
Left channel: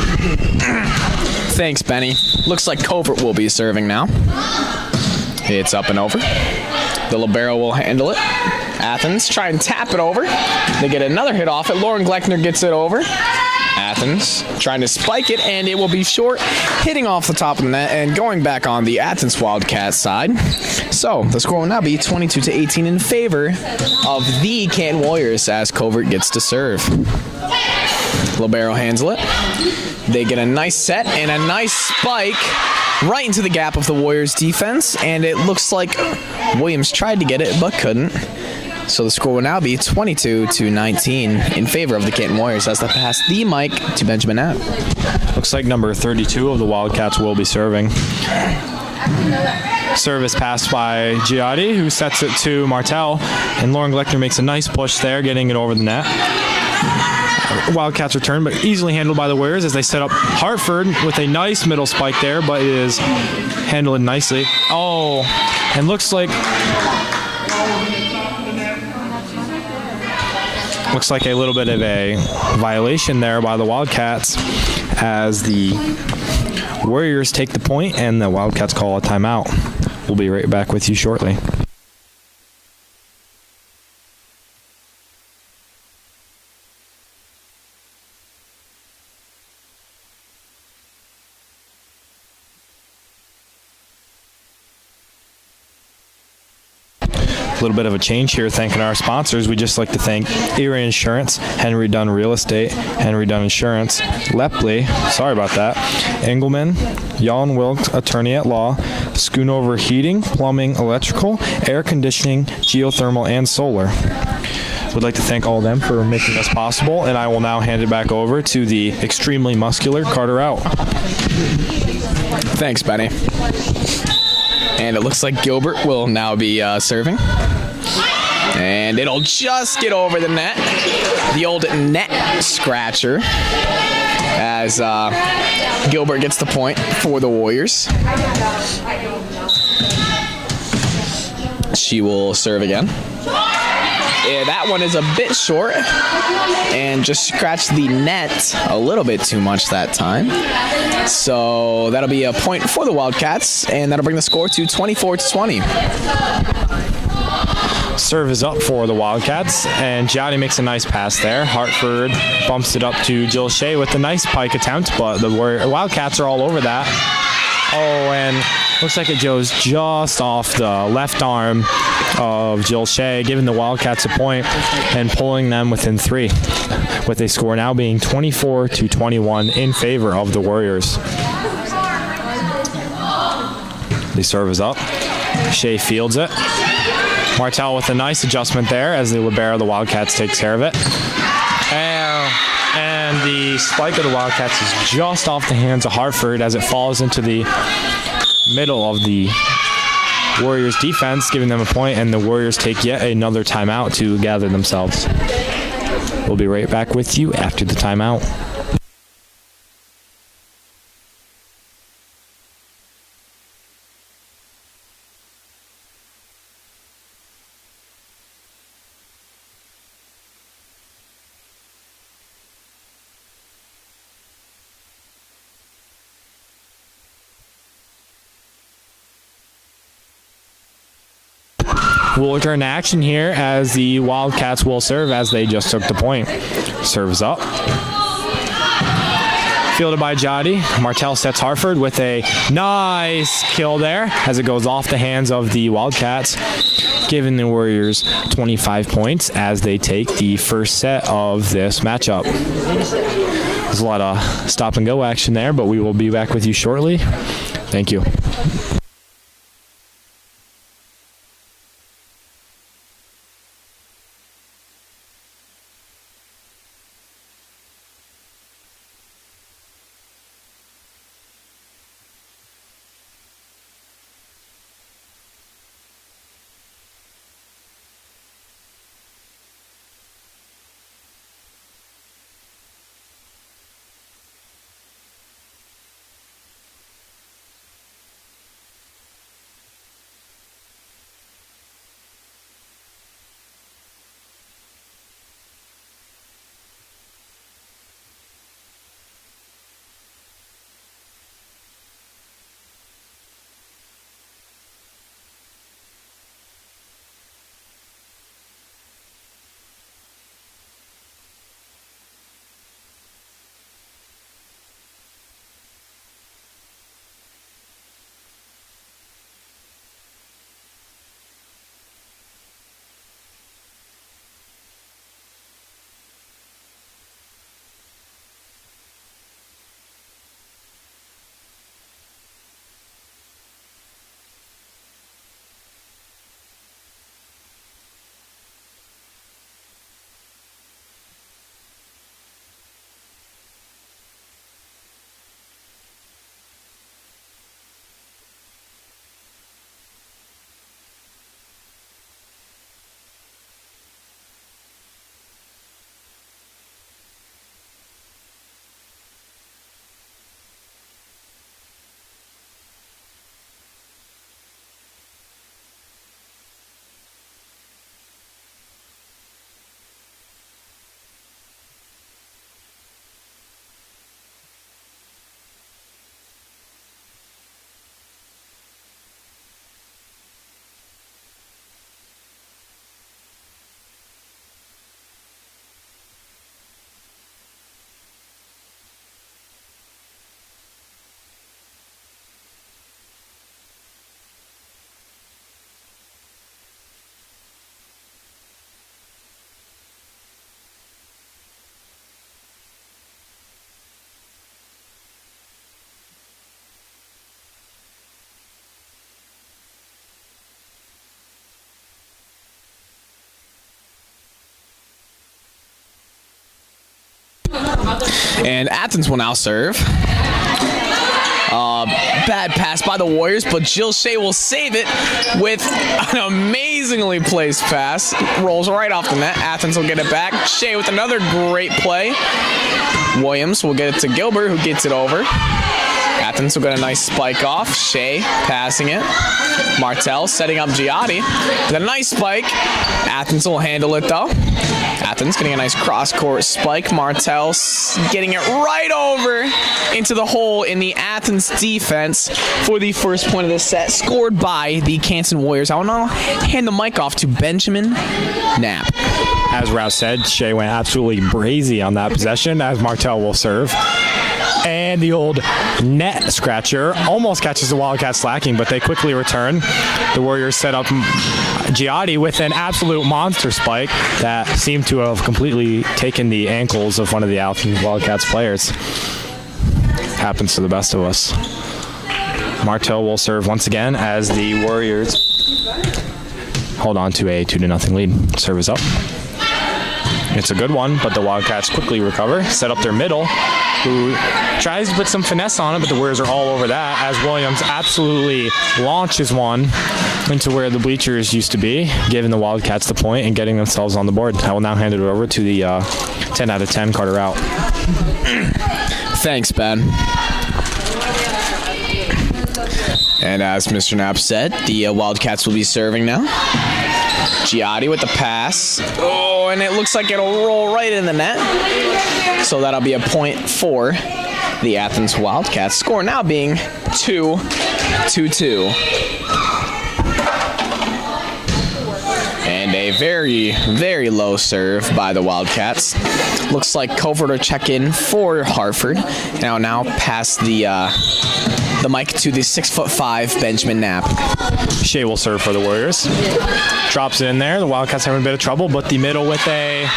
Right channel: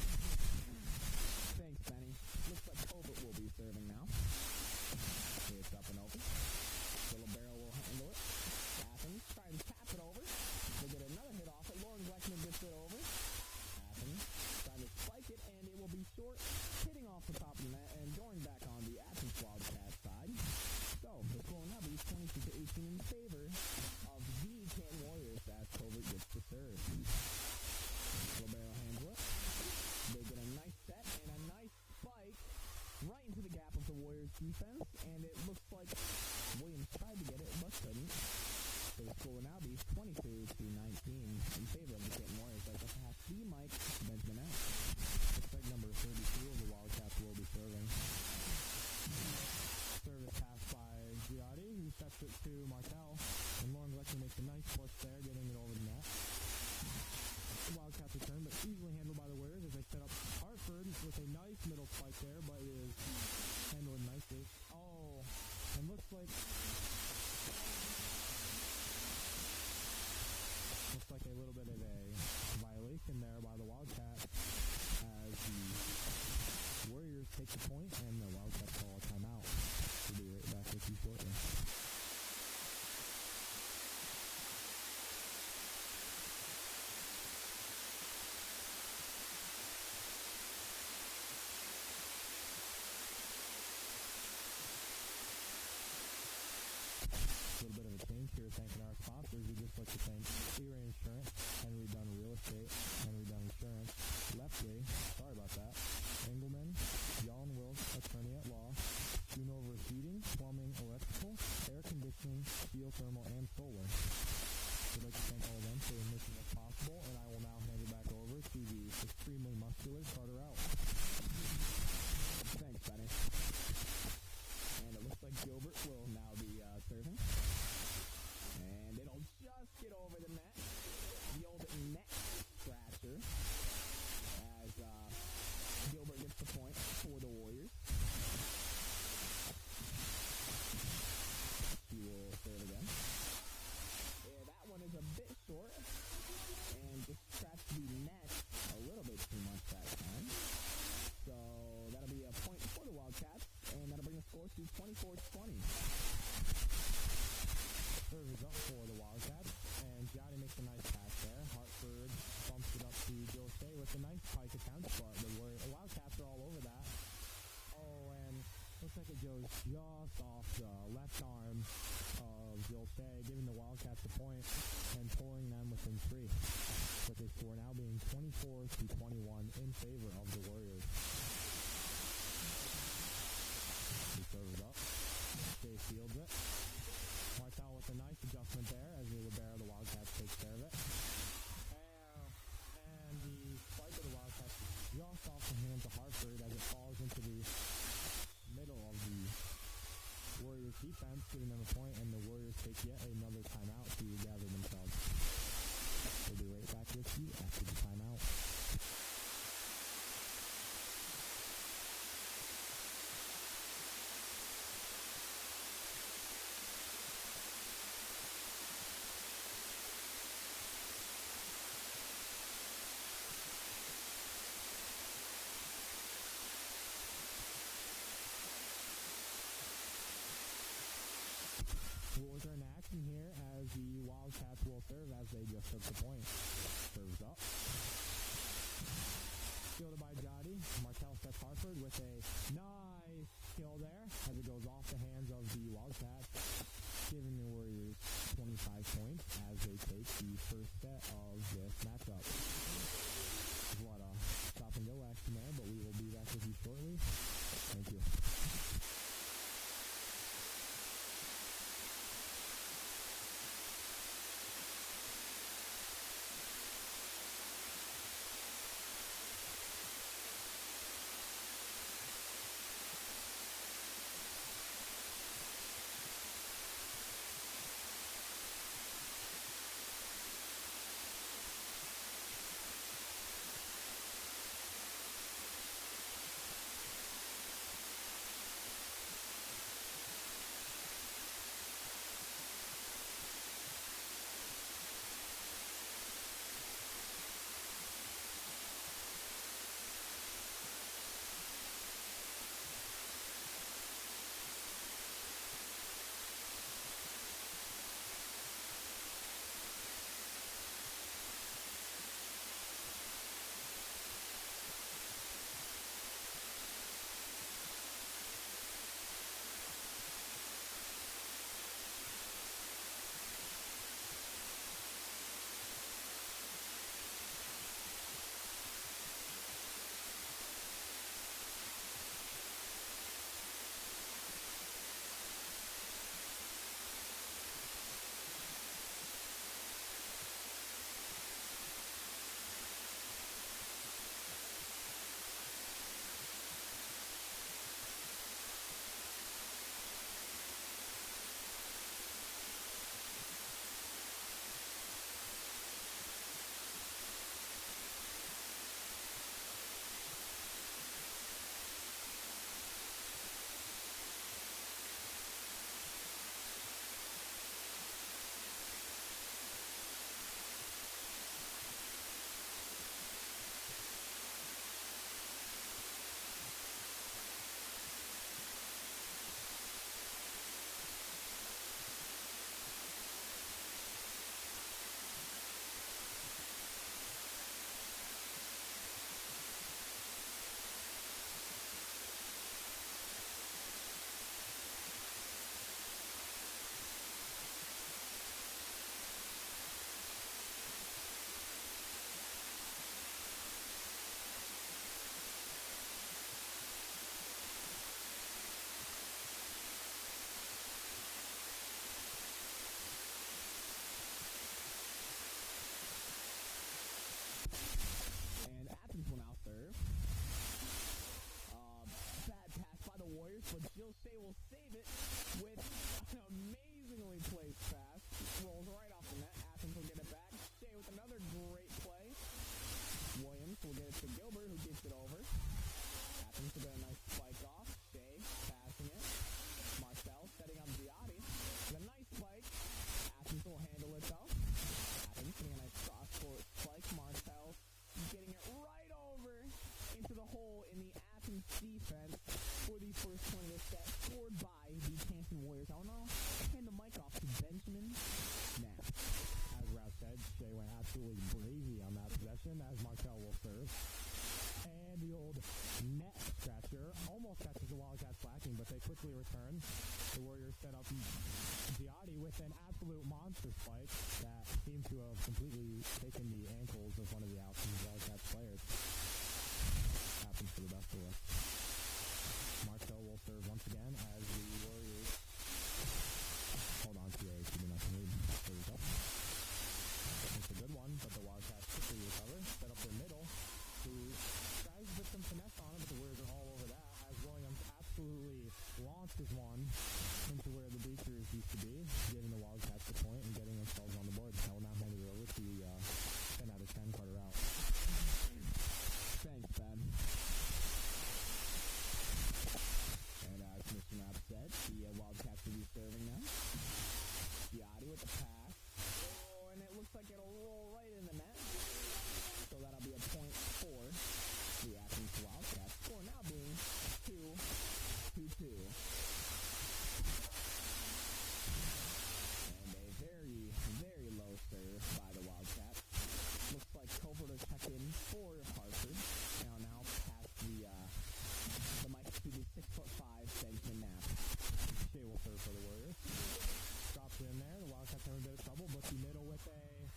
Thanks, Benny. Looks like Covert will be serving now. It's up and over. The libero will handle it. Athens try and tap it over. They get another hit off it. Lauren Gleckner gets it over. Athens trying to spike it, and it will be short, hitting off the top of the net and going back on the Athens Wildcats side. So the score will now be 22-18 in favor of the Canton Warriors as Covert gets to serve. Libero handles it. They get a nice set and a nice spike right into the gap of the Warriors defense, and it looks like Williams tried to get it but couldn't. So the score will now be 22-19 in favor of the Canton Warriors as they pass the mic to Benjamin Knapp. Looks like number 32 of the Wildcats will be serving. Service passed by Giotti, who sets it to Martel, and Lauren Gleckner makes a nice push there, getting it over the net. Wildcats return, but easily handled by the Warriors as they set up Hartford with a nice middle spike there, but it is handled nicely. Oh, and looks like a little bit of a violation there by the Wildcats as the Warriors take the point and the Wildcats call a timeout. We'll be right back with you shortly. A little bit of a change here, thanking our sponsors. We just like to thank Erie Insurance, Henry Dunn Real Estate, Henry Dunn Insurance, Lepley, sorry about that, Engelman, Jan Wilkes, Attorney at Law, Schoonover Heating, Plumbing, Electrical, Air Conditioning, Geothermal, and Solar. We'd like to thank all of them for making this possible, and I will now hand it back over to the extremely muscular Carter out. Thanks, Benny. And it looks like Gilbert will now be serving. And it'll just get over the net. The old net scratcher. As Gilbert gets the point for the Warriors. She will serve again. Yeah, that one is a bit short and just scratched the net a little bit too much that time. So that'll be a point for the Wildcats, and that'll bring the score to 24-20. Serve is up for the Wildcats, and Giotti makes a nice pass there. Hartford bumps it up to Jill Shea with a nice pike attempt, but the Wildcats are all over that. Oh, and looks like it goes just off the left arm of Jill Shea, giving the Wildcats a point and pulling them within 3, with a score now being 24-21 in favor of the Warriors. The serve is up. Shea fields it. Martell with a nice adjustment there as the libero of the Wildcats takes care of it. And the spike of the Wildcats is just off the hands of Hartford as it falls into the middle of the Warriors defense, giving them a point, and the Warriors take yet another timeout to gather themselves. We'll be right back with you after the timeout. We'll return to action here as the Wildcats will serve as they just took the point. Serves up. Fielded by Jody. Martell sets Hartford with a nice kill there as it goes off the hands of the Wildcats, giving the Warriors 25 points as they take the first set of this matchup. There's a lot of stop and go action there, but we will be back with you shortly. Thank you. And Athens will now serve. Bad pass by the Warriors, but Jill Shea will save it with an amazingly placed pass. Rolls right off the net. Athens will get it back. Shea with another great play. Williams will get it to Gilbert, who gets it over. Athens will get a nice spike off. Shea passing it. Martell setting up Giotti with a nice spike. Athens will handle it though. Athens getting a nice cross-court spike. Martell getting it right over into the hole in the Athens defense for the first point of the set, scored by the Canton Warriors. I will now hand the mic off to Benjamin Knapp. As Rouse said, Shea went absolutely brazy on that possession as Martell will serve. And the old net scratcher almost catches the Wildcats slacking, but they quickly return. The Warriors set up Giotti with an absolute monster spike that seemed to have completely taken the ankles of one of the Athens Wildcats players. Happens to the best of us. Martel will serve once again as the Warriors hold on to a 2-0 lead. Serve is up. It's a good one, but the Wildcats quickly recover, set up their middle, who tries to put some finesse on it, but the Warriors are all over that as Williams absolutely launches one into where the bleachers used to be, giving the Wildcats the point and getting themselves on the board. I will now hand it over to the 10 out of 10 Carter out. Thanks, Ben. And as Mr. Knapp said, the Wildcats will be serving now. Giotti with the pass. Oh, and it looks like it'll roll right in the net. So that'll be a point for the Athens Wildcats. Score now being 2-2. And a very, very low serve by the Wildcats. Looks like Covert will check in for Hartford. Now pass the mic to the 6'5" Benjamin Knapp. Shea will serve for the Warriors. Drops it in there. The Wildcats having a bit of trouble, but the middle with a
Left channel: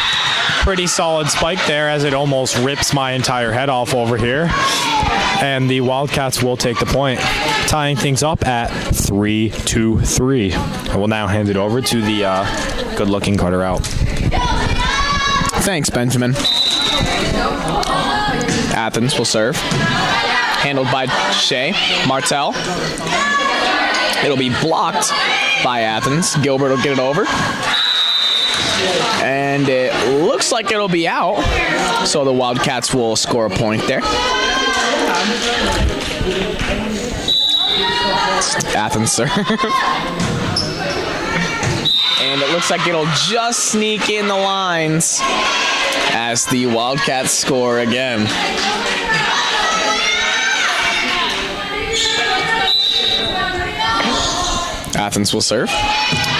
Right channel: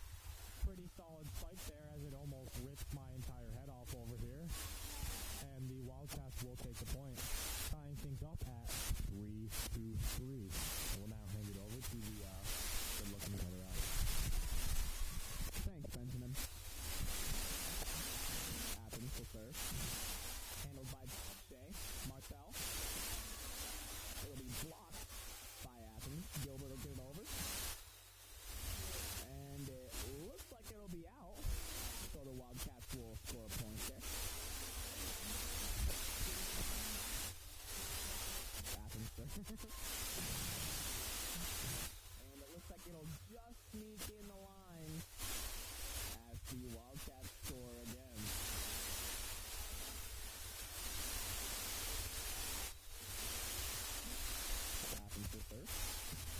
pretty solid spike there as it almost rips my entire head off over here. And the Wildcats will take the point, tying things up at 3-3. I will now hand it over to the good-looking Carter out. Thanks, Benjamin. Athens will serve. Handled by Shea. Martel. It'll be blocked by Athens. Gilbert will get it over. And it looks like it'll be out. So the Wildcats will score a point there. Athens serve. And it looks like it'll just sneak in the lines as the Wildcats score again. Athens will serve.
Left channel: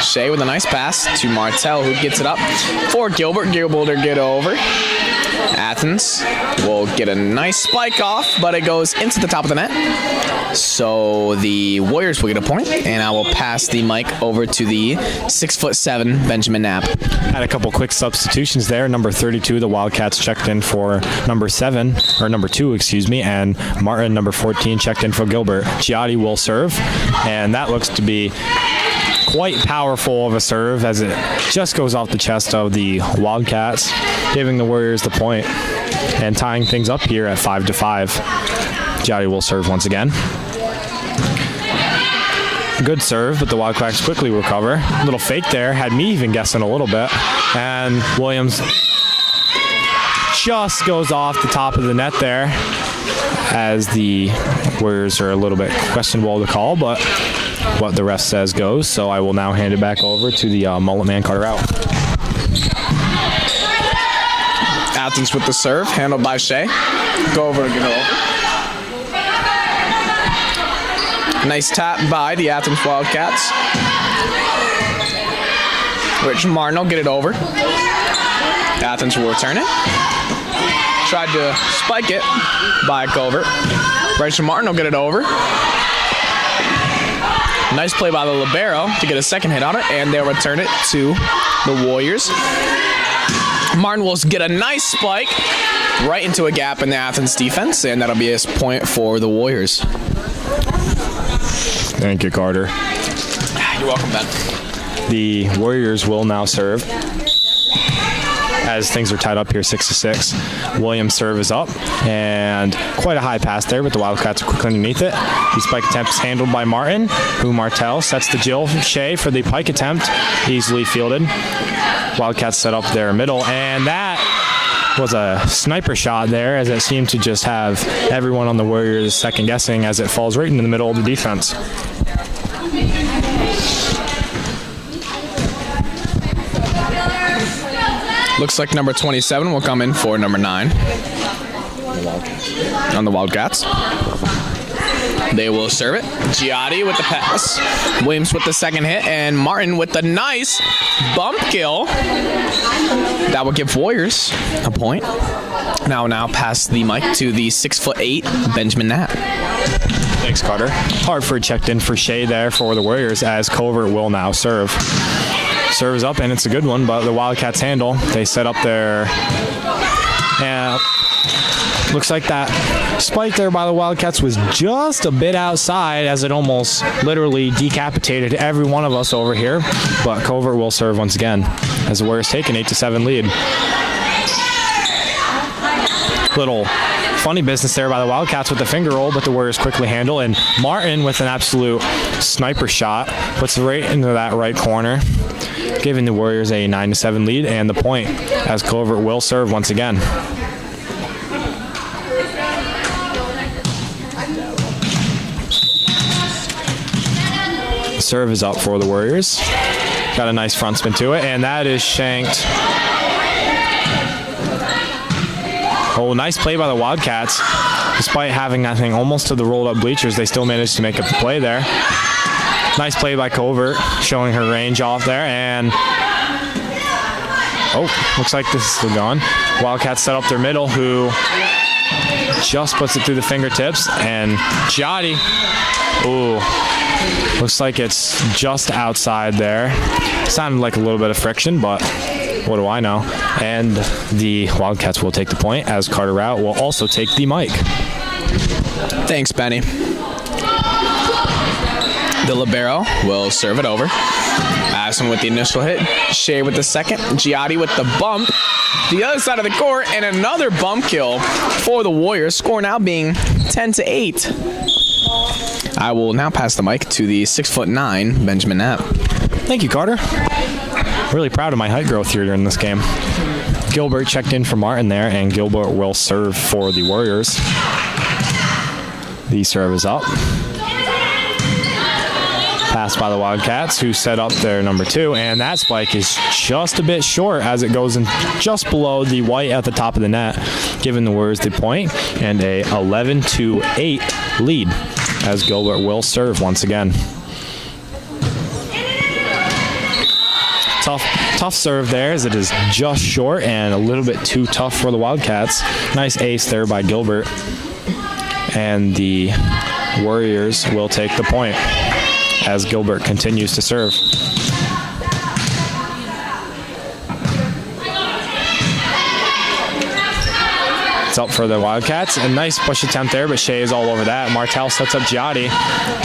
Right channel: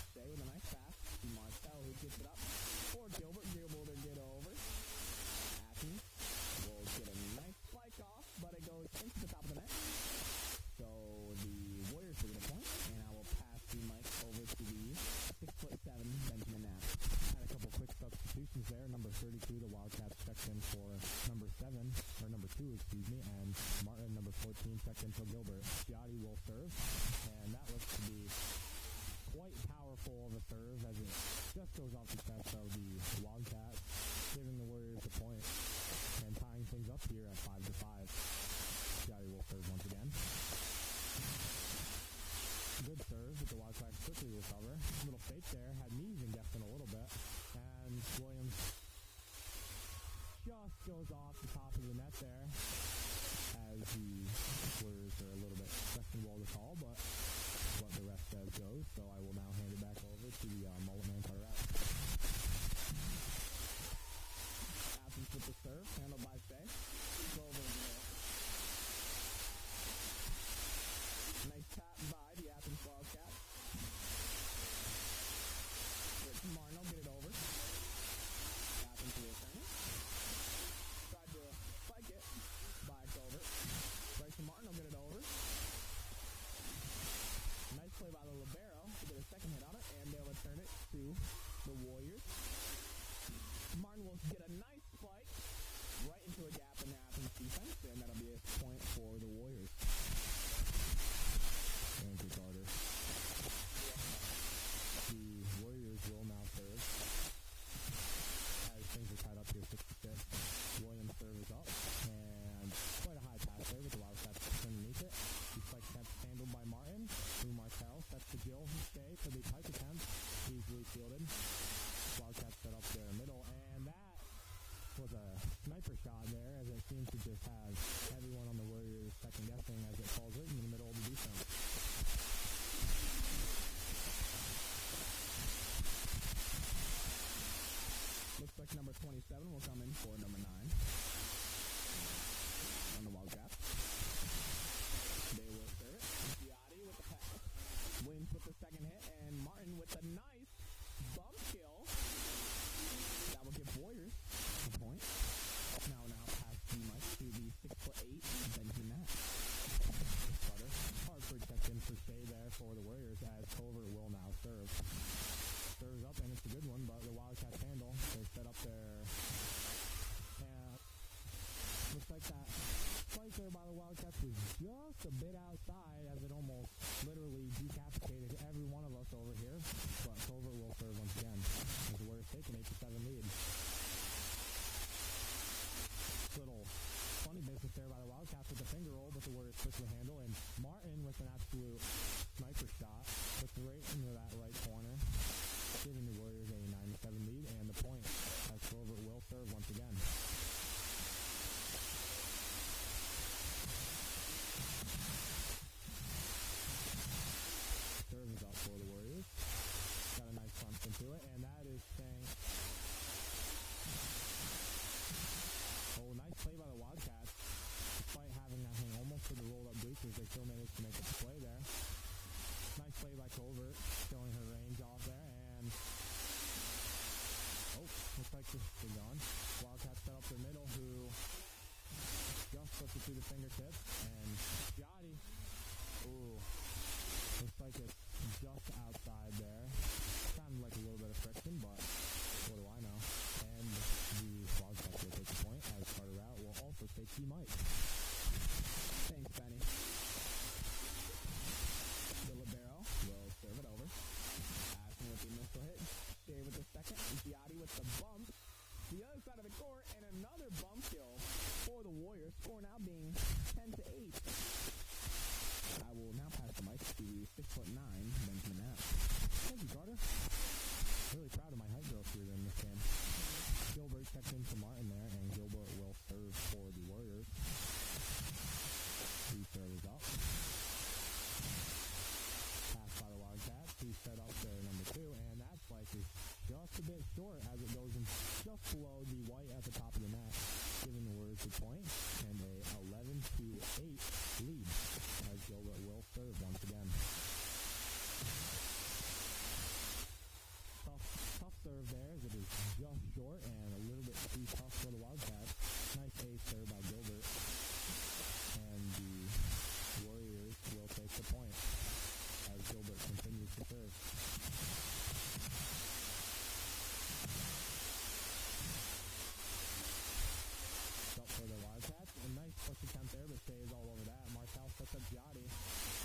Shea with a nice pass to Martel, who gets it up for Gilbert. Gilbert will get over. Athens will get a nice spike off, but it goes into the top of the net. So the Warriors will get a point, and I will pass the mic over to the 6'7" Benjamin Knapp. Had a couple quick substitutions there. Number 32, the Wildcats checked in for number 2, and Martin, number 14, checked in for Gilbert. Giotti will serve, and that looks to be quite powerful of a serve as it just goes off the chest of the Wildcats, giving the Warriors the point and tying things up here at 5-5. Giotti will serve once again. Good serve, but the Wildcats quickly recover. A little fake there, had me even guessing a little bit. And Williams just goes off the top of the net there as the Warriors are a little bit questionable to call, but what the ref says goes. So I will now hand it back over to the mullet man Carter out. Athens with the serve, handled by Shea. Go over and get it over. Nice tap by the Athens Wildcats. Rich Martin will get it over. Athens will return it. Tried to spike it by Covert. Rich Martin will get it over. Nice play by the libero to get a second hit on it, and they'll return it to the Warriors. Martin will get a nice spike right into a gap in the Athens defense, and that'll be a point for the Warriors. Thank you, Carter. You're welcome, Ben. The Warriors will now serve as things are tied up here 6-6. Williams' serve is up, and quite a high pass there, but the Wildcats are quickly underneath it. The spike attempt is handled by Martin, who Martel sets the Jill Shea for the pike attempt, easily fielded. Wildcats set up their middle, and that was a sniper shot there, as it seemed to just have everyone on the Warriors second guessing as it falls right into the middle of the defense. Looks like number 27 will come in for number 9 on the Wildcats. They will serve it. Giotti with the pass. Williams with the second hit, and Martin with the nice bump kill. That will give Warriors a point. Now pass the mic to the 6'8" Benjamin Knapp. Thanks, Carter. Hartford checked in for Shea there for the Warriors as Covert will now serve. Serves up, and it's a good one, but the Wildcats handle. They set up their... looks like that spike there by the Wildcats was just a bit outside, as it almost literally decapitated every one of us over here. But Covert will serve once again as the Warriors take an 8-7 lead. Little funny business there by the Wildcats with the finger roll, but the Warriors quickly handle, and Martin with an absolute sniper shot puts it right into that right corner, giving the Warriors a 9-7 lead and the point as Covert will serve once again. Serve is up for the Warriors. Got a nice front spin to it, and that is shanked. Oh, nice play by the Wildcats. Despite having that thing almost to the rolled up bleachers, they still managed to make a play there. Nice play by Covert, showing her range off there, and looks like this is still gone. Wildcats set up their middle, who just puts it through the fingertips, and Giotti, looks like it's just outside there. Sounded like a little bit of friction, but what do I know? And the Wildcats will take the point as Carter Rout will also take the mic. Thanks, Benny. The libero will serve it over. Addison with the initial hit. Shea with the second. Giotti with the bump. The other side of the court, and another bump kill for the Warriors. Score now being 10-8. I will now pass the mic to the 6'9" Benjamin Knapp. Thank you, Carter. Really proud of my height growth here during this game. Gilbert checked in for Martin there, and Gilbert will serve for the Warriors. The serve is up. Pass by the Wildcats, who set up their number 2, and that spike is just a bit short as it goes in just below the white at the top of the net, giving the Warriors the point and a 11-8 lead as Gilbert will serve once again. Tough serve there, as it is just short and a little bit too tough for the Wildcats. Nice ace there by Gilbert. And the Warriors will take the point as Gilbert continues to serve. It's up for the Wildcats. A nice push attempt there, but Shea is all over that. Martel sets up Giotti,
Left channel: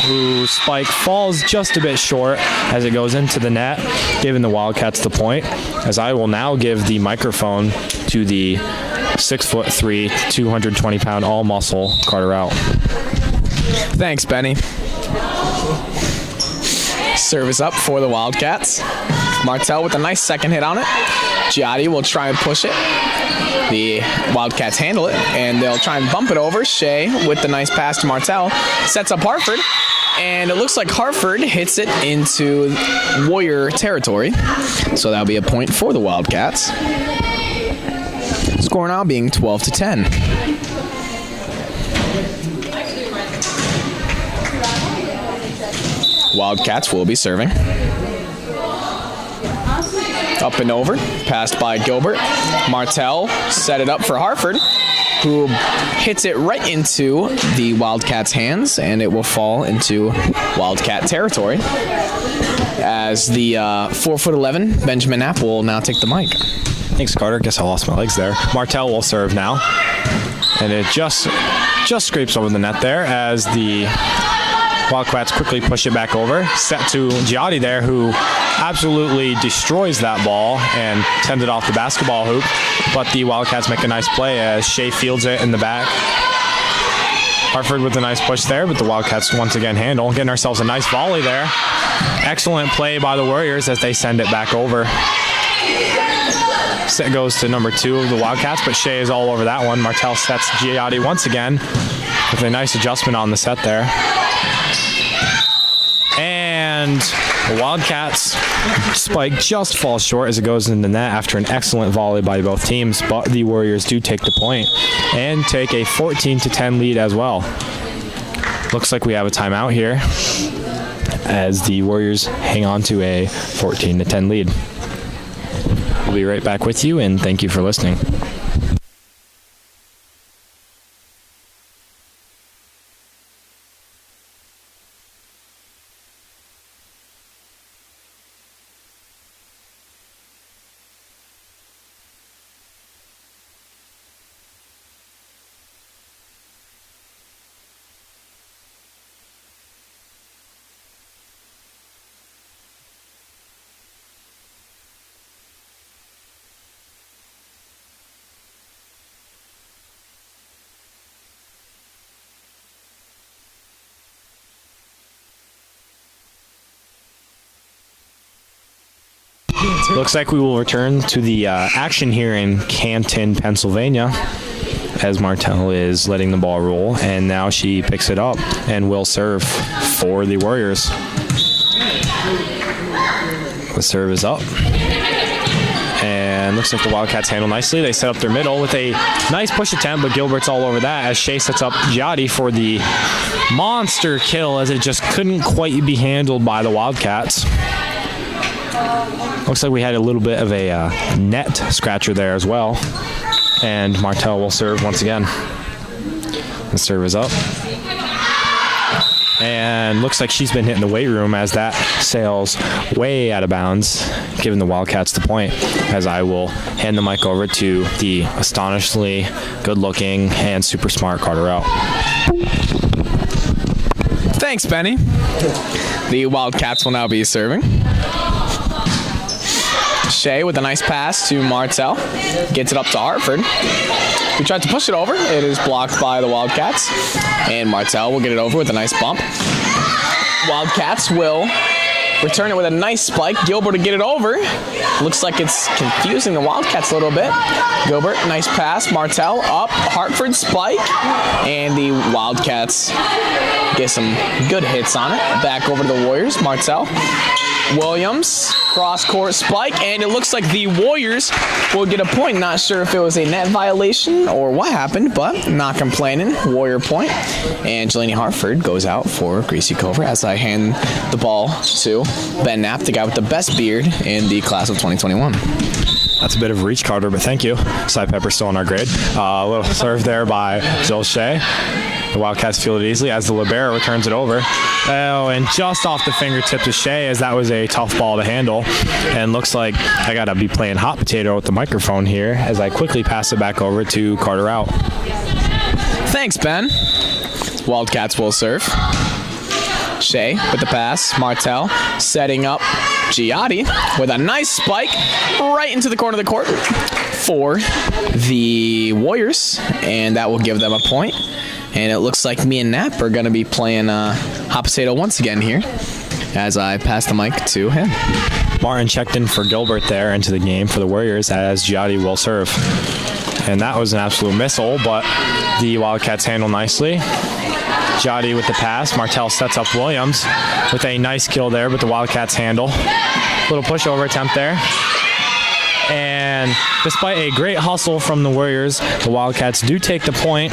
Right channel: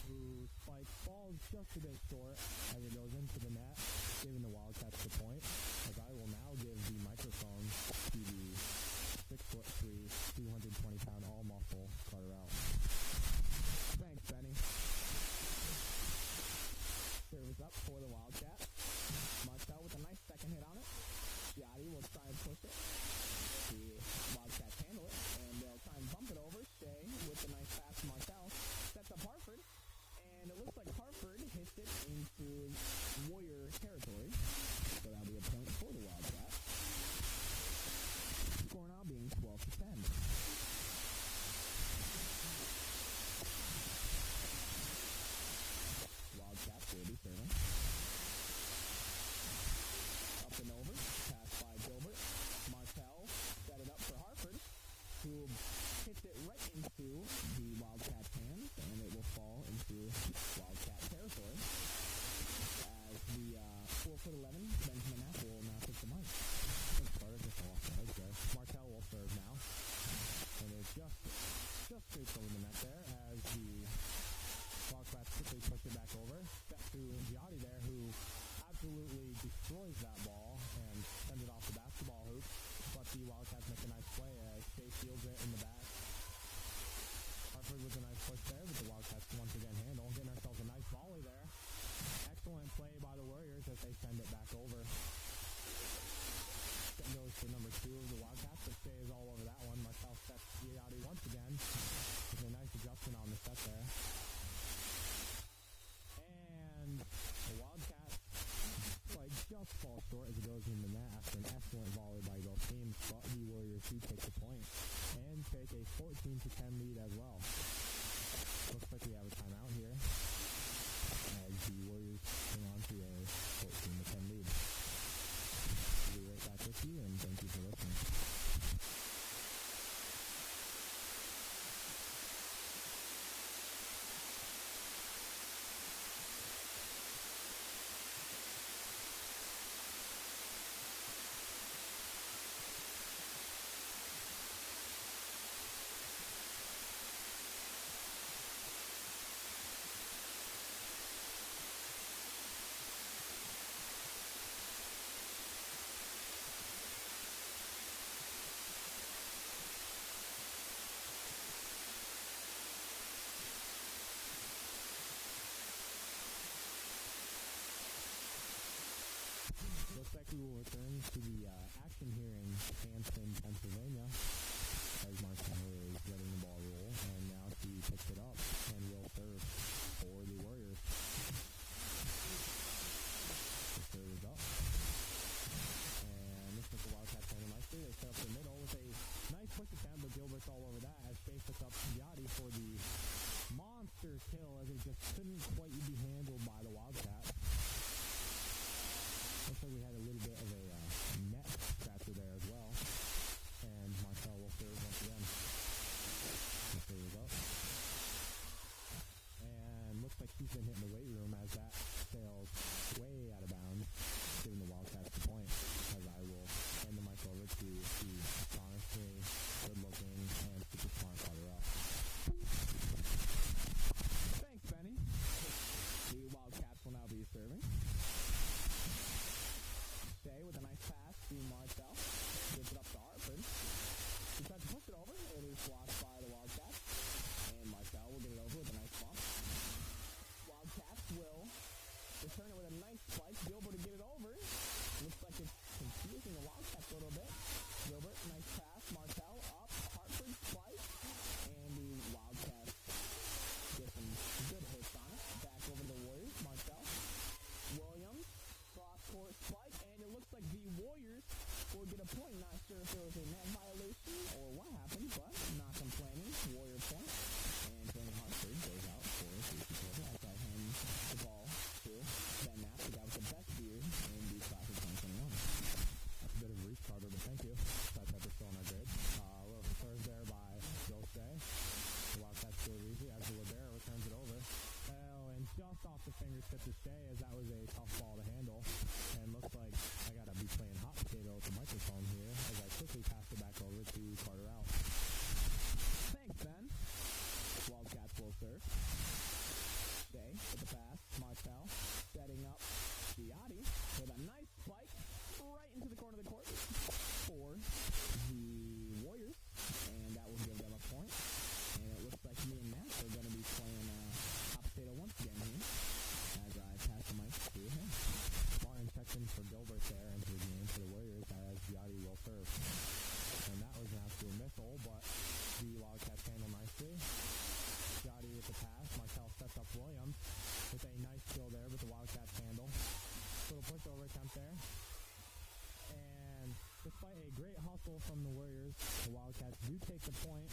whose spike falls just a bit short as it goes into the net, giving the Wildcats the point. As I will now give the microphone to the 6'3", 220-pound all-muscle Carter Rout. Thanks, Benny. Service up for the Wildcats. Martel with a nice second hit on it. Giotti will try and push it. The Wildcats handle it, and they'll try and bump it over. Shea with the nice pass to Martel. Sets up Hartford, and it looks like Hartford hits it into Warrior territory. So that'll be a point for the Wildcats. Score now being 12-10. Wildcats will be serving. Up and over, passed by Gilbert. Martel set it up for Hartford, who hits it right into the Wildcats' hands, and it will fall into Wildcat territory. As the 4'11" Benjamin Knapp will now take the mic. Thanks, Carter. Guess I lost my legs there. Martel will serve now, and it just scrapes over the net there as the Wildcats quickly push it back over. Set to Giotti there, who absolutely destroys that ball and sends it off the basketball hoop. But the Wildcats make a nice play as Shea fields it in the back. Hartford with a nice push there, but the Wildcats once again handle. Getting ourselves a nice volley there. Excellent play by the Warriors as they send it back over. Set goes to number 2 of the Wildcats, but Shea is all over that one. Martel sets Giotti once again with a nice adjustment on the set there. And the Wildcats spike just falls short as it goes in the net after an excellent volley by both teams, but the Warriors do take the point and take a 14-10 lead as well. Looks like we have a timeout here as the Warriors hang on to a 14-10 lead. We'll be right back with you, and thank you for listening. Looks like we will return to the action here in Canton, Pennsylvania, as Martell is letting the ball roll, and now she picks it up and will serve for the Warriors. The serve is up. And looks like the Wildcats handle nicely. They set up their middle with a nice push attempt, but Gilbert's all over that as Shea sets up Giotti for the monster kill, as it just couldn't quite be handled by the Wildcats. Looks like we had a little bit of a net scratcher there as well. And Martell will serve once again. The serve is up. And looks like she's been hitting the weight room as that sails way out of bounds, giving the Wildcats the point, as I will hand the mic over to the astonishingly good-looking and super smart Carter out. Thanks, Benny. The Wildcats will now be serving. Shea with a nice pass to Martell. Gets it up to Hartford, who tried to push it over. It is blocked by the Wildcats. And Martell will get it over with a nice bump. Wildcats will return it with a nice spike. Gilbert to get it over. Looks like it's confusing the Wildcats a little bit. Gilbert, nice pass. Martell up. Hartford spike. And the Wildcats get some good hits on it. Back over to the Warriors. Martell. Williams, cross-court spike, and it looks like the Warriors will get a point. Not sure if it was a net violation or what happened, but not complaining. Warrior point. And Jelani Hartford goes out for Gracie Cover as I hand the ball to Ben Knapp, the guy with the best beard in the class of 2021. That's a bit of a reach, Carter, but thank you. Cy Pepper still on our grade. A little serve there by Jill Shea. The Wildcats field it easily as the libero returns it over. Oh, and just off the fingertips of Shea, as that was a tough ball to handle. And looks like I got to be playing hot potato with the microphone here as I quickly pass it back over to Carter out. Thanks, Ben. Wildcats will serve. Shea with the pass. Martell setting up Giotti with a nice spike right into the corner of the court for the Warriors, and that will give them a point. And it looks like me and Knapp are going to be playing hot potato once again here as I pass the mic to him. Martin checked in for Gilbert there into the game for the Warriors as Giotti will serve. And that was an absolute missile, but the Wildcats handle nicely. Giotti with the pass. Martell sets up Williams with a nice kill there, but the Wildcats handle. Little pushover attempt there. And despite a great hustle from the Warriors, the Wildcats do take the point,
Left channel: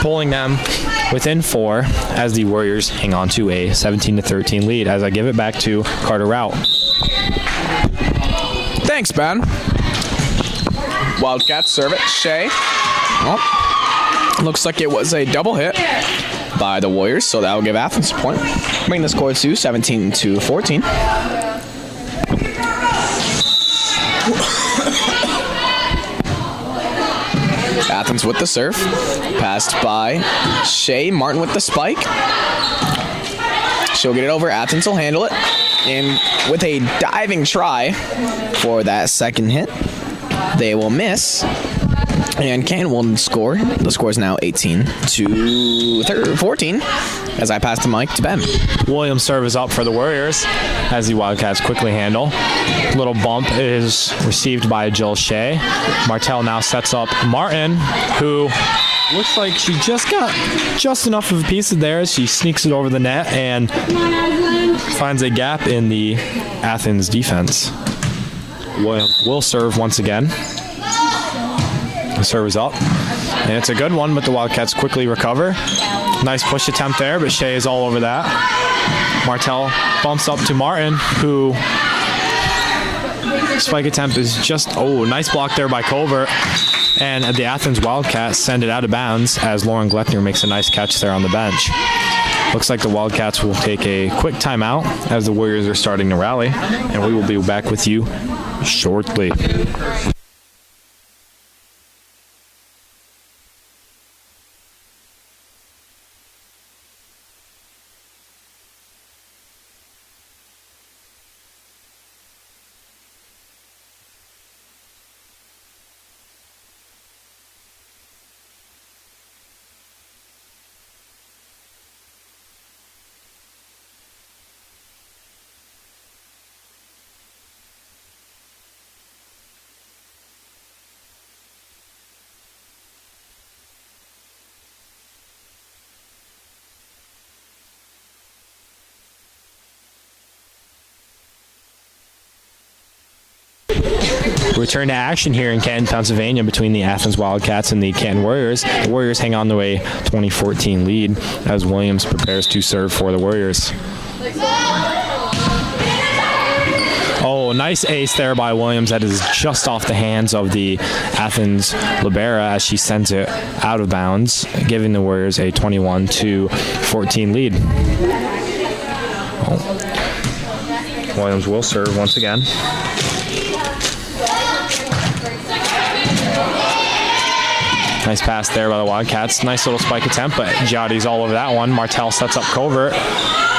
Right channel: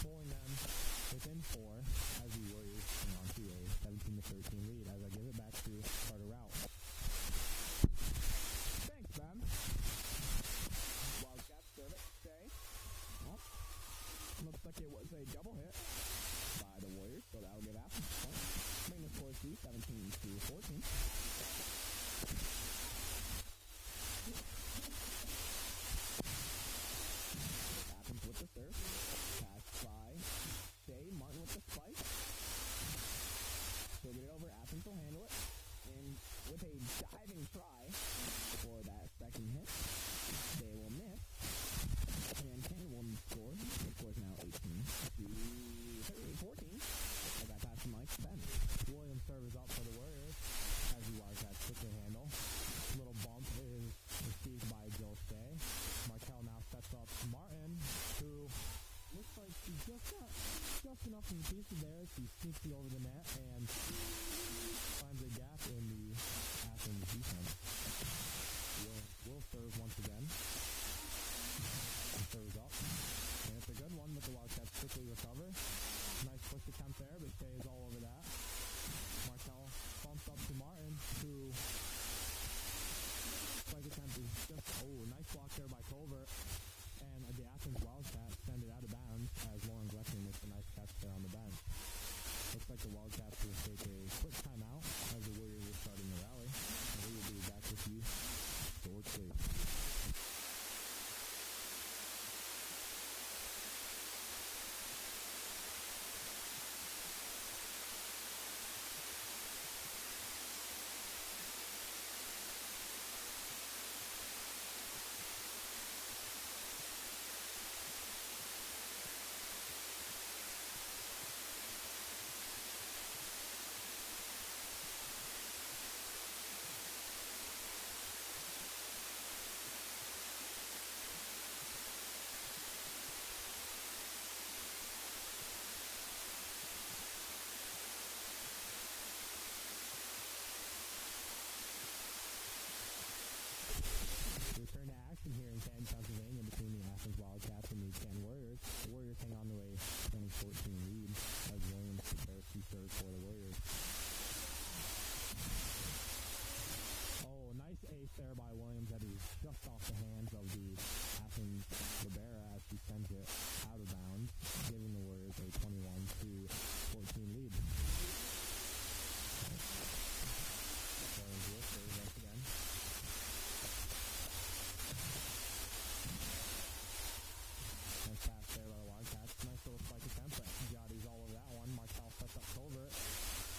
pulling them within 4 as the Warriors hang on to a 17-13 lead as I give it back to Carter Rout. Thanks, Ben. Wildcats serve it. Shea. Oh, looks like it was a double hit by the Warriors, so that will give Athens a point. Bring the score to 17-14. Athens with the serve. Passed by Shea. Martin with the spike. She'll get it over. Athens will handle it. And with a diving try for that second hit, they will miss. And Canton will score. The score is now 18-14 as I pass the mic to Ben. Williams' serve is up for the Warriors as the Wildcats quickly handle. Little bump is received by Jill Shea. Martell now sets up Martin, who looks like she just got just enough of a piece of there as she sneaks it over the net and finds a gap in the Athens defense. Williams will serve once again. The serve is up, and it's a good one, but the Wildcats quickly recover. Nice push attempt there, but Shea is all over that. Martell bumps up to Martin, who spike attempt is just, nice block there by Colbert. And the Athens Wildcats send it out of bounds as Lauren Gleckner makes a nice catch there on the bench. Looks like the Wildcats will take a quick timeout as the Warriors are starting to rally, and we will be back with you shortly. return to action here in Canton, Pennsylvania between the Athens Wildcats and the Canton Warriors. The Warriors hang on to a 2014 lead as Williams prepares to serve for the Warriors. Oh, nice ace there by Williams. That is just off the hands of the Athens libero as she sends it out of bounds, giving the Warriors a 21-14 lead. Oh. Williams will serve once again. Nice pass there by the Wildcats. Nice little spike attempt, but Giotti's all over that one. Martell sets up Covert,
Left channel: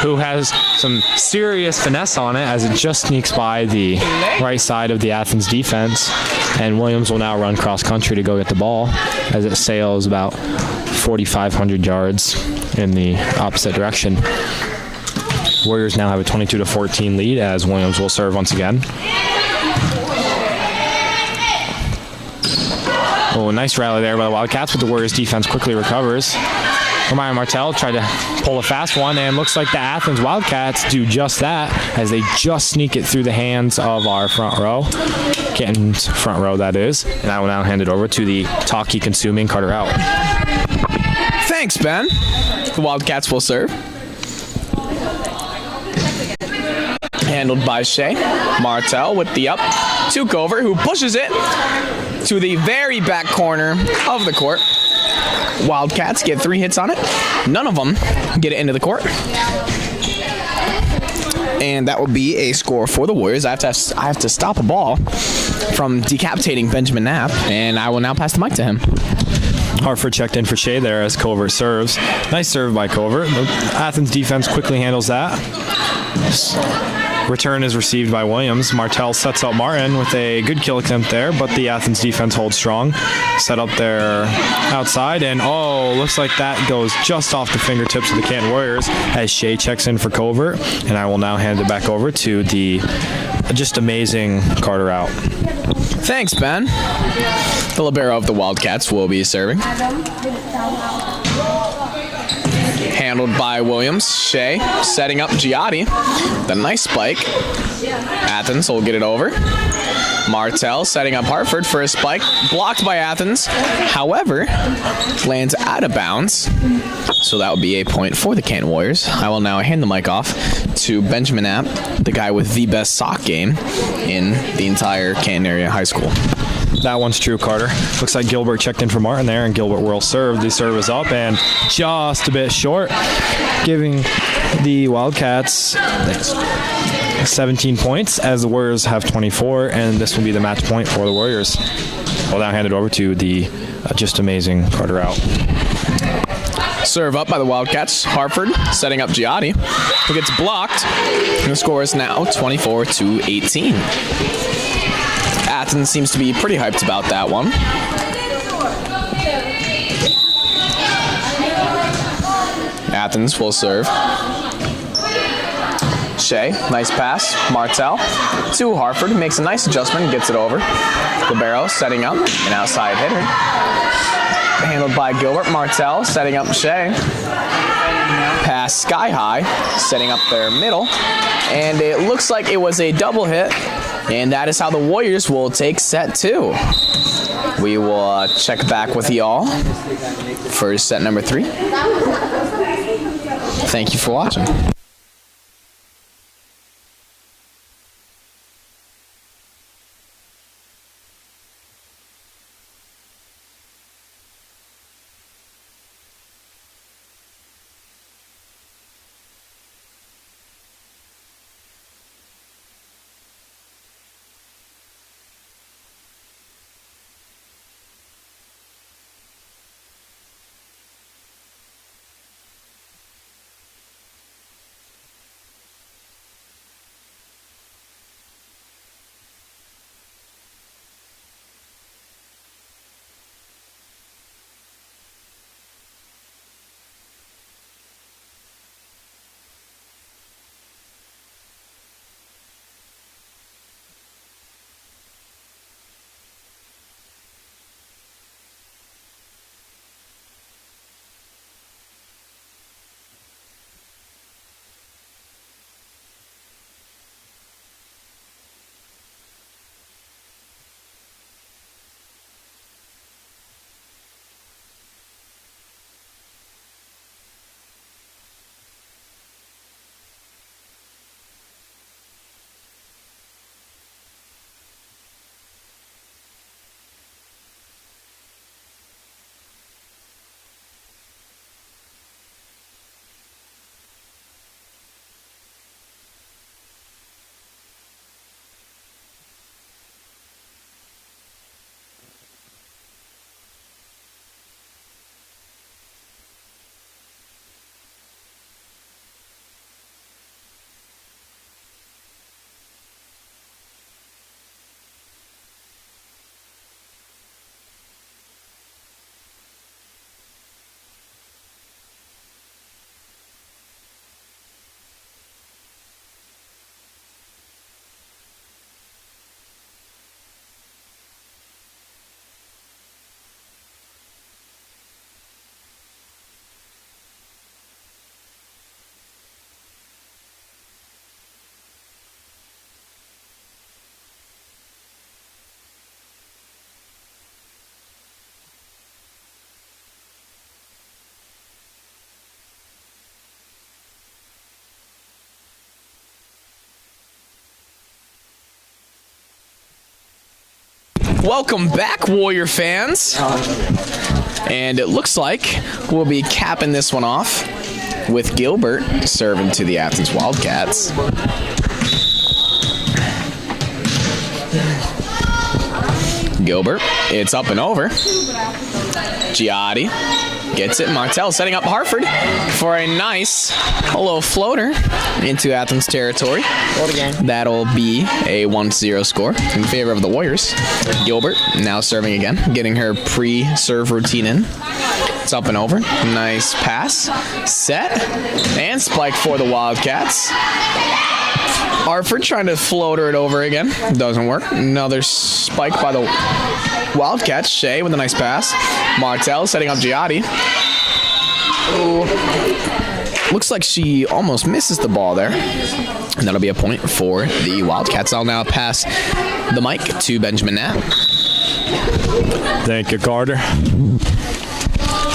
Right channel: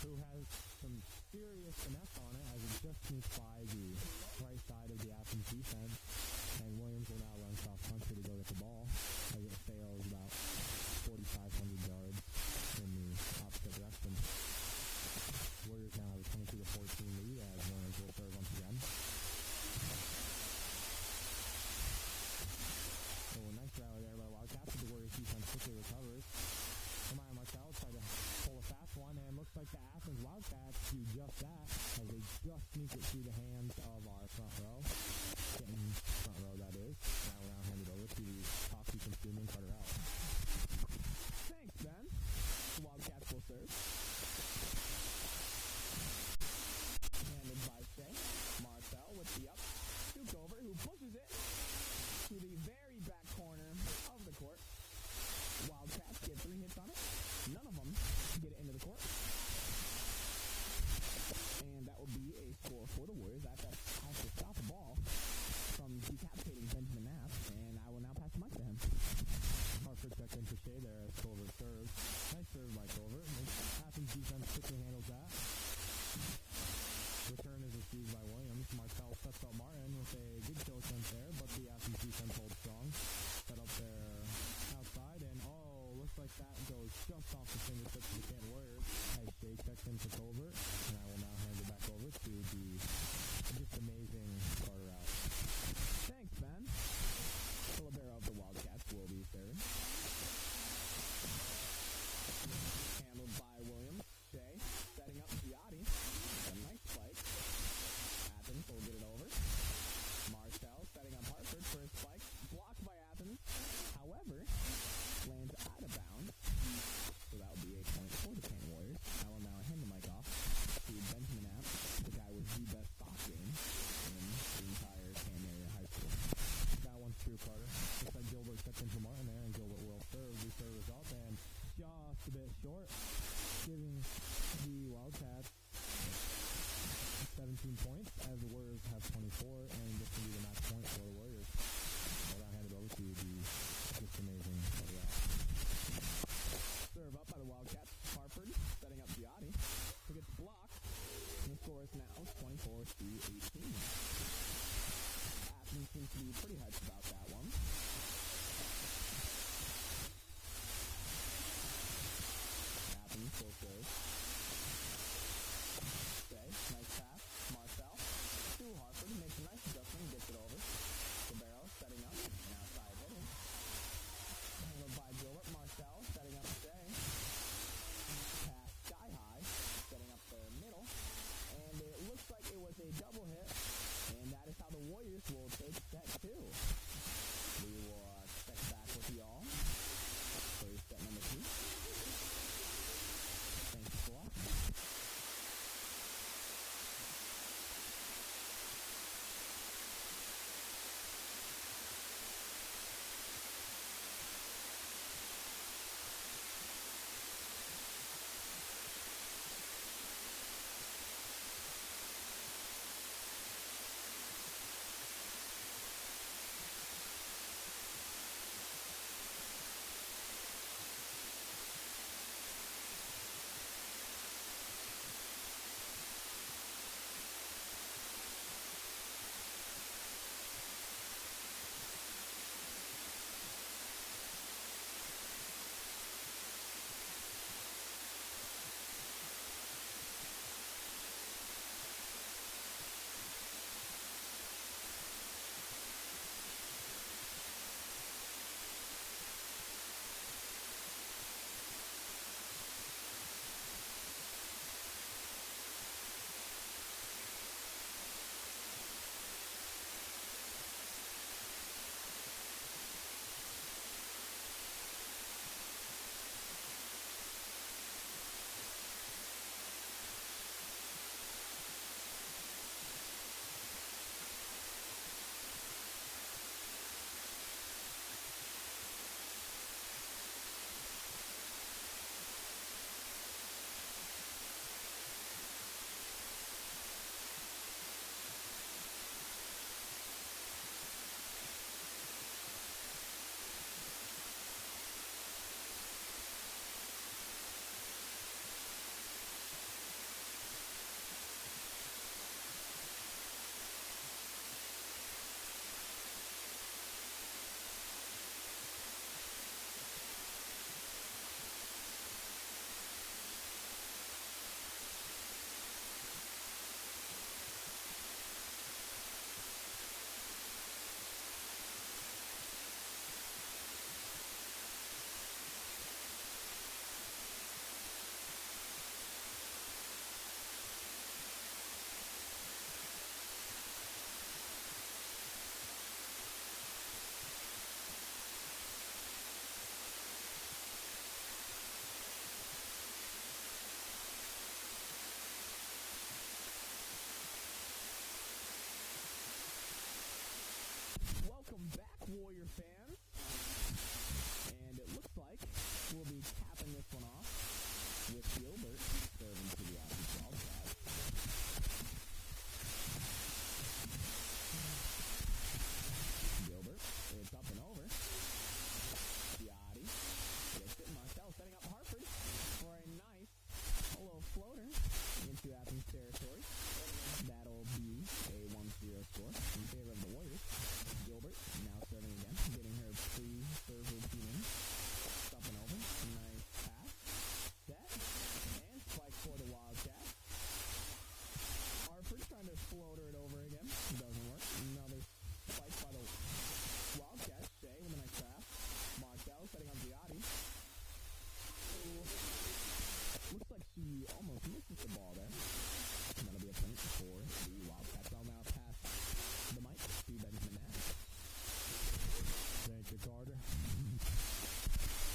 who has some serious finesse on it as it just sneaks by the right side of the Athens defense. And Williams will now run cross country to go get the ball as it sails about 4,500 yards in the opposite direction. Warriors now have a 22-14 lead as Williams will serve once again. Oh, nice rally there by the Wildcats, but the Warriors defense quickly recovers. Ryan Martell tried to pull a fast one, and looks like the Athens Wildcats do just that as they just sneak it through the hands of our front row. Canton's front row, that is. And I will now hand it over to the talkie-consuming Carter Out. Thanks, Ben. The Wildcats will serve. Handled by Shea. Martell with the up to Covert, who pushes it to the very back corner of the court. Wildcats get 3 hits on it. None of them get it into the court. And that will be a score for the Warriors. I have to stop a ball from decapitating Benjamin Knapp, and I will now pass the mic to him. Hartford checked in for Shea there as Covert serves. Nice serve by Covert. The Athens defense quickly handles that. Return is received by Williams. Martell sets up Martin with a good kill attempt there, but the Athens defense holds strong. Set up there outside, and looks like that goes just off the fingertips of the Canton Warriors as Shea checks in for Covert, and I will now hand it back over to the just amazing Carter Out. Thanks, Ben. The libero of the Wildcats will be serving. Handled by Williams. Shea setting up Giotti. The nice spike. Athens will get it over. Martell setting up Hartford for a spike. Blocked by Athens. However, lands out of bounds. So that would be a point for the Canton Warriors. I will now hand the mic off to Benjamin Knapp, the guy with the best sock game in the entire Canton area high school. That one's true, Carter. Looks like Gilbert checked in for Martin there, and Gilbert will serve. The serve is up and just a bit short, giving the Wildcats 17 points as the Warriors have 24, and this will be the match point for the Warriors. I'll now hand it over to the just amazing Carter Out. Serve up by the Wildcats. Hartford setting up Giotti, who gets blocked, and the score is now 24-18. Athens seems to be pretty hyped about that one. Athens will serve. Shea, nice pass. Martell to Hartford, makes a nice adjustment, gets it over. Libero setting up, an outside hitter. Handled by Gilbert. Martell setting up Shea. Pass sky high, setting up their middle. And it looks like it was a double hit. And that is how the Warriors will take set 2. We will check back with y'all for set number 3. Thank you for watching. Welcome back, Warrior fans. And it looks like we'll be capping this one off with Gilbert serving to the Athens Wildcats. Gilbert, it's up and over. Giotti gets it. Martell setting up Hartford for a nice low floater into Athens territory. That'll be a 1-0 score in favor of the Warriors. Gilbert now serving again, getting her pre-serve routine in. It's up and over. Nice pass. Set. And spike for the Wildcats. Hartford trying to floater it over again. Doesn't work. Another spike by the Wildcats. Shea with a nice pass. Martell setting up Giotti. Ooh. Looks like she almost misses the ball there. And that'll be a point for the Wildcats. I'll now pass the mic to Benjamin Knapp. Thank you, Carter.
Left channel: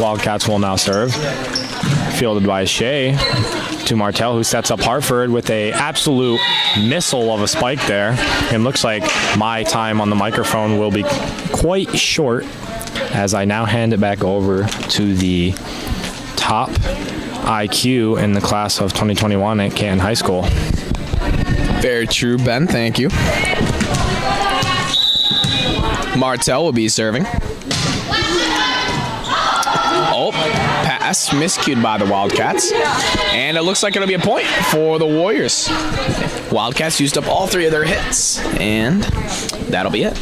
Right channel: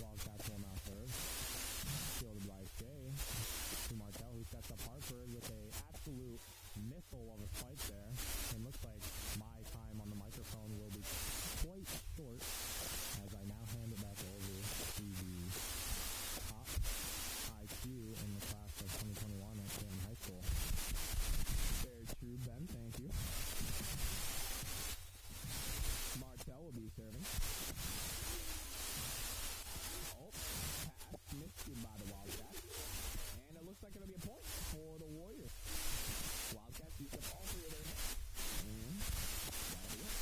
Wildcats will now serve. Fielded by Shea to Martell, who sets up Hartford with a absolute missile of a spike there. And looks like my time on the microphone will be quite short as I now hand it back over to the top IQ in the class of 2021 at Canton High School. Very true, Ben. Thank you. Martell will be serving. Oh, pass miscued by the Wildcats. And it looks like it'll be a point for the Warriors. Wildcats used up all 3 of their hits. And that'll be it.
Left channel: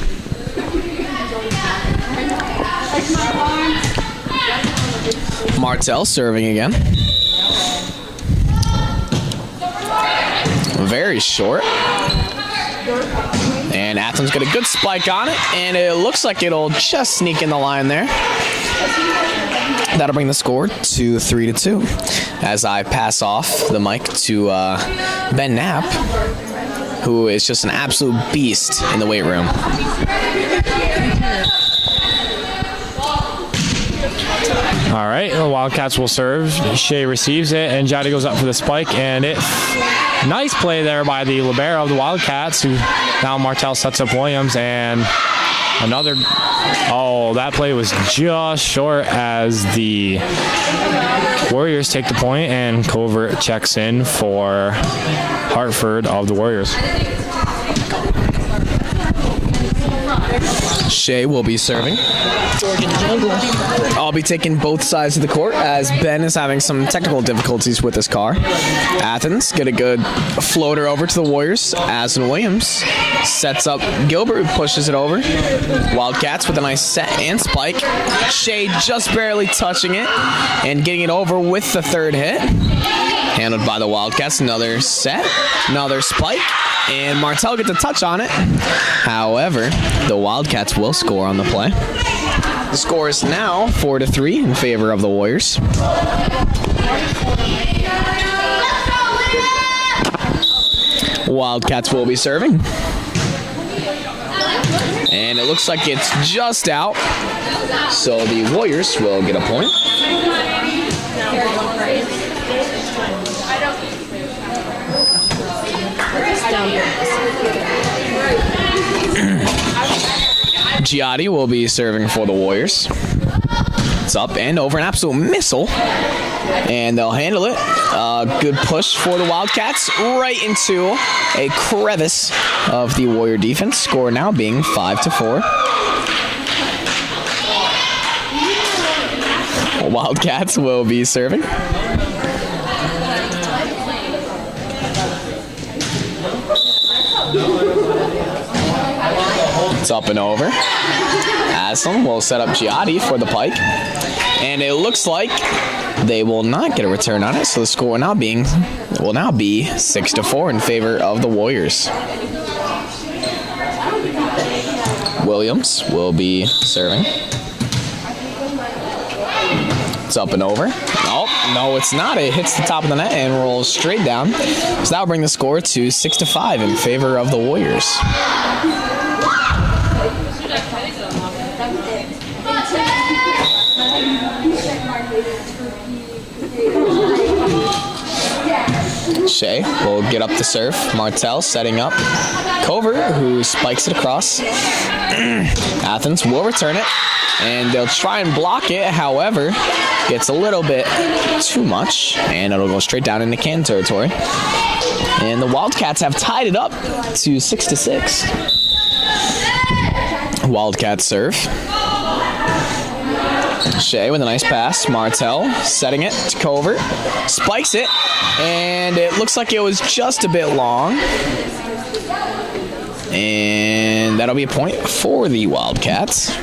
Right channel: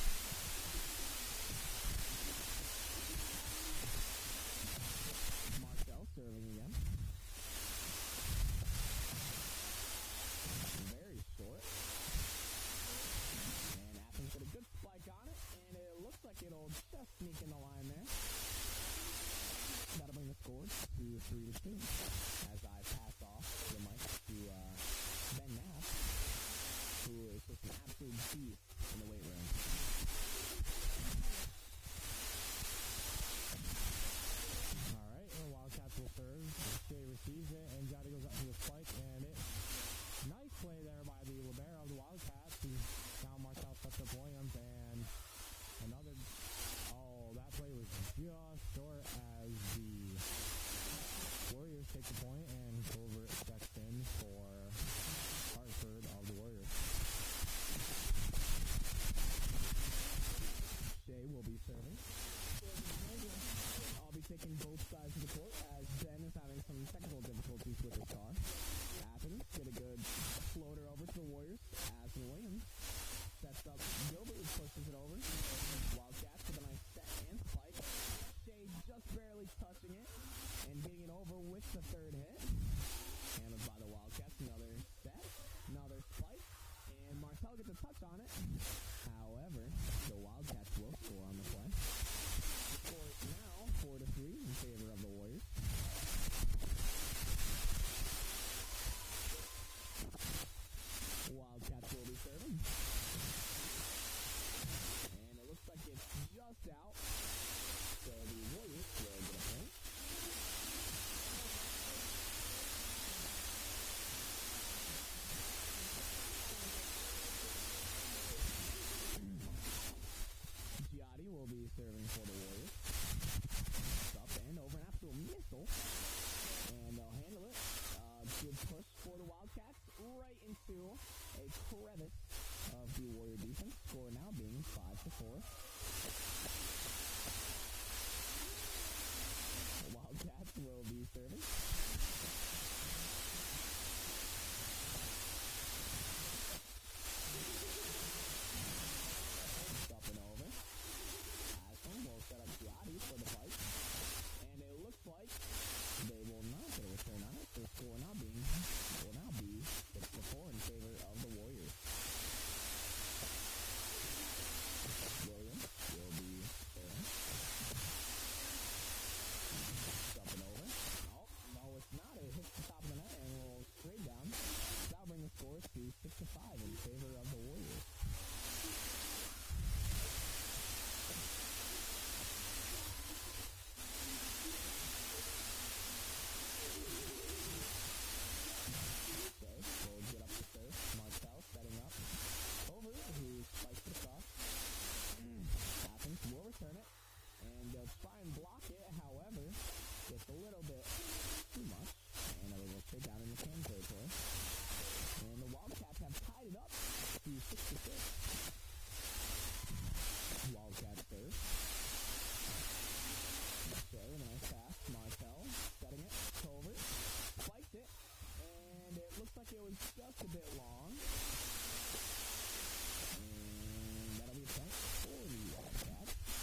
Martell serving again. Very short. And Athens got a good spike on it. And it looks like it'll just sneak in the line there. That'll bring the score to 3-2 as I pass off the mic to Ben Knapp, who is just an absolute beast in the weight room. All right, the Wildcats will serve. Shea receives it, and Jada goes up for the spike, and nice play there by the libero of the Wildcats, who now Martell sets up Williams, and another. Oh, that play was just short as the Warriors take the point, and Covert checks in for Hartford of the Warriors. Shea will be serving. I'll be taking both sides of the court as Ben is having some technical difficulties with his car. Athens get a good floater over to the Warriors. Aslan Williams sets up Gilbert, who pushes it over. Wildcats with a nice set and spike. Shea just barely touching it and getting it over with the 3rd hit. Handled by the Wildcats. Another set, another spike. And Martell gets a touch on it. However, the Wildcats will score on the play. The score is now 4-3 in favor of the Warriors. Wildcats will be serving. And it looks like it's just out. So the Warriors will get a point. Giotti will be serving for the Warriors. It's up and over, an absolute missile. And they'll handle it. Good push for the Wildcats right into a crevice of the Warrior defense. Score now being 5-4. Wildcats will be serving. It's up and over. Aslam will set up Giotti for the pike. And it looks like they will not get a return on it, so the score will now be 6-4 in favor of the Warriors. Williams will be serving. It's up and over. Oh, no, it's not. It hits the top of the net and rolls straight down. So that will bring the score to 6-5 in favor of the Warriors. Shea will get up to serve. Martell setting up. Covert, who spikes it across. Athens will return it, and they'll try and block it. However, gets a little bit too much, and it'll go straight down into Canton territory. And the Wildcats have tied it up to 6-6. Wildcats serve. Shea with a nice pass. Martell setting it to Covert. Spikes it, and it looks like it was just a bit long. And that'll be a point for the Wildcats.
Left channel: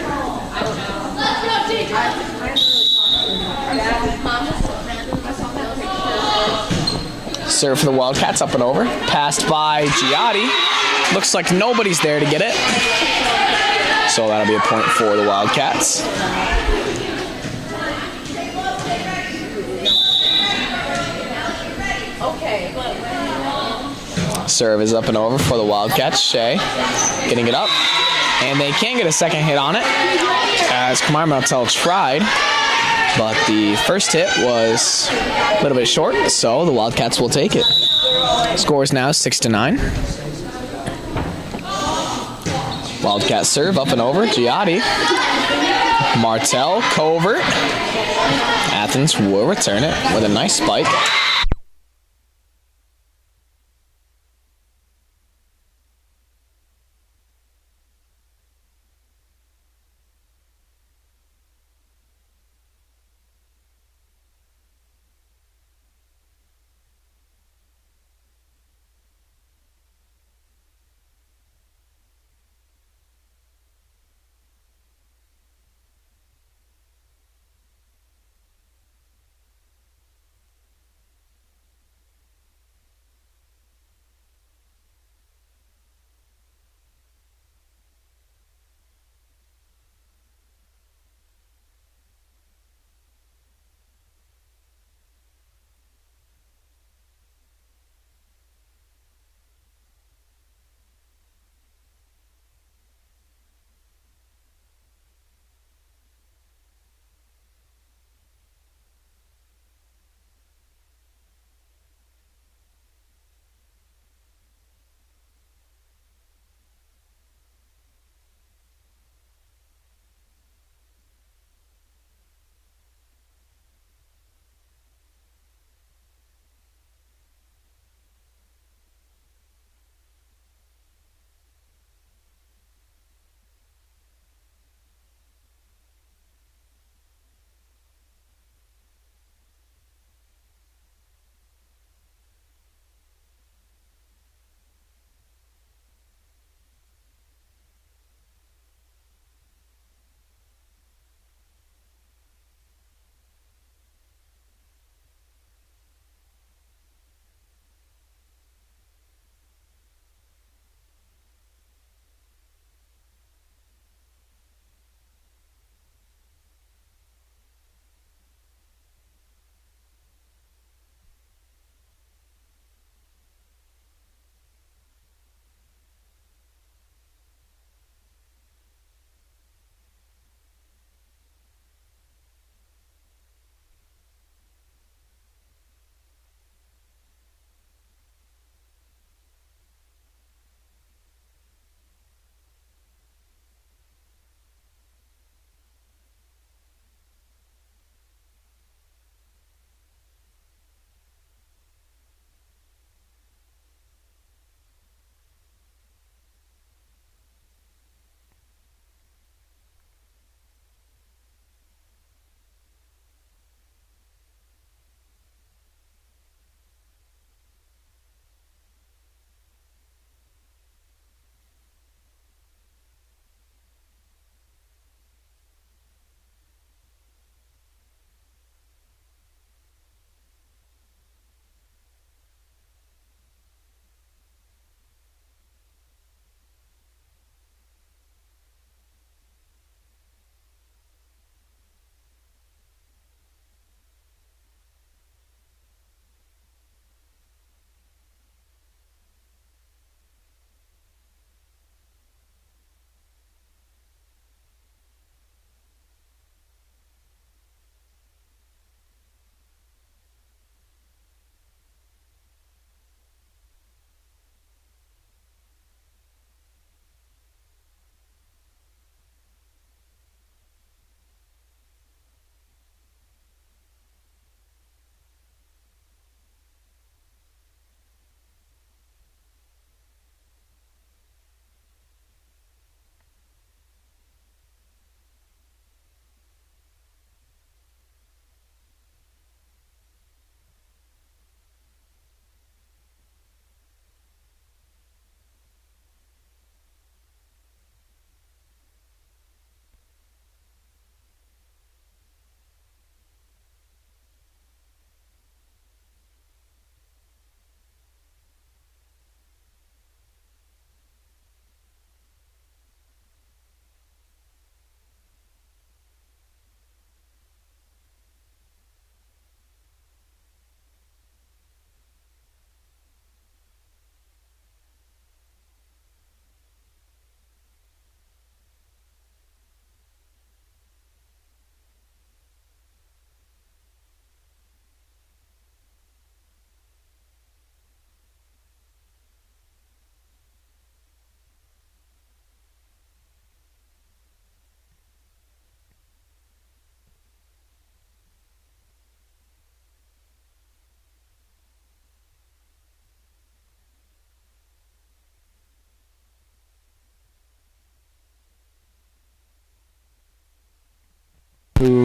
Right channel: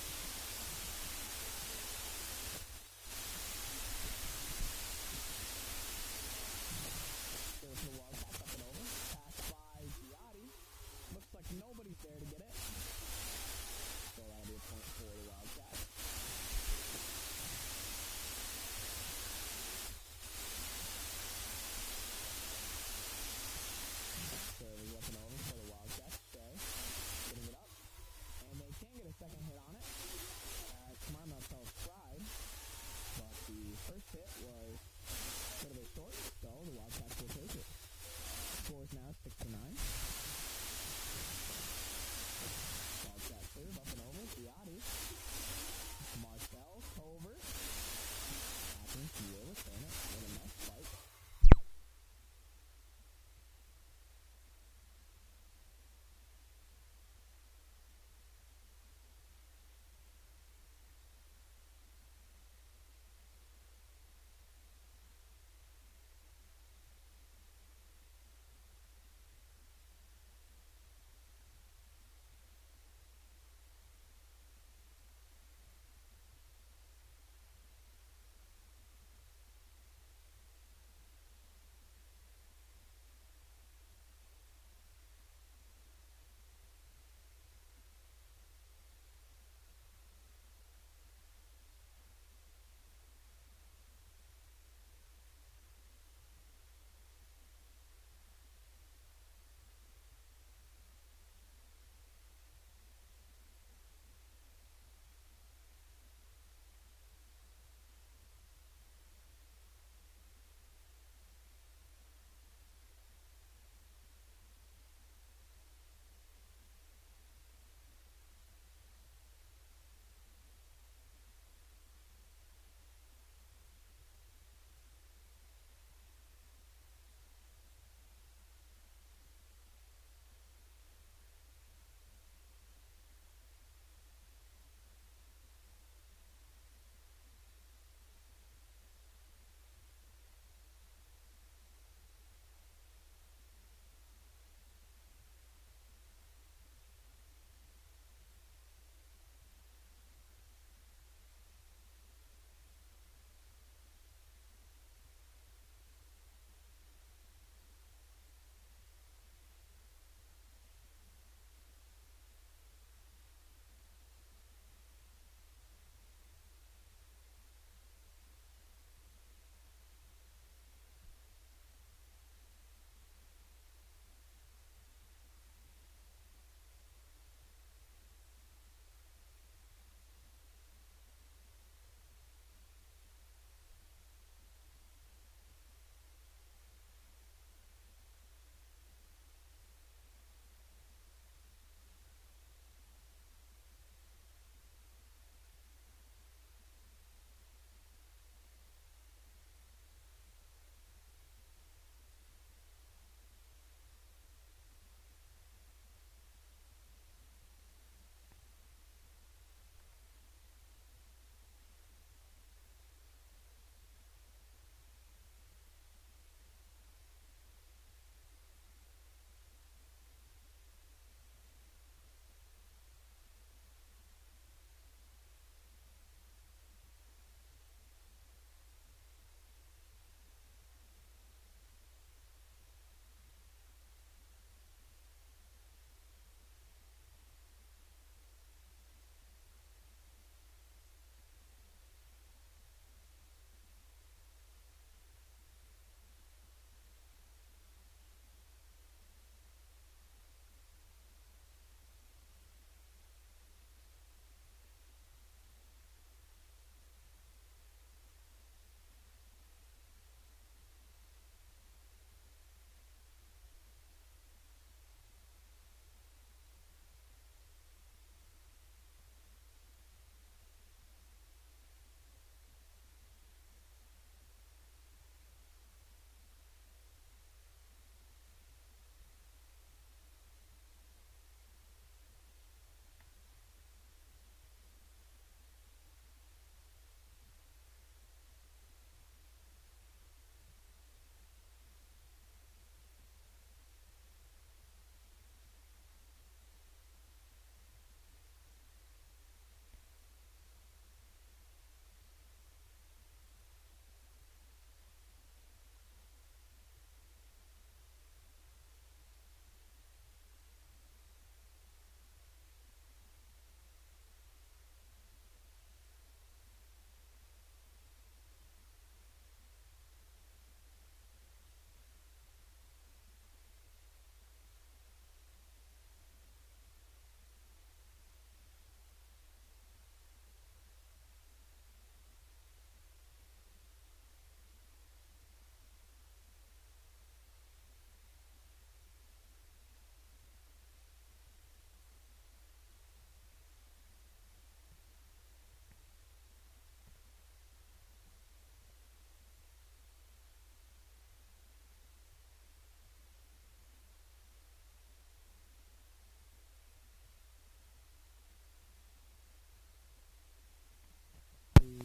Serve for the Wildcats, up and over. Passed by Giotti. Looks like nobody's there to get it. So that'll be a point for the Wildcats. Serve is up and over for the Wildcats. Shea getting it up. And they can get a second hit on it, as Kamar Martell tried. But the first hit was a little bit short, so the Wildcats will take it. Score is now 6-9. Wildcat serve up and over. Giotti. Martell, Covert. Athens will return it with a nice spike.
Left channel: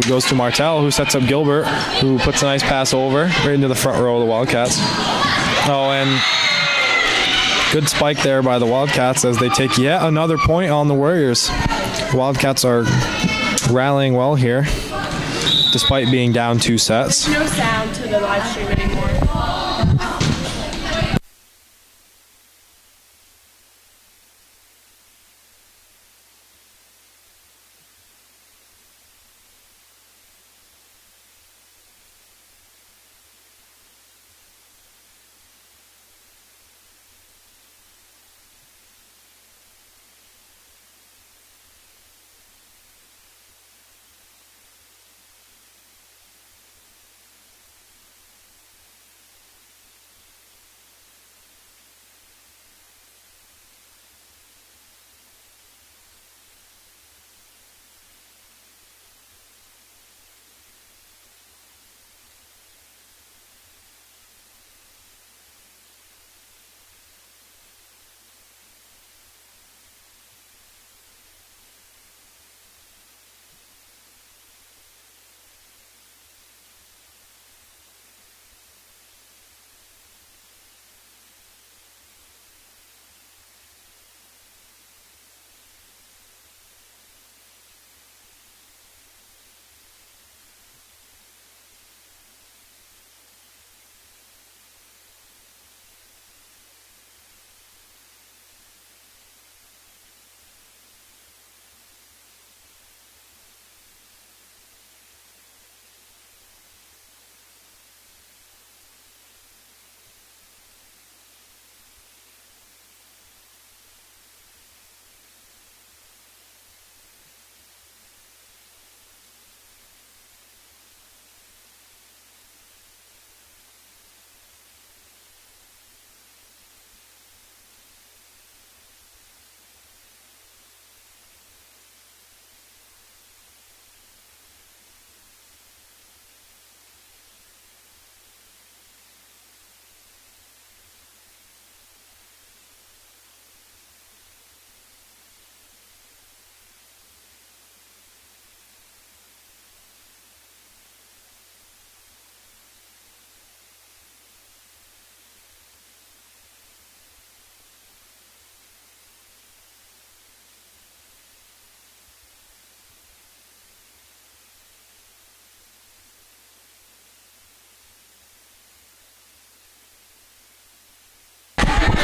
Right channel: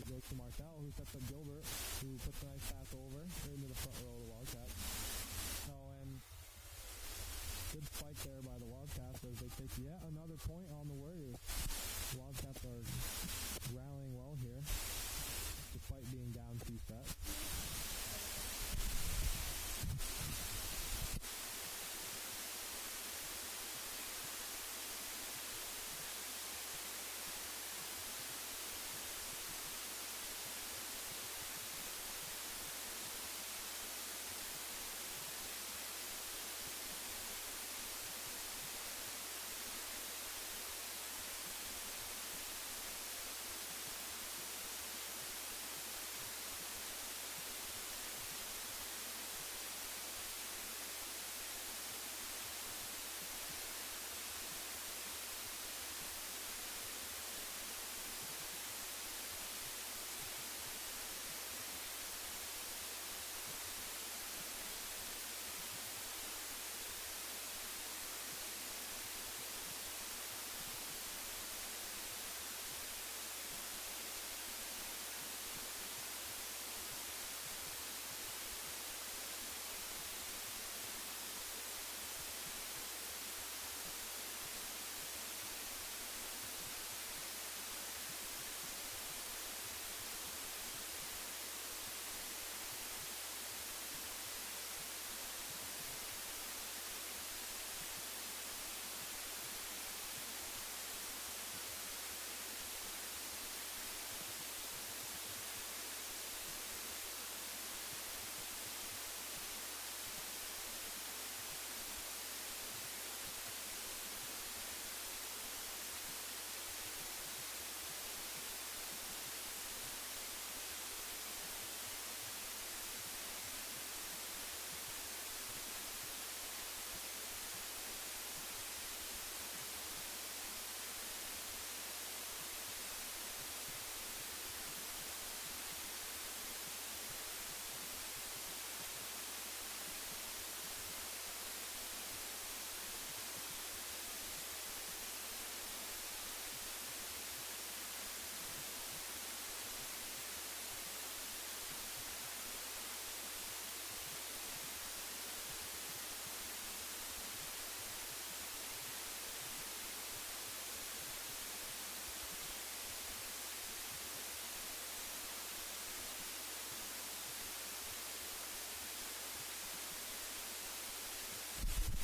it goes to Martel, who sets up Gilbert, who puts a nice pass over right into the front row of the Wildcats. Oh, and good spike there by the Wildcats as they take yet another point on the Warriors. Wildcats are rallying well here, despite being down 2 sets. No sound to the live stream anymore.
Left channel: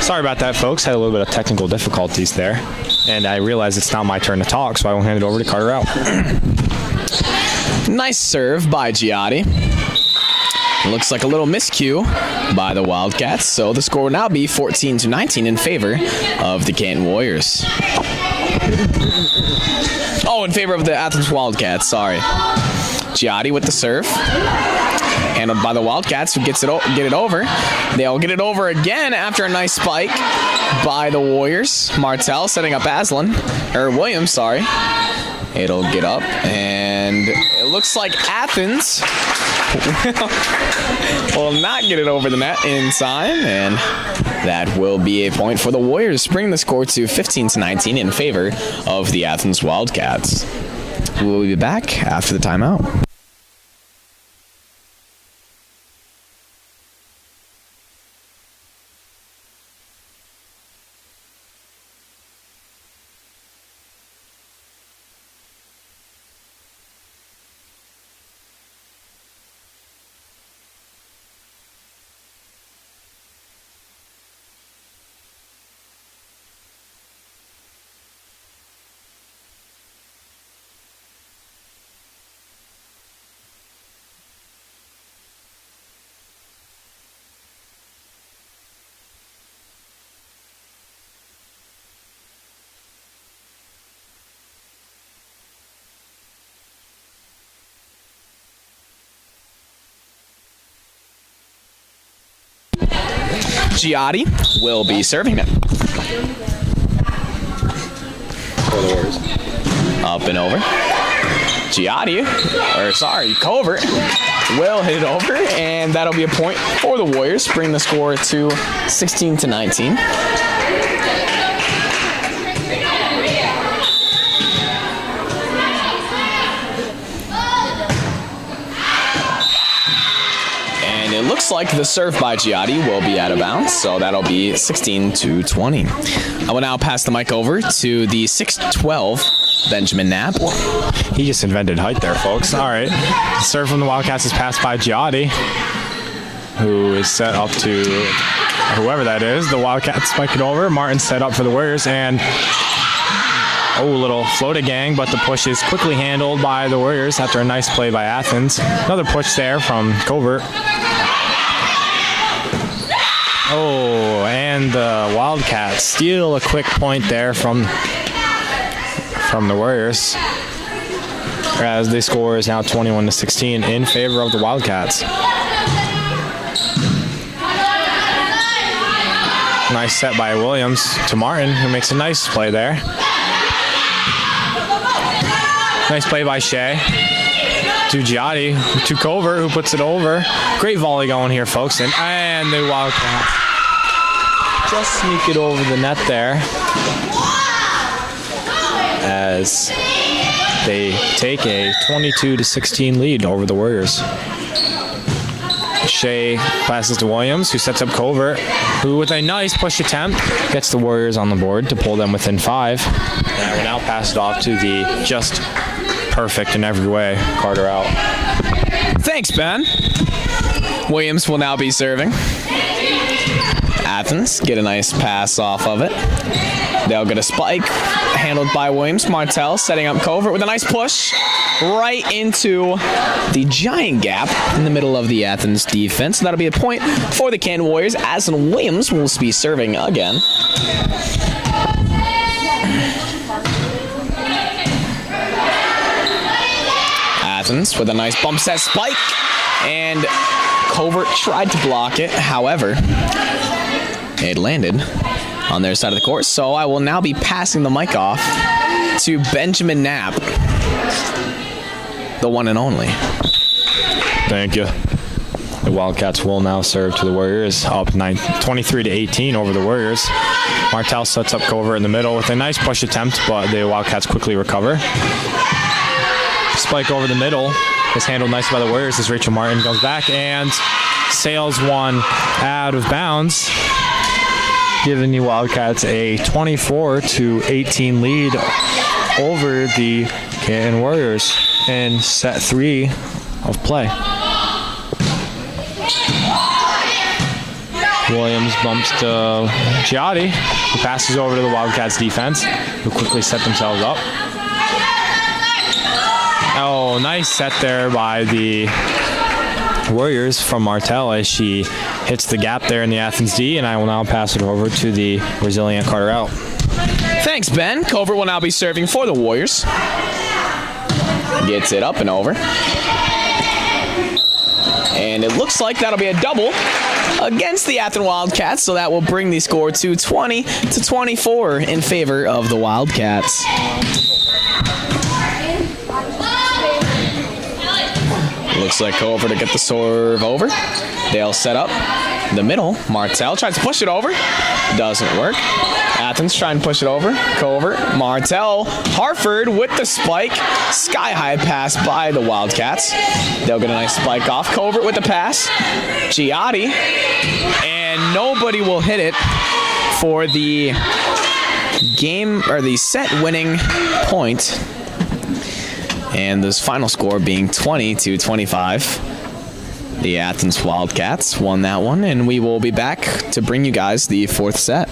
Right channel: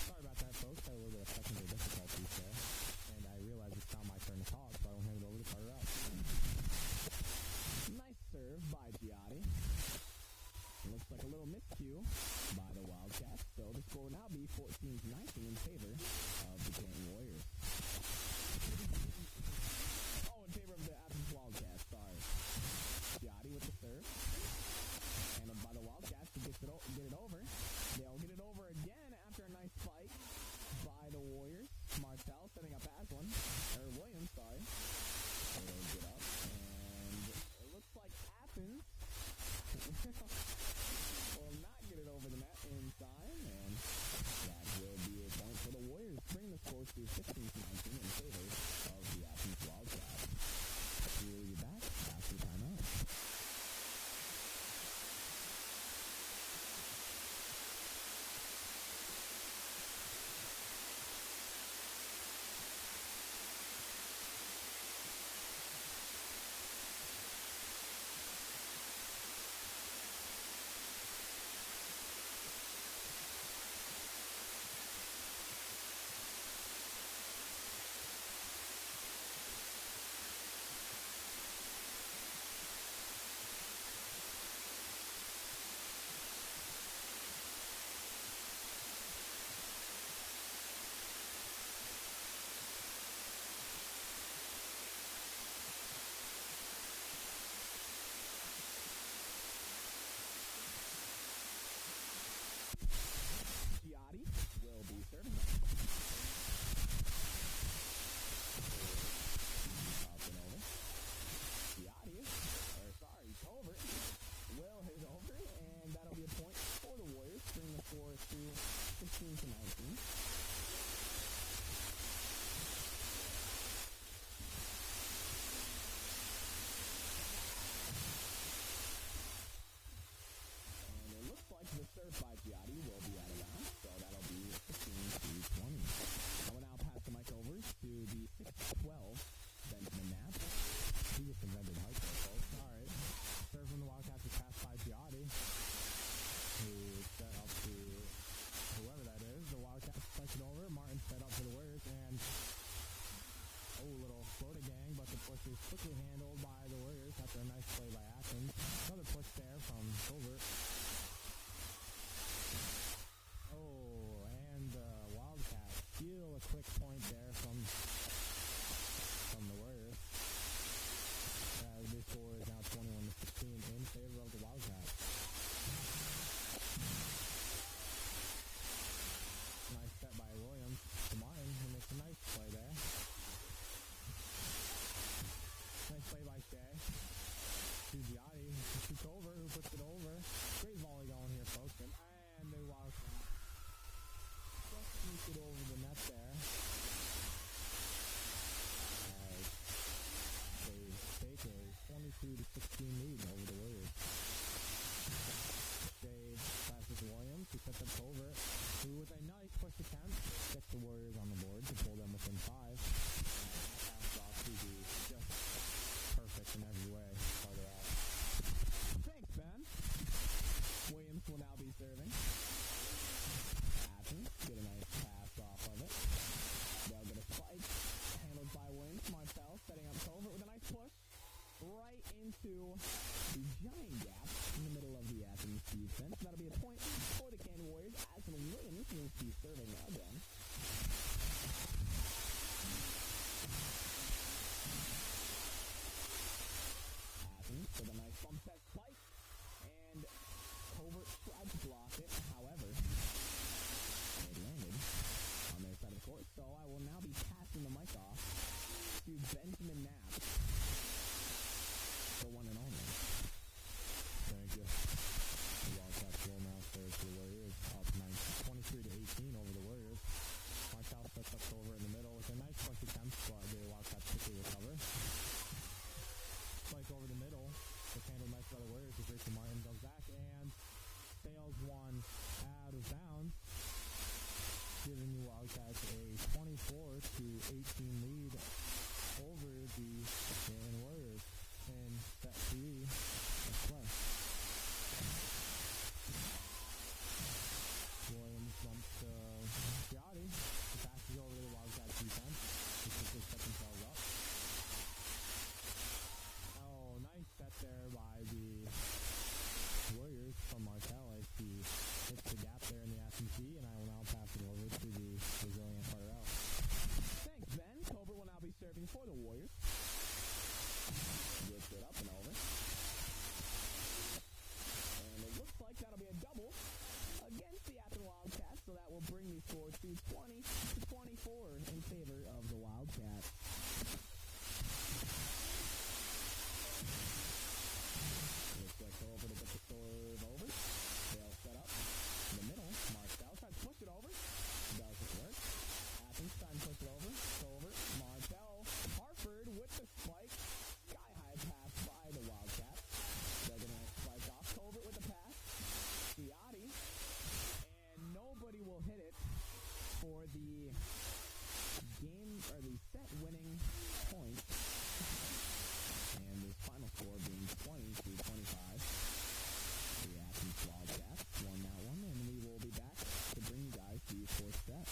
Sorry about that, folks. Had a little bit of technical difficulties there. And I realize it's now my turn to talk, so I will hand it over to Carter Out. Nice serve by Giotti. Looks like a little miscue by the Wildcats, so the score will now be 14-19 in favor of the Canton Warriors. Oh, in favor of the Athens Wildcats, sorry. Giotti with the serve. Handled by the Wildcats, who get it over. They'll get it over again after a nice spike by the Warriors. Martel setting up Williams, sorry. It'll get up, and it looks like Athens will not get it over the net in time, and that will be a point for the Warriors, bringing the score to 15-19 in favor of the Athens Wildcats. We'll be back after the timeout. Giotti will be serving it. Up and over. Covert will hit it over, and that'll be a point for the Warriors, bring the score to 16-19. like the serve by Giotti will be out of bounds, so that'll be 16-20. I will now pass the mic over to the 6'12" Benjamin Knapp. He just invented height there, folks. All right. Serve from the Wildcats is passed by Giotti, who is set up to whoever that is. The Wildcats spike it over. Martin set up for the Warriors, and little floated gang, but the push is quickly handled by the Warriors after a nice play by Athens. Another push there from Covert. And the Wildcats steal a quick point there from the Warriors, as the score is now 21-16 in favor of the Wildcats. Nice set by Williams to Martin, who makes a nice play there. Nice play by Shea to Giotti, to Covert, who puts it over. Great volley going here, folks. And the Wildcats just sneak it over the net there, as they take a 22-16 lead over the Warriors. Shea passes to Williams, who sets up Covert, who with a nice push attempt gets the Warriors on the board to pull them within 5. And we now pass it off to the just perfect in every way Carter out. Thanks, Ben. Williams will now be serving. Athens get a nice pass off of it. They'll get a spike handled by Williams. Martell setting up Covert with a nice push right into the giant gap in the middle of the Athens defense. That'll be a point for the Canton Warriors, as Williams will be serving again. Athens with a nice bump set spike, and Covert tried to block it. However, it landed on their side of the court. So I will now be passing the mic off to Benjamin Knapp, the one and only. Thank you. The Wildcats will now serve to the Warriors, up 23-18 over the Warriors. Martell sets up Covert in the middle with a nice push attempt, but the Wildcats quickly recover. Spike over the middle is handled nicely by the Warriors as Rachel Martin goes back and sails one out of bounds, giving the Wildcats a 24-18 lead over the Canton Warriors in set 3 of play. Williams bumps to Giotti, who passes over to the Wildcats defense, who quickly set themselves up. Nice set there by the Warriors from Martell as she hits the gap there in the Athens D, and I will now pass it over to the resilient Carter out. Thanks, Ben. Covert will now be serving for the Warriors. Gets it up and over. And it looks like that'll be a double against the Athens Wildcats, so that will bring the score to 20-24 in favor of the Wildcats. Looks like Covert to get the serve over. They'll set up the middle. Martell tries to push it over. Doesn't work. Athens trying to push it over. Covert, Martell, Hartford with the spike. Sky-high pass by the Wildcats. They'll get a nice spike off. Covert with the pass. Giotti. And nobody will hit it for the game, or the set-winning point. And this final score being 20-25. The Athens Wildcats won that one, and we will be back to bring you guys the 4th set.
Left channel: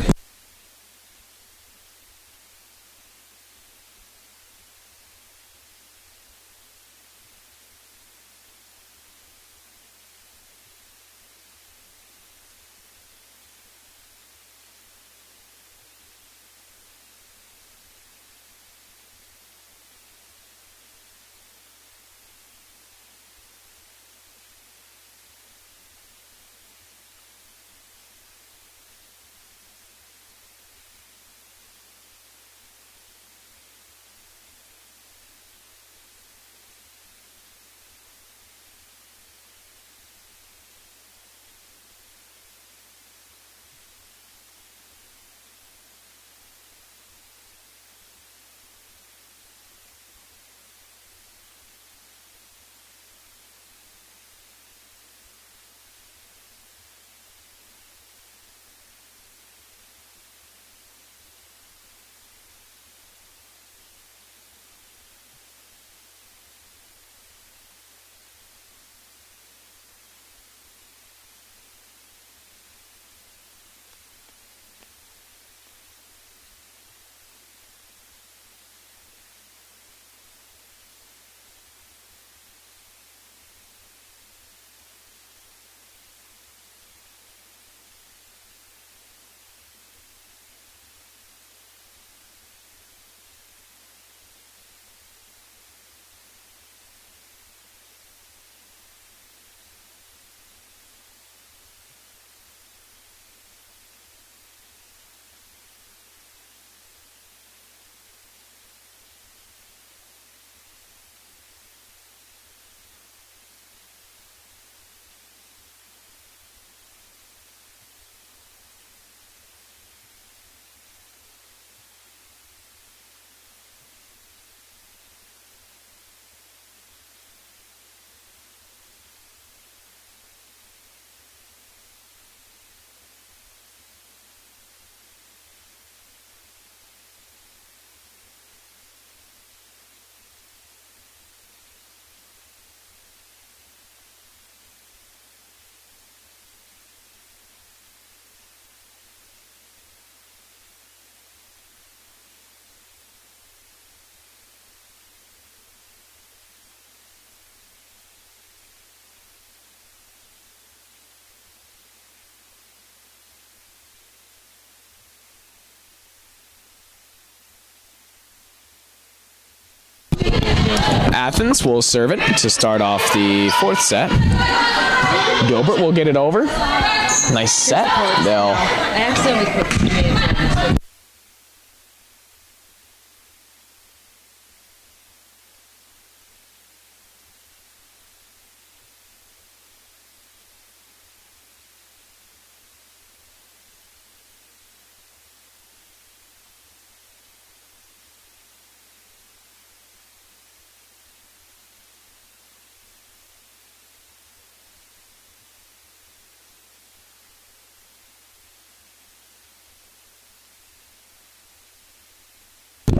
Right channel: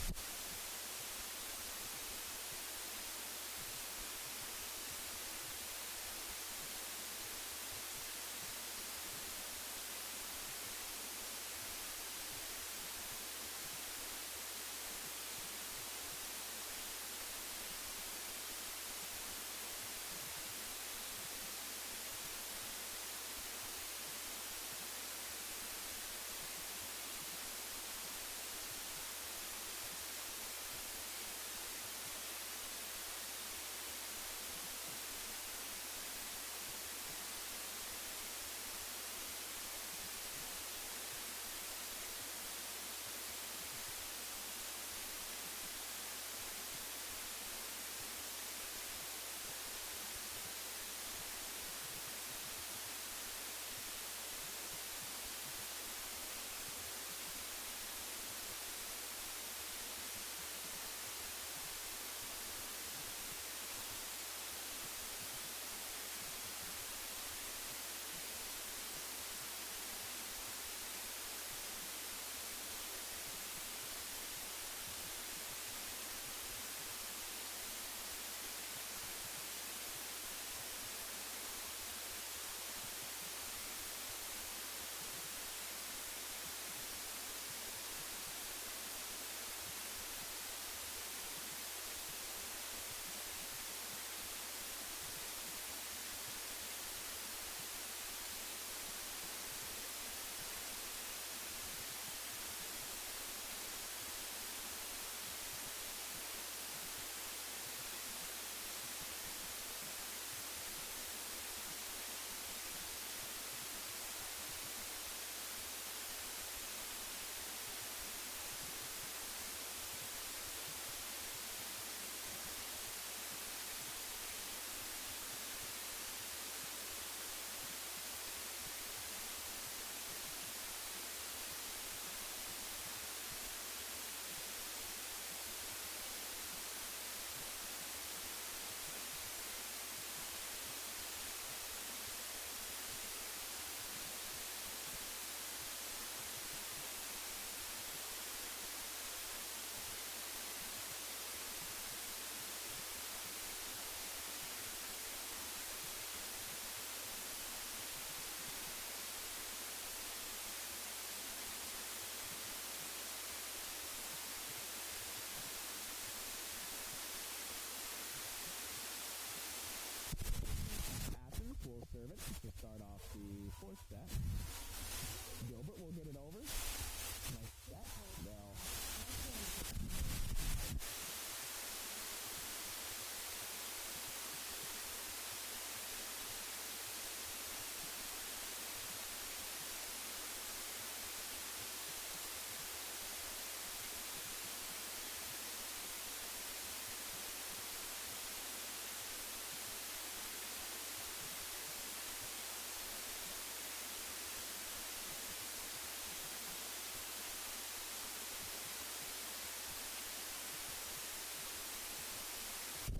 Athens will serve it to start off the fourth set. Gilbert will get it over. Nice set. They'll I accidentally put teammates in.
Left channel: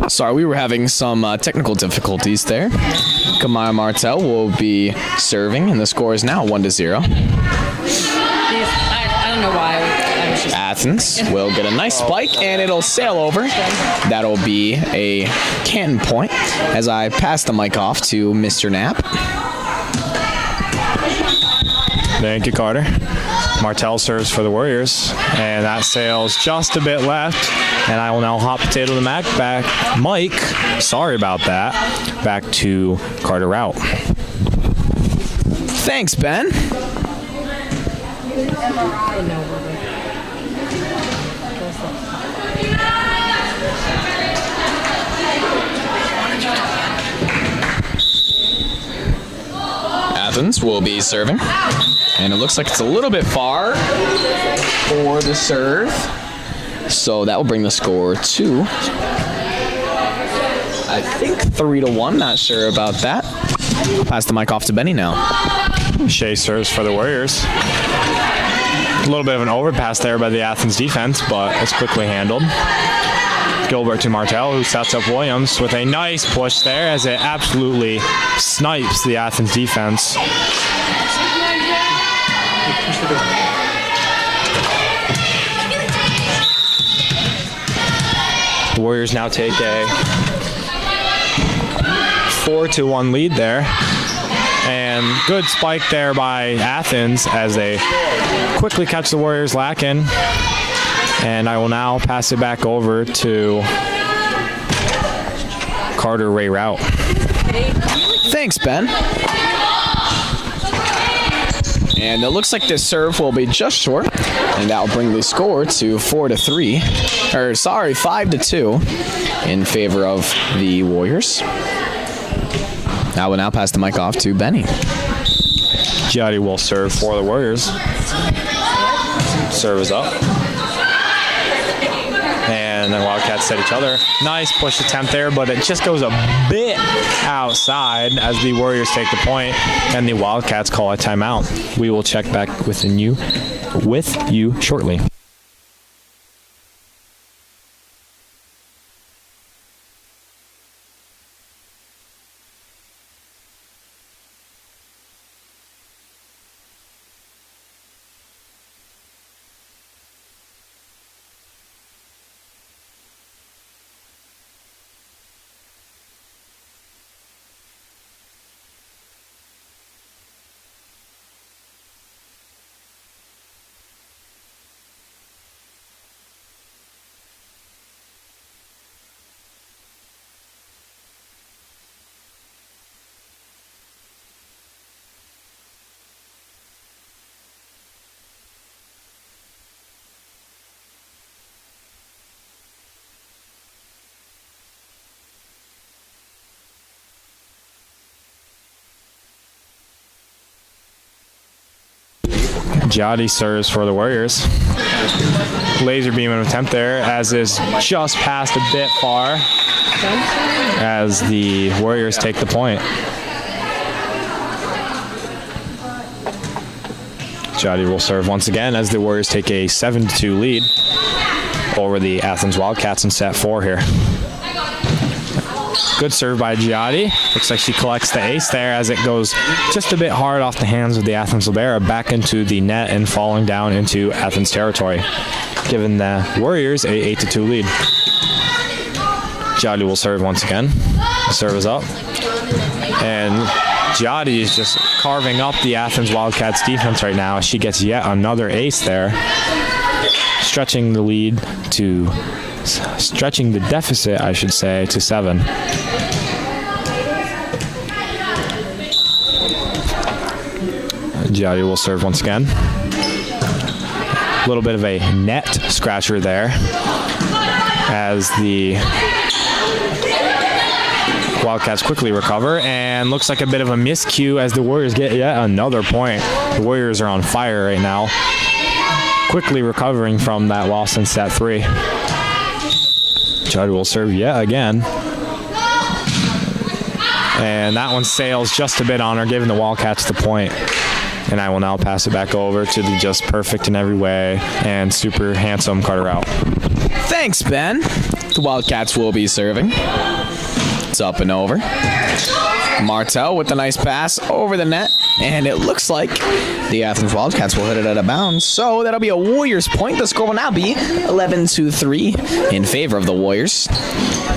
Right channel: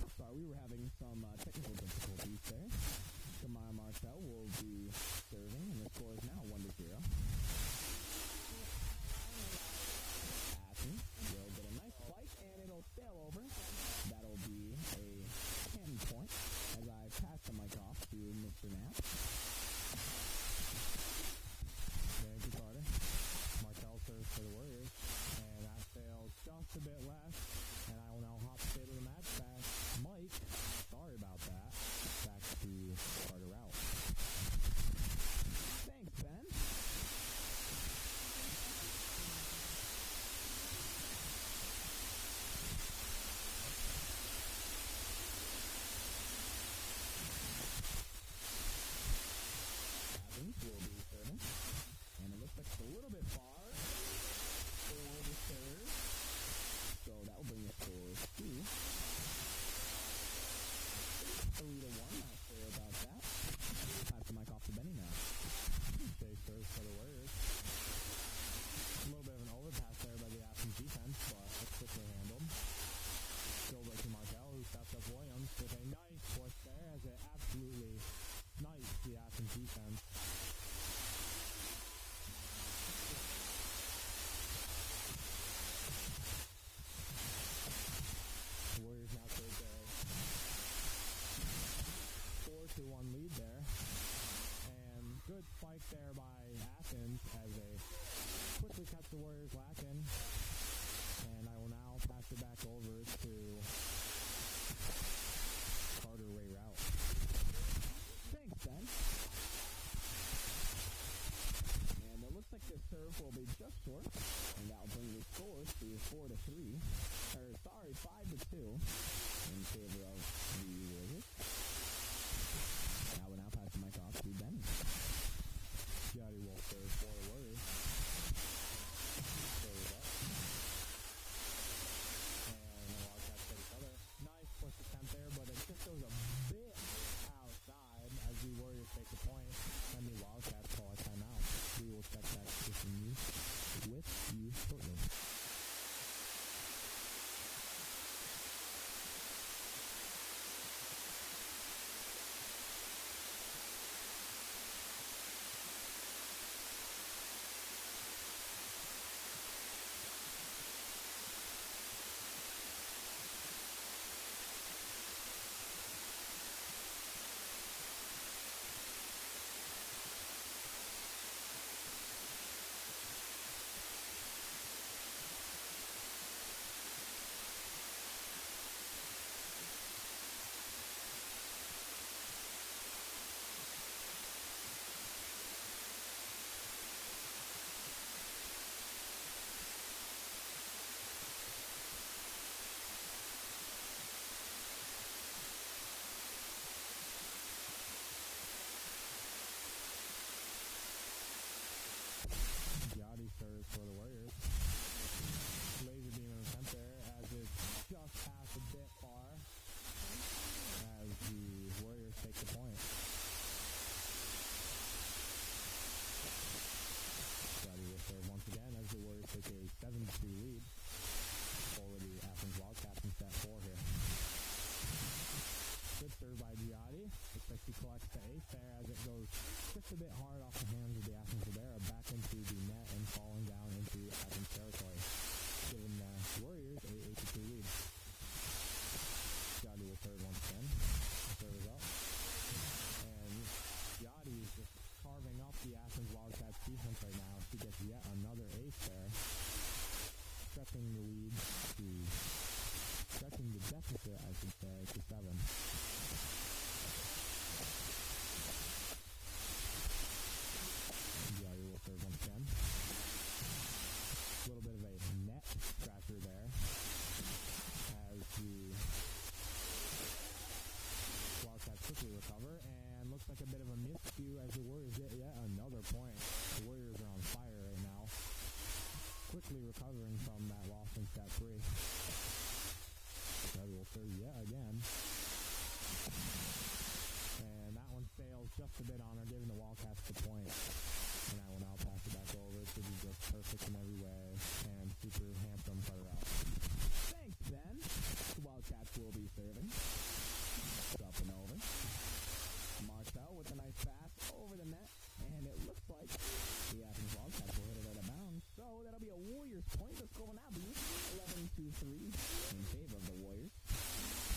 Sorry, we were having some technical difficulties there. Kamaya Martel will be serving, and the score is now 1-0. I don't know why. I was just Athens will get a nice spike, and it'll sail over. That'll be a Canton point as I pass the mic off to Mr. Knapp. Thank you, Carter. Martel serves for the Warriors, and that sails just a bit left. And I will now hot potato the Mike, sorry about that, back to Carter Rout. Thanks, Ben. Athens will be serving, and it looks like it's a little bit far for the serve. So that will bring the score to, I think, 3-1. Not sure about that. Pass the mic off to Benny now. Shea serves for the Warriors. A little bit of an overpass there by the Athens defense, but it's quickly handled. Gilbert to Martel, who sets up Williams with a nice push there as it absolutely snipes the Athens defense. The Warriors now take a 4-1 lead there. And good spike there by Athens as they quickly catch the Warriors lacking. And I will now pass it back over to Carter Ray Rout. Thanks, Ben. And it looks like this serve will be just short, and that will bring the score to 5-2 in favor of the Warriors. I will now pass the mic off to Benny. Giatti will serve for the Warriors. Serve is up. And then Wildcats set each other. Nice push attempt there, but it just goes a bit outside as the Warriors take the point and the Wildcats call a timeout. We will check back with you shortly. Giatti serves for the Warriors. Laser beam attempt there as is just passed a bit far as the Warriors take the point. Giatti will serve once again as the Warriors take a 7-2 lead over the Athens Wildcats in set 4 here. Good serve by Giatti. Looks like she collects the ace there as it goes just a bit hard off the hands of the Athens Libera back into the net and falling down into Athens territory, giving the Warriors a 8-2 lead. Giatti will serve once again. The serve is up. And Giatti is just carving up the Athens Wildcats defense right now. She gets yet another ace there, stretching the deficit, I should say, to 7. Giotti will serve once again. A little bit of a net scratcher there as the Wildcats quickly recover, and looks like a bit of a miscue as the Warriors get yet another point. The Warriors are on fire right now, quickly recovering from that loss in set 3. Judd will serve yet again. And that one sails just a bit on her, giving the Wildcats the point. And I will now pass it back over to the just perfect in every way and super handsome Carter out. Thanks, Ben. The Wildcats will be serving. It's up and over. Martel with a nice pass over the net, and it looks like the Athens Wildcats will hit it out of bounds. So that'll be a Warriors point. The score will now be 11-3 in favor of the Warriors.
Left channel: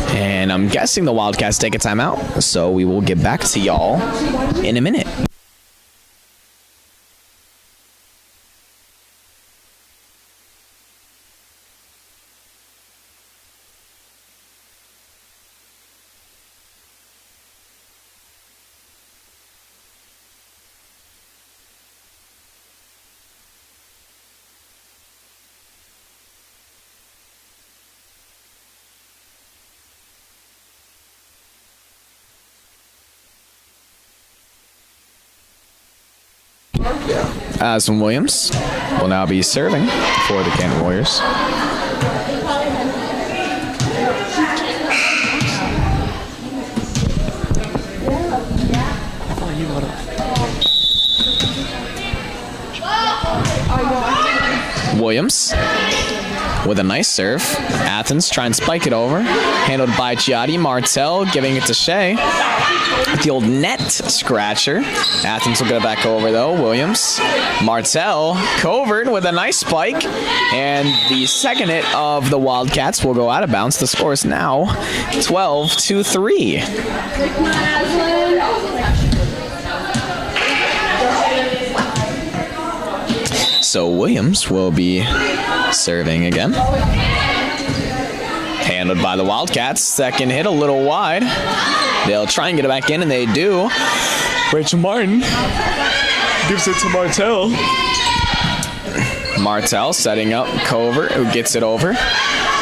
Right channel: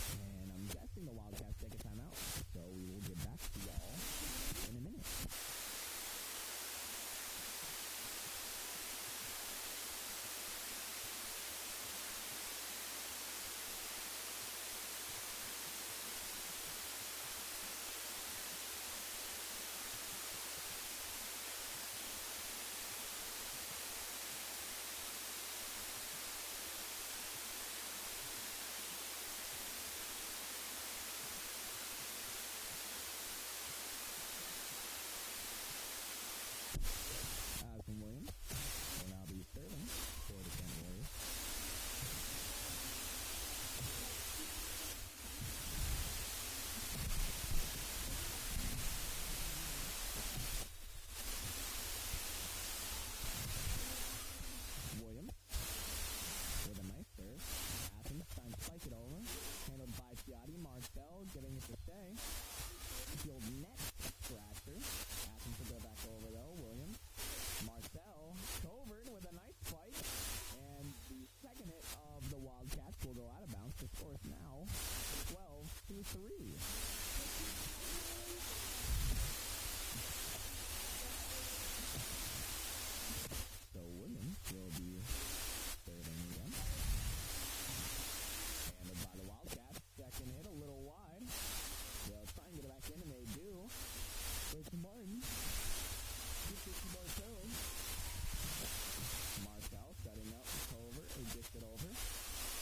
And I'm guessing the Wildcats take a timeout, so we will get back to y'all in a minute. Aspen Williams will now be serving for the Canton Warriors. Williams with a nice serve. Athens trying to spike it over. Handled by Giotti. Martel giving it to Shea. The old net scratcher. Athens will get it back over though. Williams. Martel. Covert with a nice spike. And the second hit of the Wildcats will go out of bounds. The score is now 12-3. So Williams will be serving again. Handled by the Wildcats. Second hit a little wide. They'll try and get it back in, and they do. Rachel Martin gives it to Martel. Martel setting up Covert, who gets it over.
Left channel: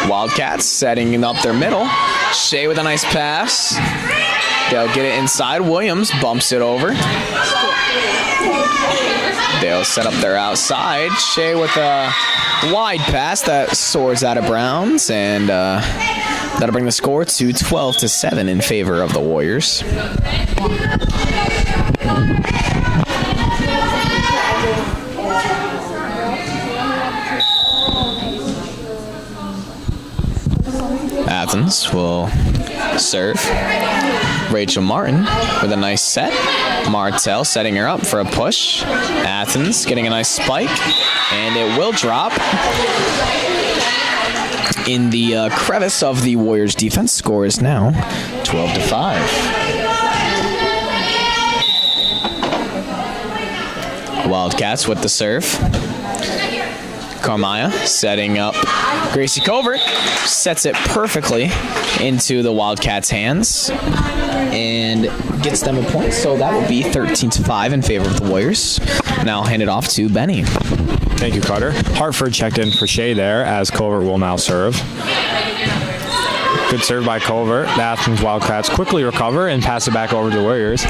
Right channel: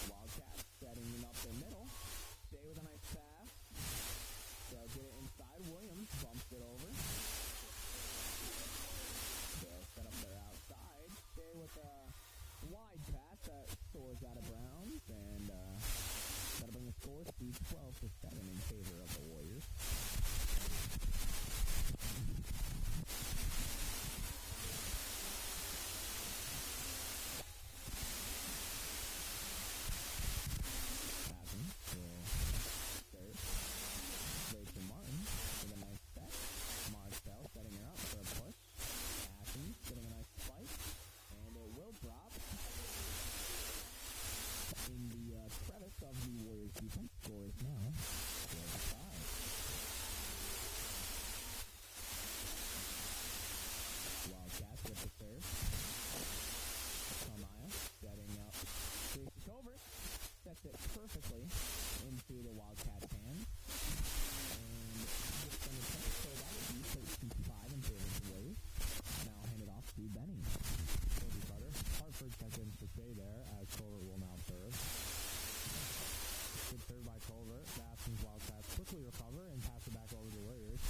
Wildcats setting up their middle. Shea with a nice pass. They'll get it inside. Williams bumps it over. They'll set up their outside. Shea with a wide pass that soars out of bounds, and that'll bring the score to 12-7 in favor of the Warriors. Athens will serve. Rachel Martin with a nice set. Martel setting her up for a push. Athens getting a nice spike, and it will drop in the crevice of the Warriors' defense. Score is now 12-5. Wildcats with the serve. Carmaya setting up Gracie Covert, sets it perfectly into the Wildcats' hands and gets them a point. So that will be 13-5 in favor of the Warriors. Now I'll hand it off to Benny. Thank you, Carter. Hartford checked in for Shea there, as Covert will now serve. Good serve by Covert. The Athens Wildcats quickly recover and pass it back over to the Warriors.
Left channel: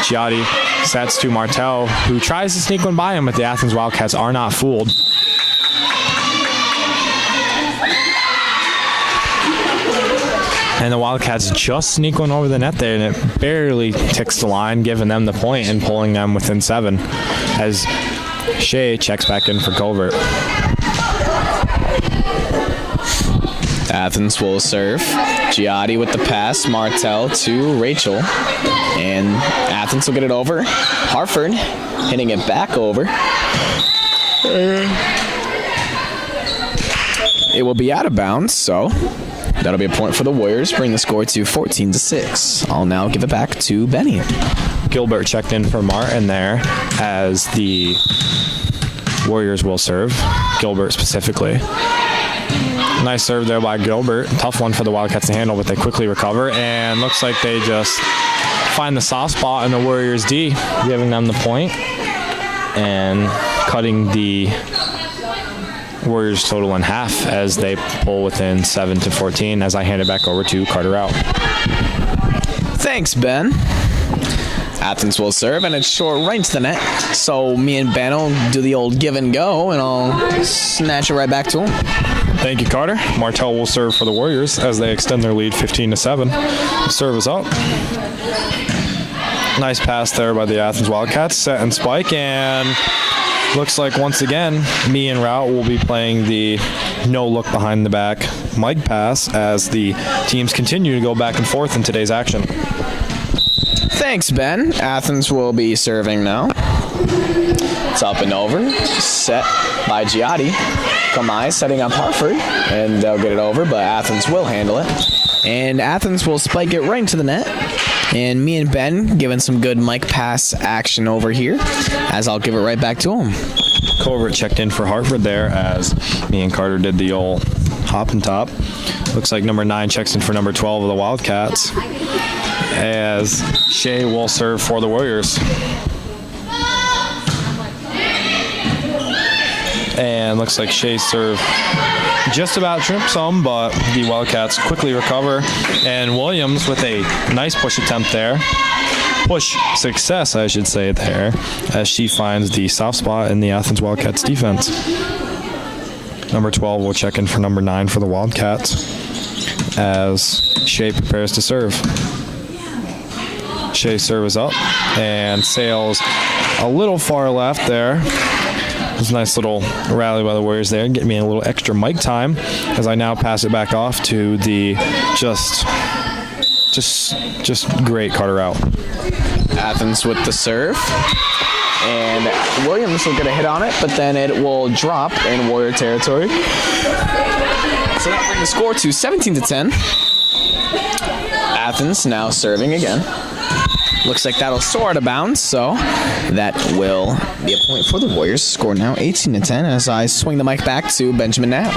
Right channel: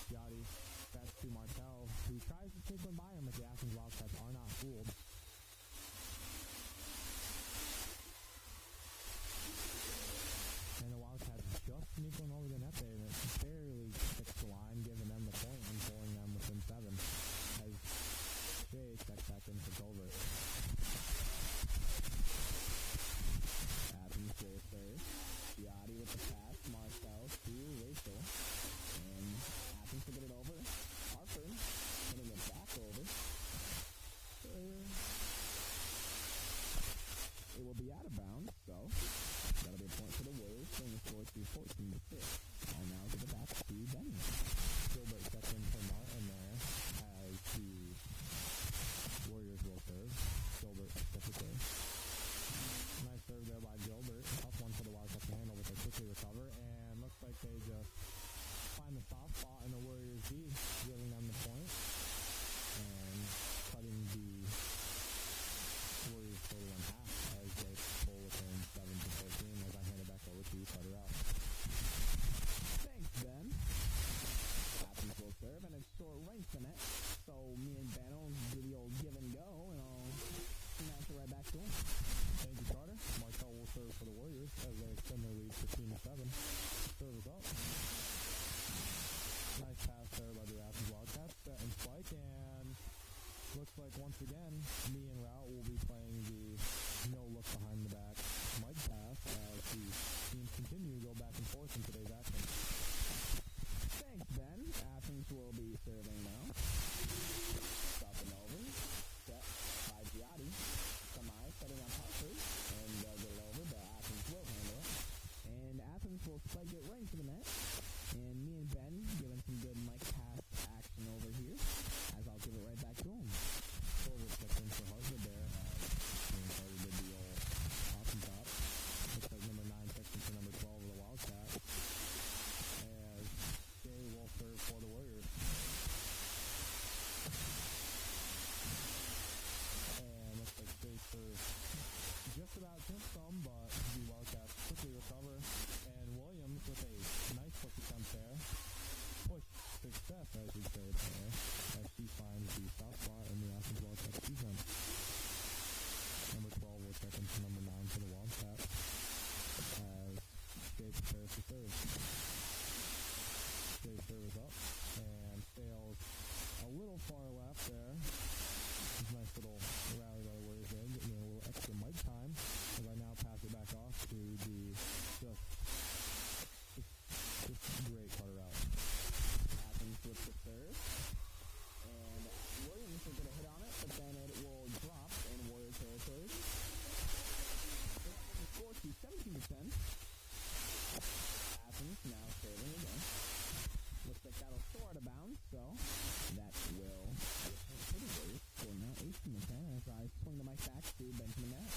Giotti sets to Martel, who tries to sneak one by him, but the Athens Wildcats are not fooled. And the Wildcats just sneak one over the net there, and it barely ticks the line, giving them the point and pulling them within 7 as Shea checks back in for Covert. Athens will serve. Giotti with the pass. Martel to Rachel. And Athens will get it over. Hartford hitting it back over. It will be out of bounds, so that'll be a point for the Warriors, bring the score to 14-6. I'll now give it back to Benny. Gilbert checked in for Martin there as the Warriors will serve. Gilbert specifically. Nice serve there by Gilbert. Tough one for the Wildcats to handle, but they quickly recover, and looks like they just find the soft spot in the Warriors' D, giving them the point. and cutting the Warriors total in half as they pull within 7-14 as I hand it back over to Carter Out. Thanks, Ben. Athens will serve, and it's short right into the net. So me and Ben will do the old give and go, and I'll snatch it right back to him. Thank you, Carter. Martell will serve for the Warriors as they extend their lead 15-7. The serve is up. Nice pass there by the Athens Wildcats. Set and spike, and looks like once again, me and Route will be playing the no look behind the back Mike pass as the teams continue to go back and forth in today's action. Thanks, Ben. Athens will be serving now. It's up and over. Set by Giotti. Kamai setting up Hartford, and they'll get it over, but Athens will handle it. And Athens will spike it right into the net. And me and Ben giving some good Mike pass action over here, as I'll give it right back to him. Covert checked in for Hartford there as me and Carter did the old hop and top. Looks like number 9 checks in for number 12 of the Wildcats as Shea will serve for the Warriors. And looks like Shea's serve just about tripped some, but the Wildcats quickly recover. And Williams with a nice push attempt there. Push success, I should say, there, as she finds the soft spot in the Athens Wildcats defense. Number 12 will check in for number 9 for the Wildcats as Shea prepares to serve. Shea's serve is up and sails a little far left there. It was a nice little rally by the Warriors there, getting me a little extra mic time as I now pass it back off to the just great Carter Out. Athens with the serve. And Williams will get a hit on it, but then it will drop in Warrior territory. So that brings the score to 17-10. Athens now serving again. Looks like that'll soar out of bounds, so that will be a point for the Warriors. Score now 18-10 as I swing the mic back to Benjamin Knapp.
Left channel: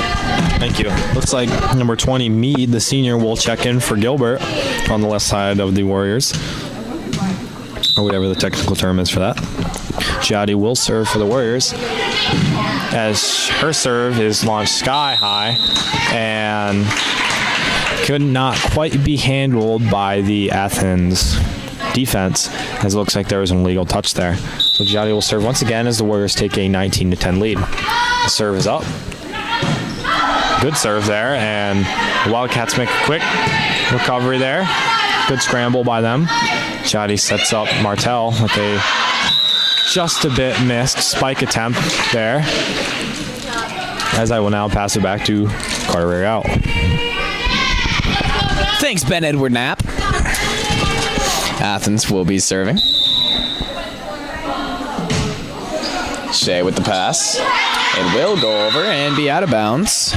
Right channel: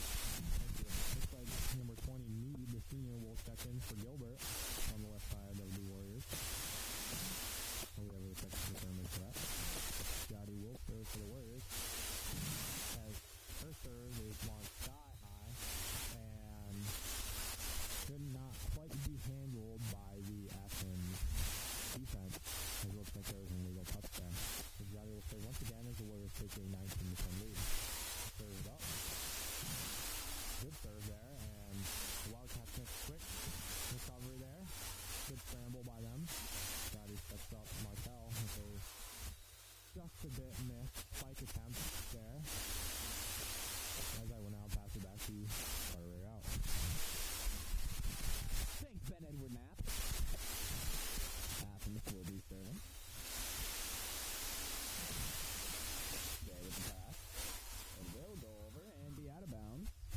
Thank you. Looks like number 20, Mead, the senior, will check in for Gilbert on the left side of the Warriors, or whatever the technical term is for that. Giotti will serve for the Warriors as her serve is launched sky high and could not quite be handled by the Athens defense, as it looks like there was an illegal touch there. So Giotti will serve once again as the Warriors take a 19-10 lead. The serve is up. Good serve there, and the Wildcats make a quick recovery there. Good scramble by them. Giotti sets up Martell with a just a bit missed spike attempt there, as I will now pass it back to Carter Out. Thanks, Ben Edward Knapp. Athens will be serving. Shea with the pass. It will go over and be out of bounds.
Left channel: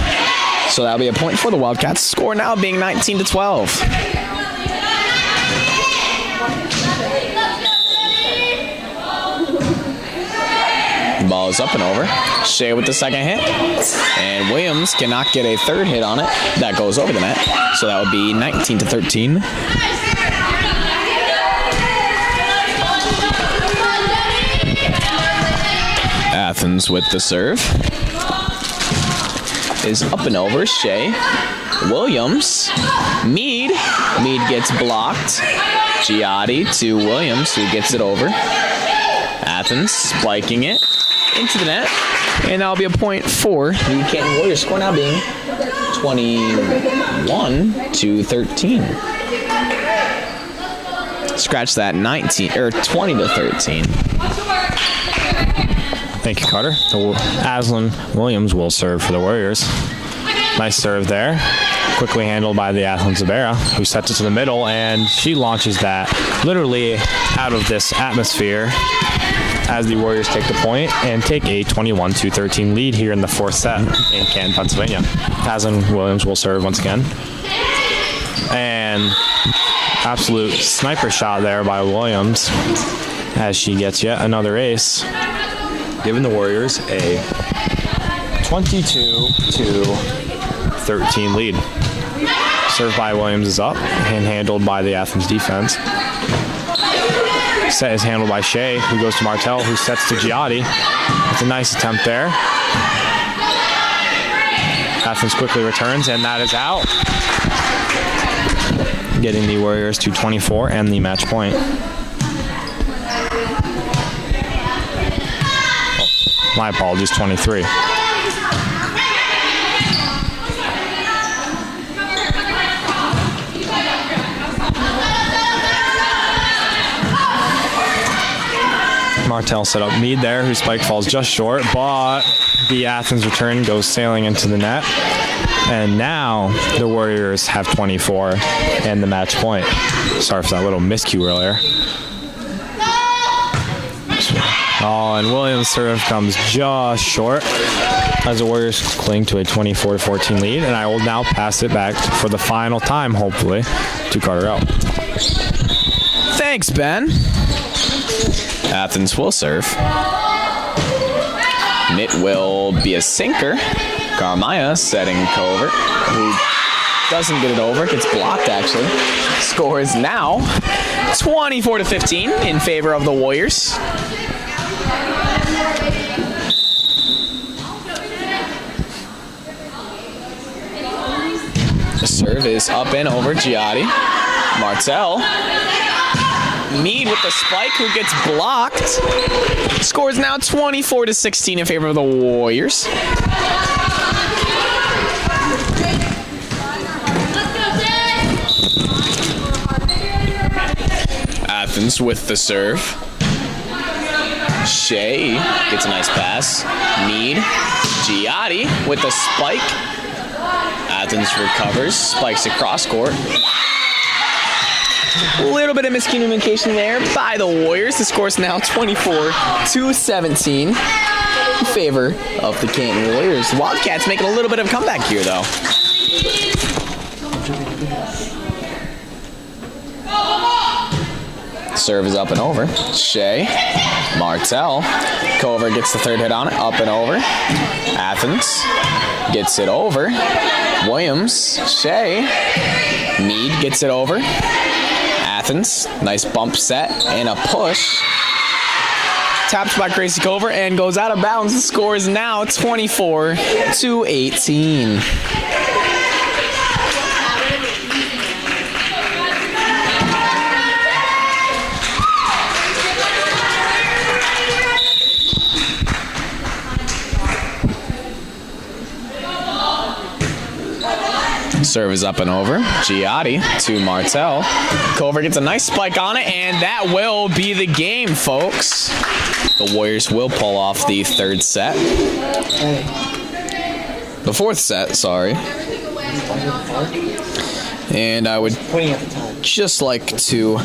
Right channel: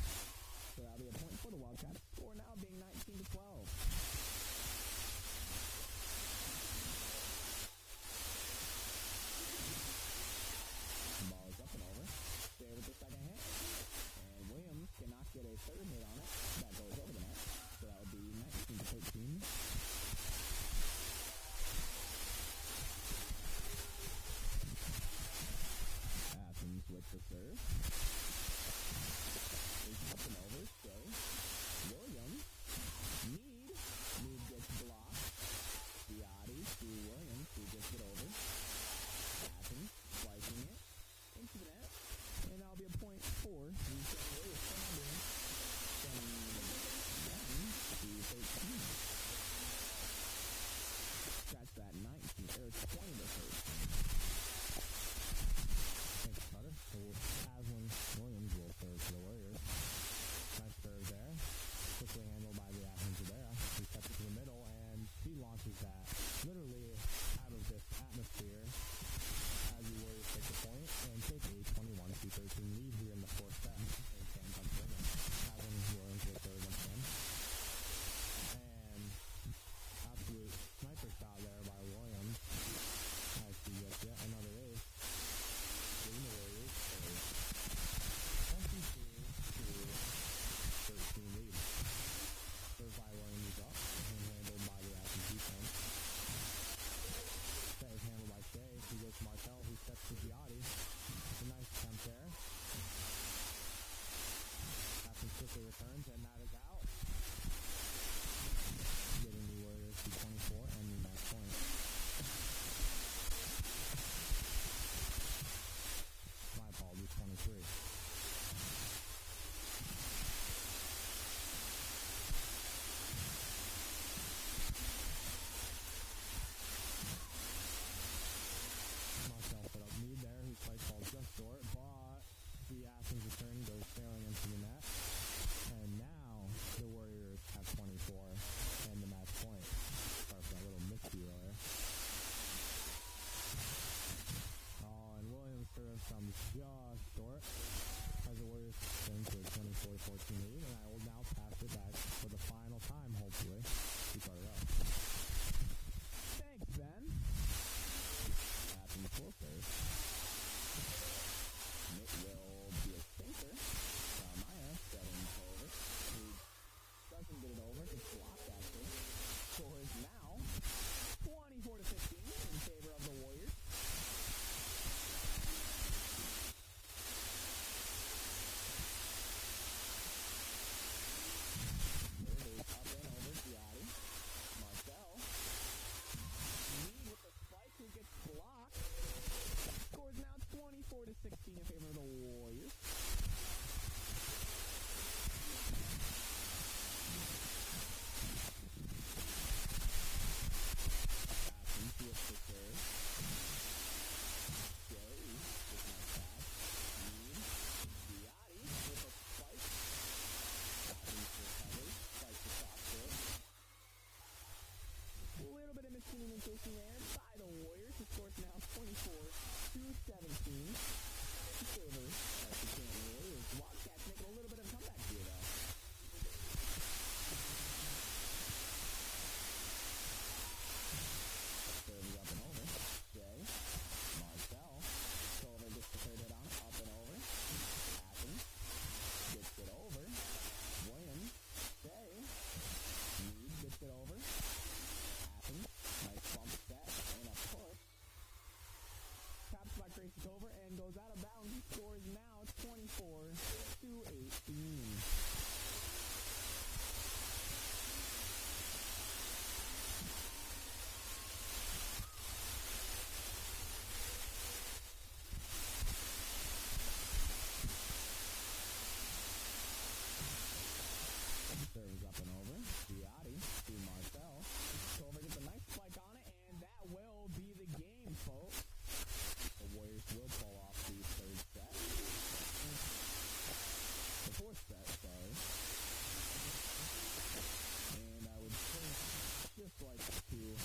So that'll be a point for the Wildcats. Score now being 19-12. The ball is up and over. Shea with the second hit. And Williams cannot get a third hit on it. That goes over the net. So that would be 19-13. Athens with the serve. Is up and over. Shea. Williams. Mead. Mead gets blocked. Giotti to Williams, who gets it over. Athens spiking it into the net. And that'll be a point for the Canton Warriors. Score now being 21-13. Scratch that, 20-13. Thank you, Carter. Aslan Williams will serve for the Warriors. Nice serve there. Quickly handled by the Athens Zabera, who sets it to the middle, and she launches that literally out of this atmosphere as the Warriors take the point and take a 21-13 lead here in the fourth set in Canton, Pennsylvania. Aslan Williams will serve once again. And absolute sniper shot there by Williams as she gets yet another ace, giving the Warriors a 22-13 lead. Serve by Williams is up and handled by the Athens defense. Set is handled by Shea, who goes to Martell, who sets to Giotti. It's a nice attempt there. Athens quickly returns, and that is out. Getting the Warriors to 24 and the match point. Oh, my apologies, 23. Martell set up Mead there, whose spike falls just short, but the Athens return goes sailing into the net. And now the Warriors have 24 and the match point. Sorry for that little miscue earlier. Oh, and Williams' serve comes just short as the Warriors cling to a 24-14 lead. And I will now pass it back for the final time, hopefully, to Carter L. Thanks, Ben. Athens will serve. It will be a sinker. Carmaya setting Covert, who doesn't get it over, gets blocked actually. Score is now 24-15 in favor of the Warriors. The serve is up and over Giotti. Martell. Mead with the spike, who gets blocked. Score is now 24-16 in favor of the Warriors. Athens with the serve. Shea gets a nice pass. Mead. Giotti with the spike. Athens recovers. Spikes across court. A little bit of miscommunication there by the Warriors. The score is now 24-17 in favor of the Canton Warriors. The Wildcats making a little bit of a comeback here, though. Serve is up and over. Shea. Martell. Cover gets the third hit on it. Up and over. Athens gets it over. Williams. Shea. Mead gets it over. Athens. Nice bump set and a push. Tapped by Gracie Cover and goes out of bounds. The score is now 24-18. Serve is up and over. Giotti to Martell. Cover gets a nice spike on it, and that will be the game, folks. The Warriors will pull off the third set. The fourth set, sorry. And I would just like to